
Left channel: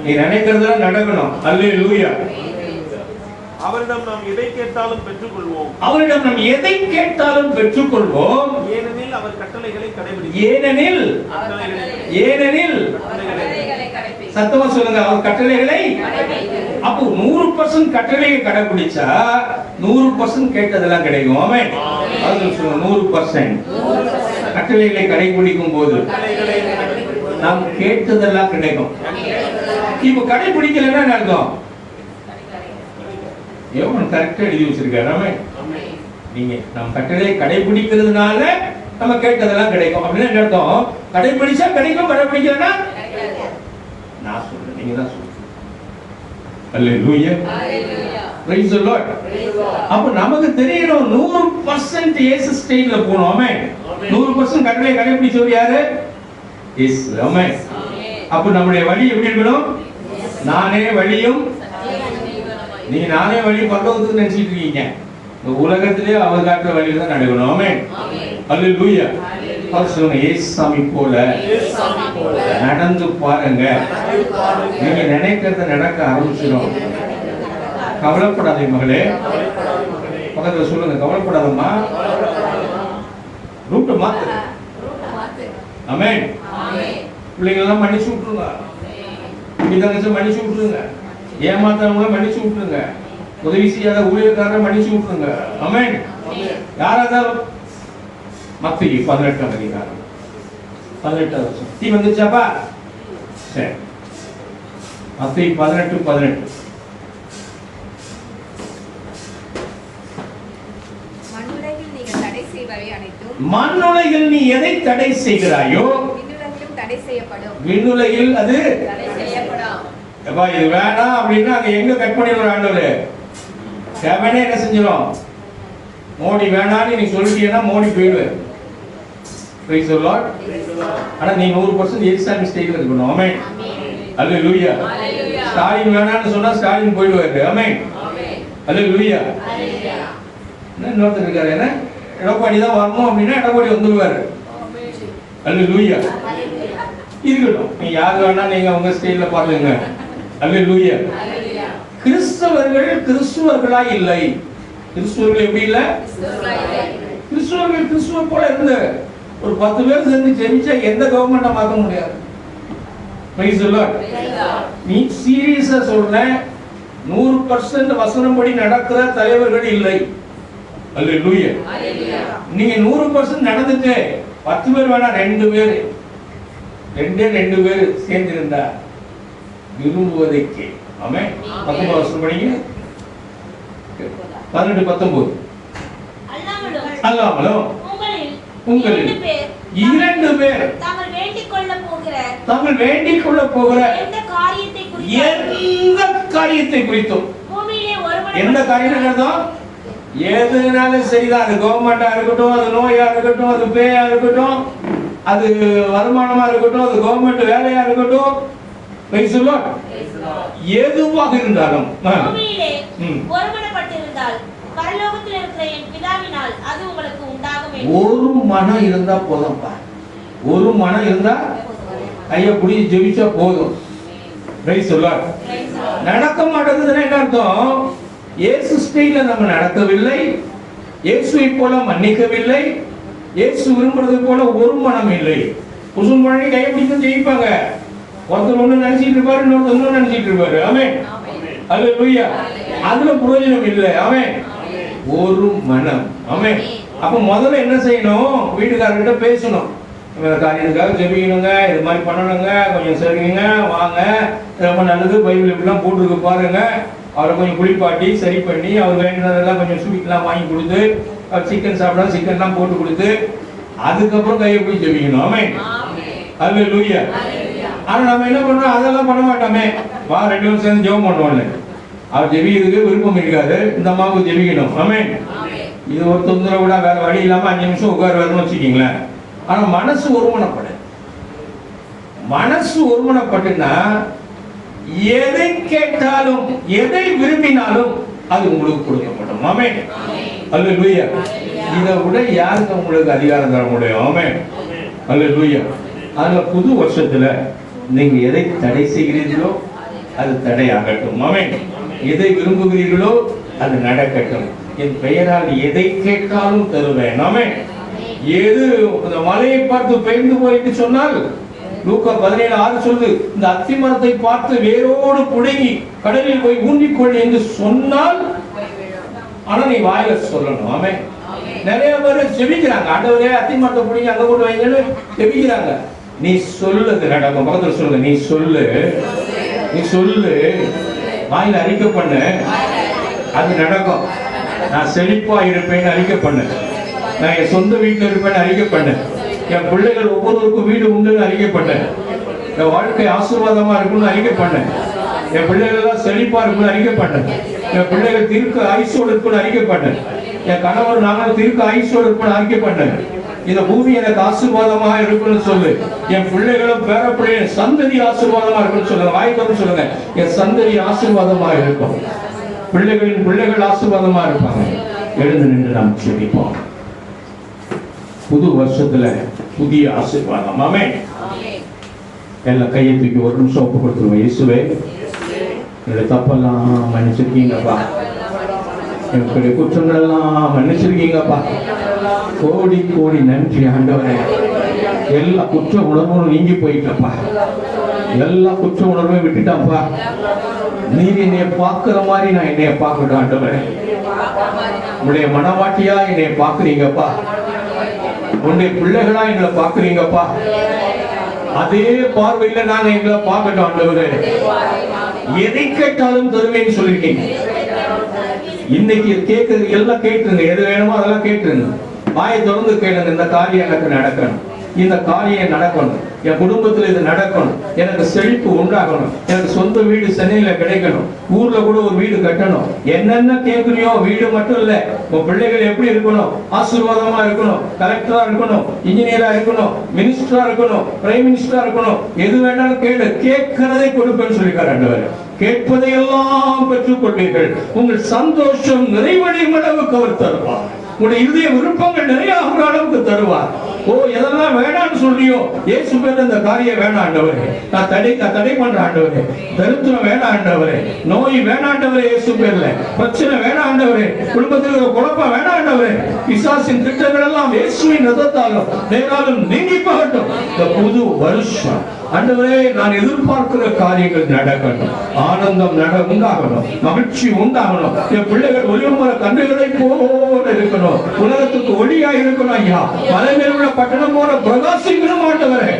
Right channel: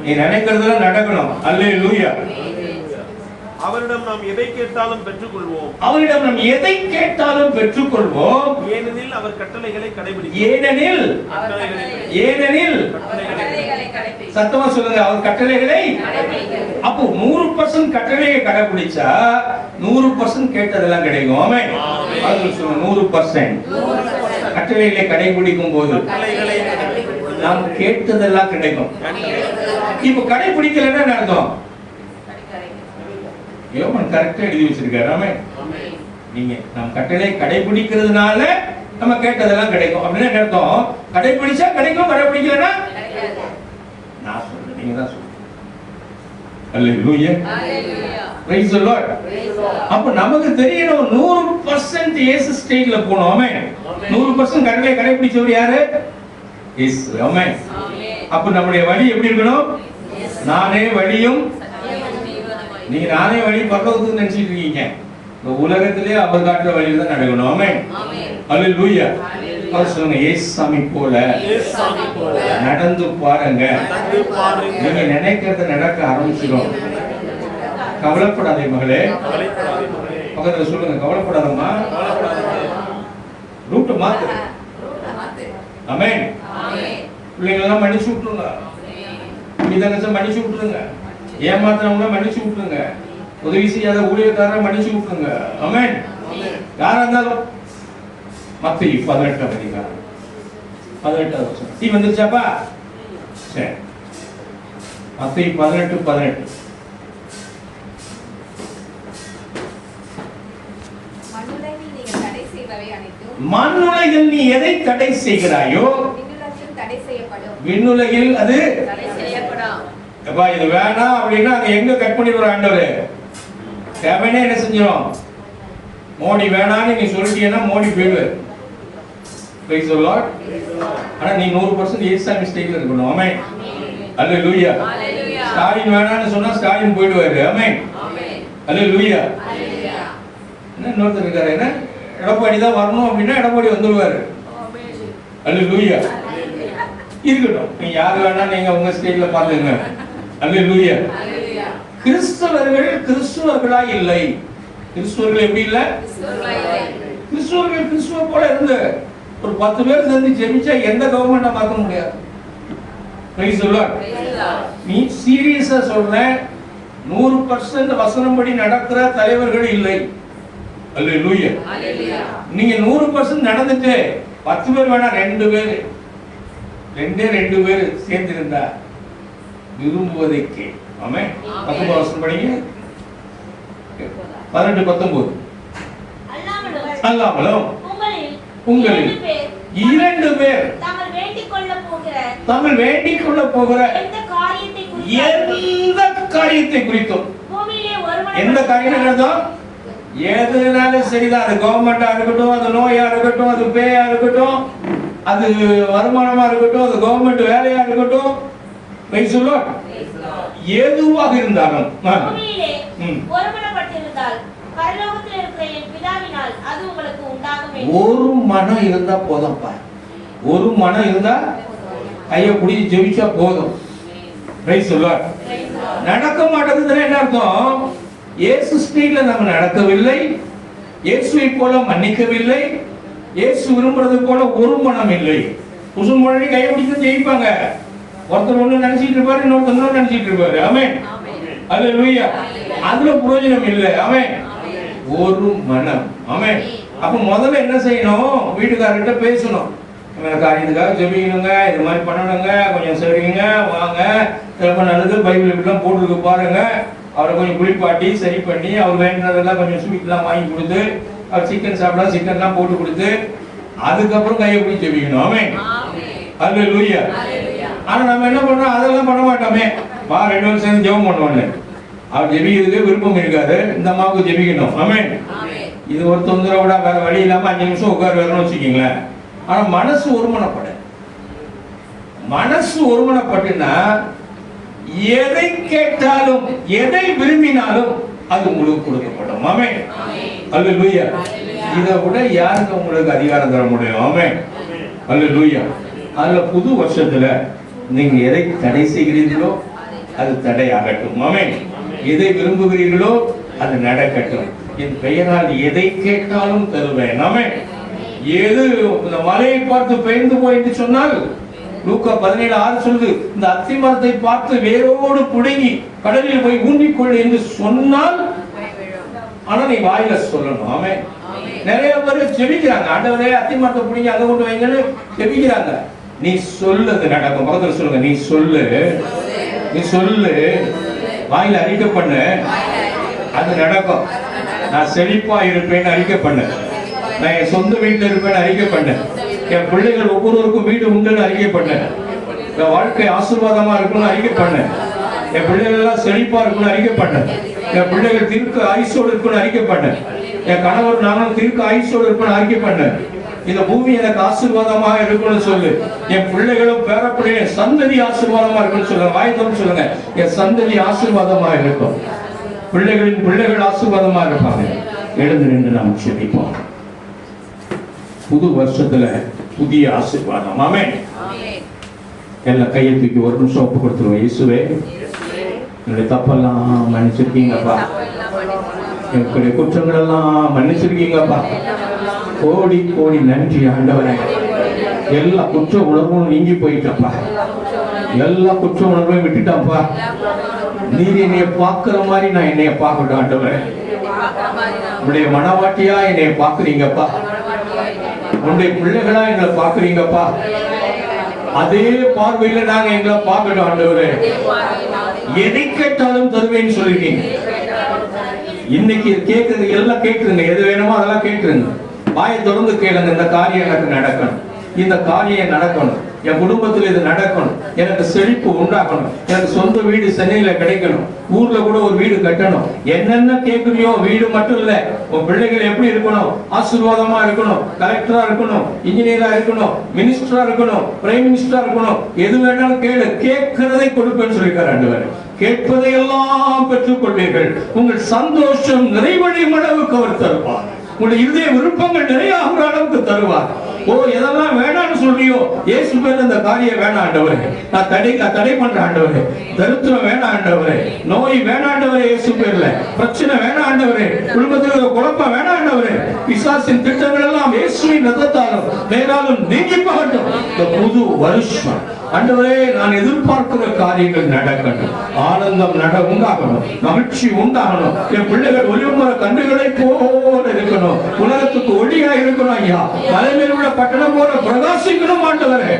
நீ நினைக்கிறதெல்லாம் நடக்கணும். அல்லேலூயா. அவரிடம் நாம் எதை கேட்டாலும் பெற்றுக்கொள்வோம். அவரிடம் நாம் எதை கேட்டாலும் பெற்றுக்கொள்வோம். ஏனெனில் அவர் கட்டளைகளை கடைபிடிக்கிறார். ஏனெனில் சத்தமா சொல்லுங்க, அவர் கட்டளைகளை. அப்போ 100% கட்டளையை கடைபிடிச்சா 100% கேட்டதெல்லாம் கிடைக்கும். ஆமென். அது சொல்லுங்க, 100% கட்டளைகளை கடைபிடிக்கும் போது நாம் கேட்டதெல்லாம் கிடைக்கும். இப்ப கடைபிடிக்கலன்னா என்ன அர்த்தம்? யோவான் கரெக்டா எழுதி வச்சிருக்காரு. ஆமென். நீங்க நம்ம கட்டளை கடைபிடிக்கிறதுனால நம்ம கேட்டதெல்லாம் கிடைக்கும் அப்படின்னு என்ன அர்த்தம்? கடைபிடிச்சா கிடைக்கும், கடைபிடிக்கலன்னா நான் சொல்றேன், நீங்க தான் சொல்லுங்க. அல்லேலூயா. Praise the Lord. அப்ப நமக்கு தெரியணும் 100% இயேசு ஸ்டைல்ல போணும். ஆமென். 100% கட்டளை கடைபிடிச்சவர் யாரு? இயேசு. ஆமென். அப்ப நம்முடைய வழி எப்படி இருக்கணும்? நானே வழியும், நீங்க நானே வழி பரலோகத்துக்கு நினைச்சிட்டு இருக்கீங்க. இந்த உலகத்திலே அவர் காட்டுற வழியில தான் நடக்கணும். ஆமென். அல்லேலூயா. சொல்லுங்க, இயேசுசாமி போல நடந்து பாருங்க. நீங்க நினைக்கிறத நடக்க ஆரம்பிச்சிடும். கவலைப்படாதே மகளே. பக்கத்துல சொல்லுங்க, கவலைப்படாதம்மா. ரூட்டை மாத்து. ஆமென். பிள்ளைங்களெல்லாம் மன்னிச்சு விட்டுருங்க. தங்கச்சி மன்னிச்சு விட்டுருங்க. ஏமாற்றவங்கள மன்னிச்சு விட்டுருங்க. உதவி செய்யாத ஊழியக்காரரை மன்னிச்சு விட்டுருங்க. ஆமென். யாரா இருந்தாலும். மத்தேயு 18ஆம் அதிகாரம் 18வது வசனம். டீ வந்துருச்சாப்பா? சரி. மத்தேயு 18:18. மண்ணுலகில் நீ எதை தடை செய்கிறாயோ விண்ணுலகில் அது எப்பா இது வேணாம் அப்படின்னா அங்க எங்க கட் பண்ணிடுவார் ஆண்டவரு? செவனே என்ன செஞ்சிடும்? மோடி வேணான்னு நீ சொல்லிட்டீங்கன்னா மோடி போயிடுவார். Price the Lord. ஆனா நீ 100% ஏசாமி ஸ்டைல்ல இருக்கணும். ஆமென். அல்லேலூயா. ஸ்டாலின் வேணான்னு சொன்னா ஸ்டாலின் போயிடுவாரு. ஆமென். அல்லேலூயா. என்ன இன்னொருத்தர் இருக்காரு, என்ன எடப்பாடி தான் வரணும் அப்படின்னா எடப்பாடி வந்துடுவாரு. அல்லேலூயா. இருக்கட்டும், நீ யாரு வேணா நீங்க உங்க ஸ்டைல்ல பாருங்க. அல்லேலூயா. கிறிஸ்தவர்கள் கிறிஸ்துவர்களா இல்லை. கிறிஸ்துவர்கள் எப்படி இல்ல? கிறிஸ்துவர்கள் கிறிஸ்துவ போல இருந்து ஒரு 10 பேர் சேர்ந்து ஜெபிச்சா எந்த கவர்மெண்ட்டை மாத்த முடியாது. Price the Lord. நீ சீரியஸா சொல்ற, 100% வசனப்படி நடக்கிற தலைவர்கள் இல்லை. அல்லேலூயா. நீங்க 100% நடந்துட்டு 10 பேர் வேணா 2 பேர் சேர்ந்து இருந்தா விரும்புவதை கே. ஆமென். 19 வசனம் படிங்க. 18-19. அல்லாமலும் உங்களில் 2 பேர் தாங்கள் வேண்டிக் கொள்ள போகிற எந்த காரியத்தை குறித்தும், எந்த காரியத்தை எதுனாலும் சரிதான், அது கவர்மெண்டா இருக்கட்டும், அது நோயா இருக்கட்டும், அது பேயா இருக்கட்டும், அது வருமானமா இருக்கட்டும், அது கவர்மெண்ட் வேலையா இருக்கட்டும், எதுவாக இருந்தாலும் ஒரு மனம் இருந்தா போதும்பா. ஒரு மனம் இருந்தா கையை பிடிச்சி ஜெபிச்சா போதும். நடக்க மாட்டேங்குதுன்னா என்ன அர்த்தம்? இயேசு ஸ்டைல்ல நம்ம நடக்கவில்லை, இயேசுவை போல மன்னிக்கவில்லை, இயேசு விரும்புறது போல ஒரு மனம் இல்லை. குசும் மொழி கையை பிடிச்சு ஜெயிப்பாங்க. ஒருத்தர் ஒண்ணு நினைச்சிட்டு இருப்பாரு, இன்னொருத்தர் நினைச்சிட்டு இருப்பாரு. ஆமென். அல்லேலூயா. அதுல பிரயோஜனம் இல்லை. ஆமென். ஒரு மனம். ஆமென். அப்ப முதல்ல என்ன செய்யணும்? வீட்டுக்காரர்கிட்ட பேசணும். காரியத்துக்காக ஜெபிக்கணுங்க, இது மாதிரி பண்ணணுங்க, கொஞ்சம் சரிங்க, வாங்க, ரொம்ப நல்லது, பைபிள் இப்படிலாம் போட்டுருக்கு பாருங்க. அவரை கொஞ்சம் குளிப்பாட்டி சரி பண்ணி அவர் வேண்டதெல்லாம் கொஞ்சம் ஸ்வீட்லாம் வாங்கி கொடுத்து, அவர் சிக்கன் சாப்பிடா சிக்கன்லாம் போட்டு கொடுத்து, அதுக்கப்புறம் கையை போய் ஜெபிக்கணும். ஆமென். அல்லேலூயா. ஆனா நம்ம என்ன பண்றோம்? அதெல்லாம் பண்ண மாட்டோமே. வா 2 பேரும் சேர்ந்து ஜெபம் பண்ணுவோம்ல. அவர் ஜெபிக்கிறதுக்கு விருப்பம் இருக்காது, இந்த அம்மாவுக்கு ஜெபிக்கணும். ஆமென். இது ஒரு தொந்தரவு கூட, வேற வழி இல்லாம 5 நிமிஷம் உட்காருவாருன்னு வச்சுக்கீங்களேன். ஆனா மனசு ஒருமனப்பட, மனசு ஒருமனப்பட்டுனா எதை கேட்டாலும் எதை விரும்பினாலும் அது உங்களுக்கு கொடுக்கப்படும். ஆமென். அல்லேலூயா. இதை விட யாருக்கு உங்களுக்கு அதிகாரம் தர முடியும்? ஆமென். அல்லேலூயா. அதுல புது வருஷத்துல நீங்க எதை தடை செய்கிறீர்களோ அது தடையாகட்டும். ஆமென். எதை விரும்புகிறீர்களோ அது நடக்கட்டும். என் பெயரால் எதை கேட்டாலும் தருவேன். ஆமென். எது இந்த மலையை பார்த்து பெயர்ந்து போயிட்டு சொன்னால், லூக்கா 17:6 சொல்லுது, இந்த அத்தி மரத்தை பார்த்து வேரோடு புடுங்கி கடலில் போய் ஊன்றிக்கொள் என்று சொன்னால், ஆனா நீ வாயில சொல்லணும். ஆமென். நிறைய பேர் செபிக்கிறாங்க, ஆண்டவரே அத்தி மரத்தை புடுங்கி அங்க கொண்டு வைங்கன்னு செபிக்கிறாங்க. நீ சொல்லுது நடக்கும். பக்கத்துல சொல்லுங்க, நீ சொல்லு, நீ சொல்லு, வாயில அறிக்கை பண்ணு, அது நடக்கும். நான் செழிப்பா இருப்பேன்னு அறிக்கை பண்ணு, நான் என் சொந்த வீட்டில் இருப்பேன்னு அறிக்கை பண்ணு, என் பிள்ளைகள் ஒவ்வொருவருக்கும் வீடு உண்டுன்னு அறிக்கை பண்ணு, என் வாழ்க்கை ஆசீர்வாதமா இருக்குன்னு அறிக்கை பண்ணு, என் பிள்ளைகள் எல்லாம் செழிப்பா இருக்குன்னு அறிக்கை பண்ணு, என் பிள்ளைகள் திருக்க ஆயுசோடு இருக்குன்னு அறிக்கை பண்ணு, என் கணவர் நானும் திருக்க ஆயுசோடு இருப்பேன்னு அறிக்கை பண்ணு, இந்த பூமி எனக்கு ஆசீர்வாதமாக இருக்குன்னு சொல்லு, என் பிள்ளைகளும் பேரப்பிள்ளைய சந்ததி ஆசீர்வாதமா இருக்குன்னு சொல்லுங்க. வாய்த்தவன் சொல்லுங்க, என் சந்ததி ஆசீர்வாதமாக இருக்கும், பிள்ளைகளின் பிள்ளைகள் ஆசீர்வாதமா இருப்பாங்க. எழுந்து நின்று நாம் ஜெபிப்போம். புது வருஷத்துல புதிய ஆசீர்வாதம். ஆமென். எல்லாம் கையை தூக்கி ஒரு நிமிஷம் ஒப்பு கொடுத்துருவோம். இயேசுவே, என்னுடைய தப்பெல்லாம் மன்னிச்சிருக்கீங்கப்பா, என்னுடைய குற்றங்கள் எல்லாம் மன்னிச்சிருக்கீங்கப்பா. கோடி கோடி நன்றி ஆண்டவரே. எல்லா குற்ற உணர்வும் நீங்கி போயிட்டப்பா, எல்லா குற்ற உணர்வையும் விட்டுட்டாப்பா. நீர் என்னைய பார்க்கிற மாதிரி நான் என்னைய பார்க்கட்டும் ஆண்டவரே. உங்களுடைய மனவாட்டியா என்னைய பார்க்குறீங்கப்பா, உன்னுடைய பிள்ளைகளா எங்களை பார்க்குறீங்கப்பா. அதே பார்வையில நான் எங்களை பார்க்கட்டும் ஆண்டவரே. எதை கேட்டாலும் தருவேன்னு சொல்லிருக்கீங்க. இன்னைக்கு கேட்கறது எல்லாம் கேட்டுருங்க. எது வேணுமோ அதெல்லாம் கேட்டுருங்க. வாயை தொடர்ந்து கேளுங்க. இந்த காரியம் எனக்கு நடக்கணும், இந்த காரியம் நடக்கணும், என் குடும்பத்தில் இது நடக்கணும், எனக்கு செழிப்பு உண்டாகணும், எனக்கு சொந்த வீடு சென்னையில கிடைக்கணும், ஊர்ல கூட ஒரு வீடு கட்டணும். என்னென்ன கேட்கறியோ, வீடு மட்டும் இல்ல, உன் பிள்ளைகள் எப்படி இருக்கணும், ஆசீர்வாதமா இருக்கணும், கலெக்டரா இருக்கணும், இன்ஜினியரா இருக்கணும், மினிஸ்டரா இருக்கணும், பிரைம் மினிஸ்டரா இருக்கணும், எது வேணாலும் கேளு, கேட்கிறதை கொடுப்பேன்னு சொல்லிருக்காரு ஆண்டவர். கேட்பதையெல்லாம் பெற்றுக் கொள்வீர்கள், உங்கள் சந்தோஷம் நிறைவடையும் அளவுக்கு அவர் தருவார், உங்களுடைய இதய விருப்பங்கள் நிறைய ஆகிற அளவுக்கு தருவார். ஓ, எதெல்லாம் வேணாம்னு சொல்றியோ, இயேசு பேர் இந்த காரியம் வேணாம் ஆண்டவரே, நான் தடை பண்ற ஆண்டவரே, தரித்திரம் வேணாம் ஆண்டவரே, நோய் வேணாம் ஆண்டவரே, இயேசு பேர்ல பிரச்சனை வேணாம் ஆண்டவரே, குடும்பத்தில் ஒரு குழப்பம் வேணாம் ஆண்டவரே, பிசாசின் திட்டங்கள் எல்லாம் இயேசுவின் ரத்தத்தாலும் நேராலும் நீங்கி போகட்டும். இந்த புது வருஷம் ஆண்டவரே, நான் எதிர்பார்க்கிற காரியங்கள் நடக்கணும், ஆனந்தம் உண்டாகணும், மகிழ்ச்சி உண்டாகணும், என் பிள்ளைகள் ஒளிமர கன்றுகளை போல இருக்கணும், உலகத்துக்கு ஒளியா இருக்கணும் ஐயா, மலைமேல் உள்ள பட்டணம் போல பிரகாசிக்கணும் ஆண்டவரே.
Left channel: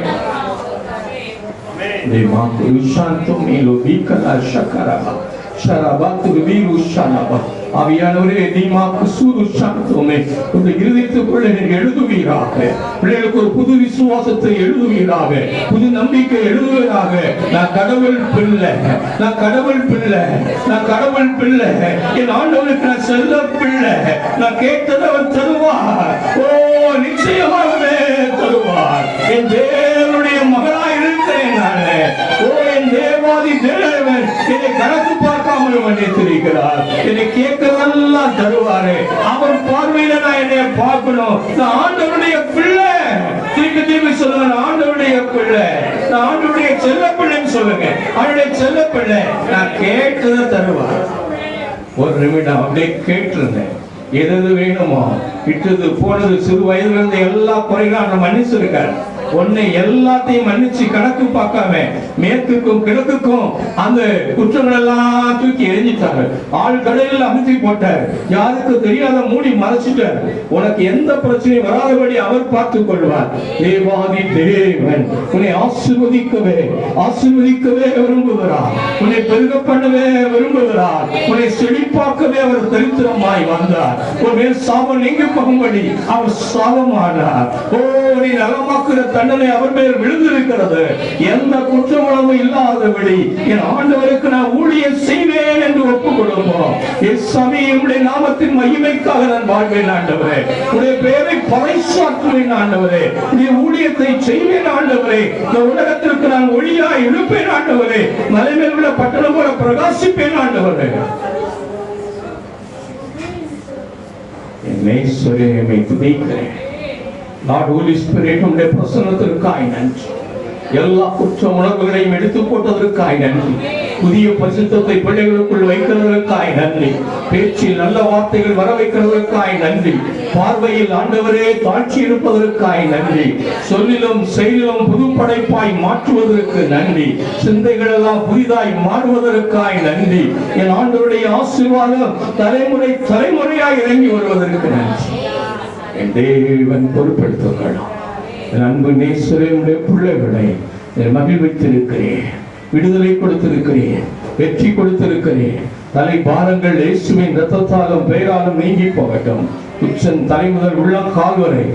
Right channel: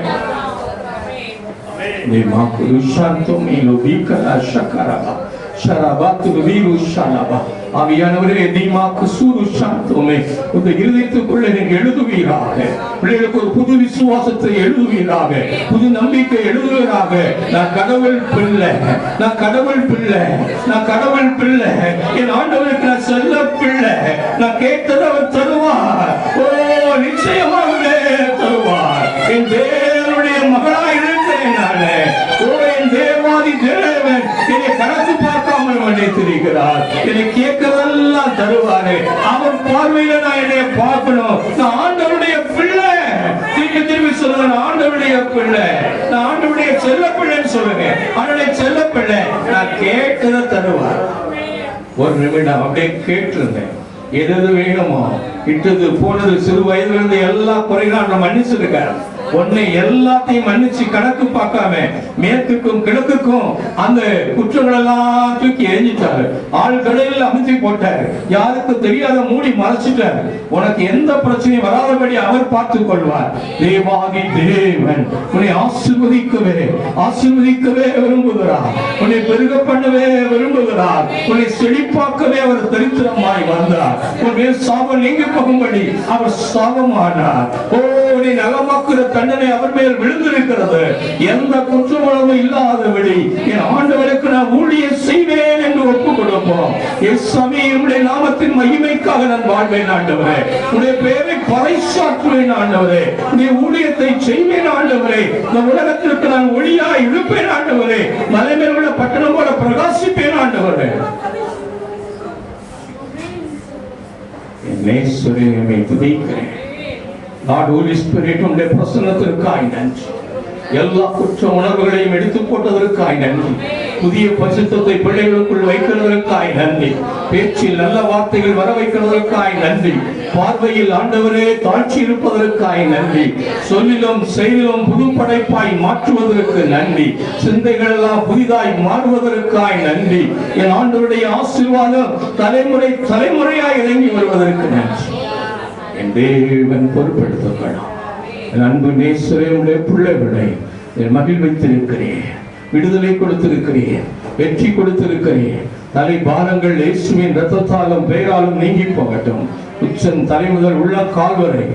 ஆவியானவரே, தீமாக்கு சூரு சாந்தோமே, உங்க இருதயத்துக்குள்ள நீங்க எழுதுவீராக, பிள்ளைகளுக்கு ஒரு புது விசுவாசத்தை எழுதுவீராக, புது நம்பிக்கை எழுதுவீராக. நான் கடவுள் பிள்ளை, நான் கடவுள் பிள்ளை, நான் கடவுள் பிள்ளை, என் ஆண்டவருக்கு நான் செல்ல பிள்ளை, நான் கேட்டதை அவர் தருவார். ஓ, நிச்சயமாகவே தருவார். என் தேவனுடைய மகளாய் இருக்கிறேன் நானே. ஓ, என் தேவாதி தேவன் என்னை கணக்கு பார்க்காமல் மன்னித்திருக்கிறார். என்னை கேட்கறதெல்லாம் தருவாரு. அவர் பார்வையில நான் என்னை பார்க்கணும். நான் ஆண்டவருடைய பிள்ளை. திருப்பி திருப்பி சொல்லுவேன், ஆண்டவருடைய பிள்ளை, நான் ஆண்டவருடைய செல்ல பிள்ளைன்னு சொல்லுங்க. அவருடைய செல்ல பிள்ளை, நான் கேட்கறத தருவார். ஒரு நிமிடம் அப்படியே கேட்டுருங்க. எது வேணுமோ, இட்டது போனது, சிறு வயதுல இருந்து எல்லா குறைகளும் நான் மன்னிச்சிருக்காரு. உன்னை எல்லாத்தையும் மன்னிச்சு கணக்கு பார்க்காம மேற்குக்கும் கிழக்குக்கும் அந்த குற்றங்கள் எல்லாம் தூக்கி எரிஞ்சிட்டாரு. ஆள் கடலில் அமுத்தி போட்டாரு. யாருக்கு தெரியாத மூடி மறைச்சிட்டாரு. உனக்கு எந்த பிரச்சனையும் வராதபடி அவர் பார்த்துக் கொள்வார். தேவாதி தேவன் உன்னை ஆசீர்வதிக்கவே விரும்புகிறார். உன்னை பெருக பண்ணவே விரும்புகிறார். உன்னை செழிப்பாக்கவே அவர் தரித்திரமாய் வந்தார். உன்னை சாபம் நீங்க போகும்படி அவர் சாபமானார். ஓ, நீ நலமாக்குற தண்டனை அவர் மேல் விழுந்திருக்கிறது. எந்த குற்றமும் இல்லாதபடி என் ஆண்டவருக்கு நான் ஊழியம் செய்வேன் என்று ஒப்புக் கொடுப்போம். உடைய நாமத்தின் மகிமைக்காக நான் வாழ்வேன் ஆண்டவரே. உடைய பெயரை பறைசாற்றுவேன் ஆண்டவரே. உடைய ஊழியத்தை செய்வேன் ஆண்டவரே. இந்த உலகத்திற்கு நான் ஒளியாய் இருப்பேன் ஆண்டவரே. மலைமேல் உள்ள பட்டணம் போல பிரகாசிப்பேன் ஆண்டவரே. என்னை சொல்லியை துதிக்கிறேன். Lord, Holy Spirit, உம்முடைய பிரசன்னத்திற்காய் நன்றி. எல்லா குற்ற உணர்வுகளையும் எடுத்து போட்டதற்காய் நன்றி. புதிய பரிசுத்தத்தை பிள்ளைகளுக்குள் வைக்கிறதற்காய் நன்றி. பேச்சில் நல்ல வார்த்தைகள் வர வைக்கிறதற்காய் நன்றி. பார்வையில் ஆண்டவரே தாட்சி இருப்பதற்காய் நன்றி. சொல்லிலும் செயலிலும் புது படைப்பாய் மாற்றுவதற்கு நன்றி. சிந்தைகள் எல்லாம் புதிதாய் மாறுவதற்காய் நன்றி. என் ஆண்டவருடைய ஆசீர்வாதம் தலைமுறையாய் இறங்கி வருவதற்கு நன்றி. என் தேவன் பொறுப்பெடுத்துக்கலாம். என் அன்பு நேசரே, உடைய பிள்ளைகளை மகிழ்வித்திருக்கிறேன், விடுதலை கொடுத்திருக்கிறேன், வெற்றி கொடுத்திருக்கிறேன். தலை பாரங்கள் இயேசுவின் இரத்தத்தாலும் பெயராலும் நீங்கி போகட்டும். உச்சன் தலை முதல் உள்ள கால் வரை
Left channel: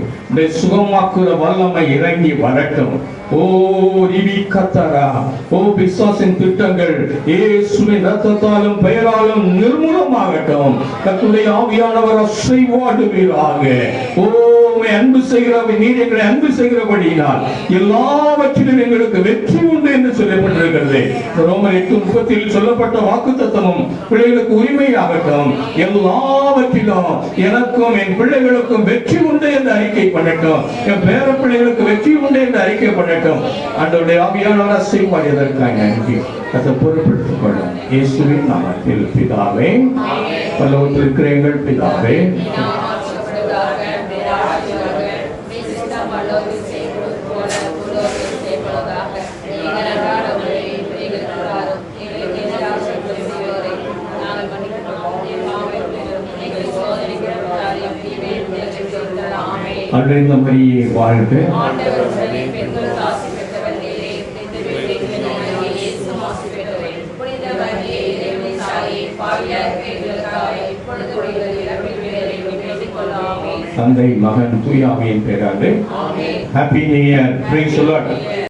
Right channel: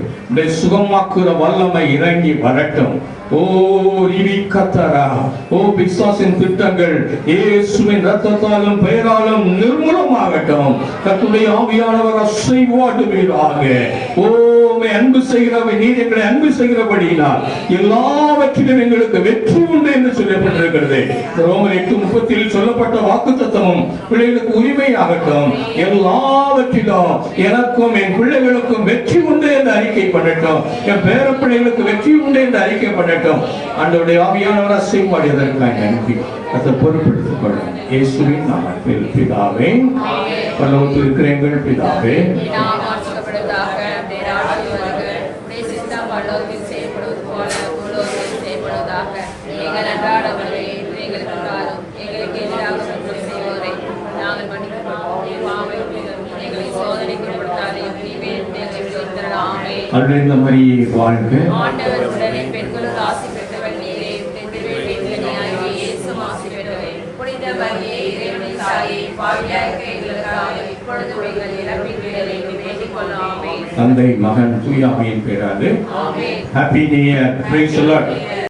சுகமாக்குற வல்லமை இறங்கி வரட்டும். ஓ ரிவி கத்தரா, ஓ பிசாசின் திட்டங்கள் இயேசுவின் இரத்தத்தாலும் பெயராலும் நிர்மூலமாகட்டும். கர்த்தருடைய ஆவியானவர் அசைவாடுவீராக. ஓ அன்பு செய்கிறவை நீர் எங்களை அன்பு செய்கிறபடியினால் எல்லாவற்றிலும் எங்களுக்கு வெற்றி உண்டு என்று சொல்லப்பட்டிருக்கிறது. ரோமர் 8:30 சொல்லப்பட்ட வாக்குத்தத்தமும் பிள்ளைகளுக்கு உரிமையாகட்டும். எல்லாவற்றிலும் எனக்கும் என் பிள்ளைகளுக்கும் வெற்றி உண்டு என்று அறிக்கை பண்ணட்டும். என் பேர பிள்ளைகளுக்கு வெற்றி உண்டு என்று அறிக்கை பண்ணட்டும். ஆண்டவருடைய ஆவியானவர் அசைவாடியதற்காக நன்றி. அதை பொறுப்பெடுத்துக் கொள்ளும் இயேசுவின் நாமத்தில் பிதாவே. பரலோகத்தில் இருக்கிற எங்கள் பிதாவே, அன்றைய மரியே வாழ்க. புனித தந்தை மகன் தூய ஆவியின் பேராலே. Happy new year. Praise the Lord.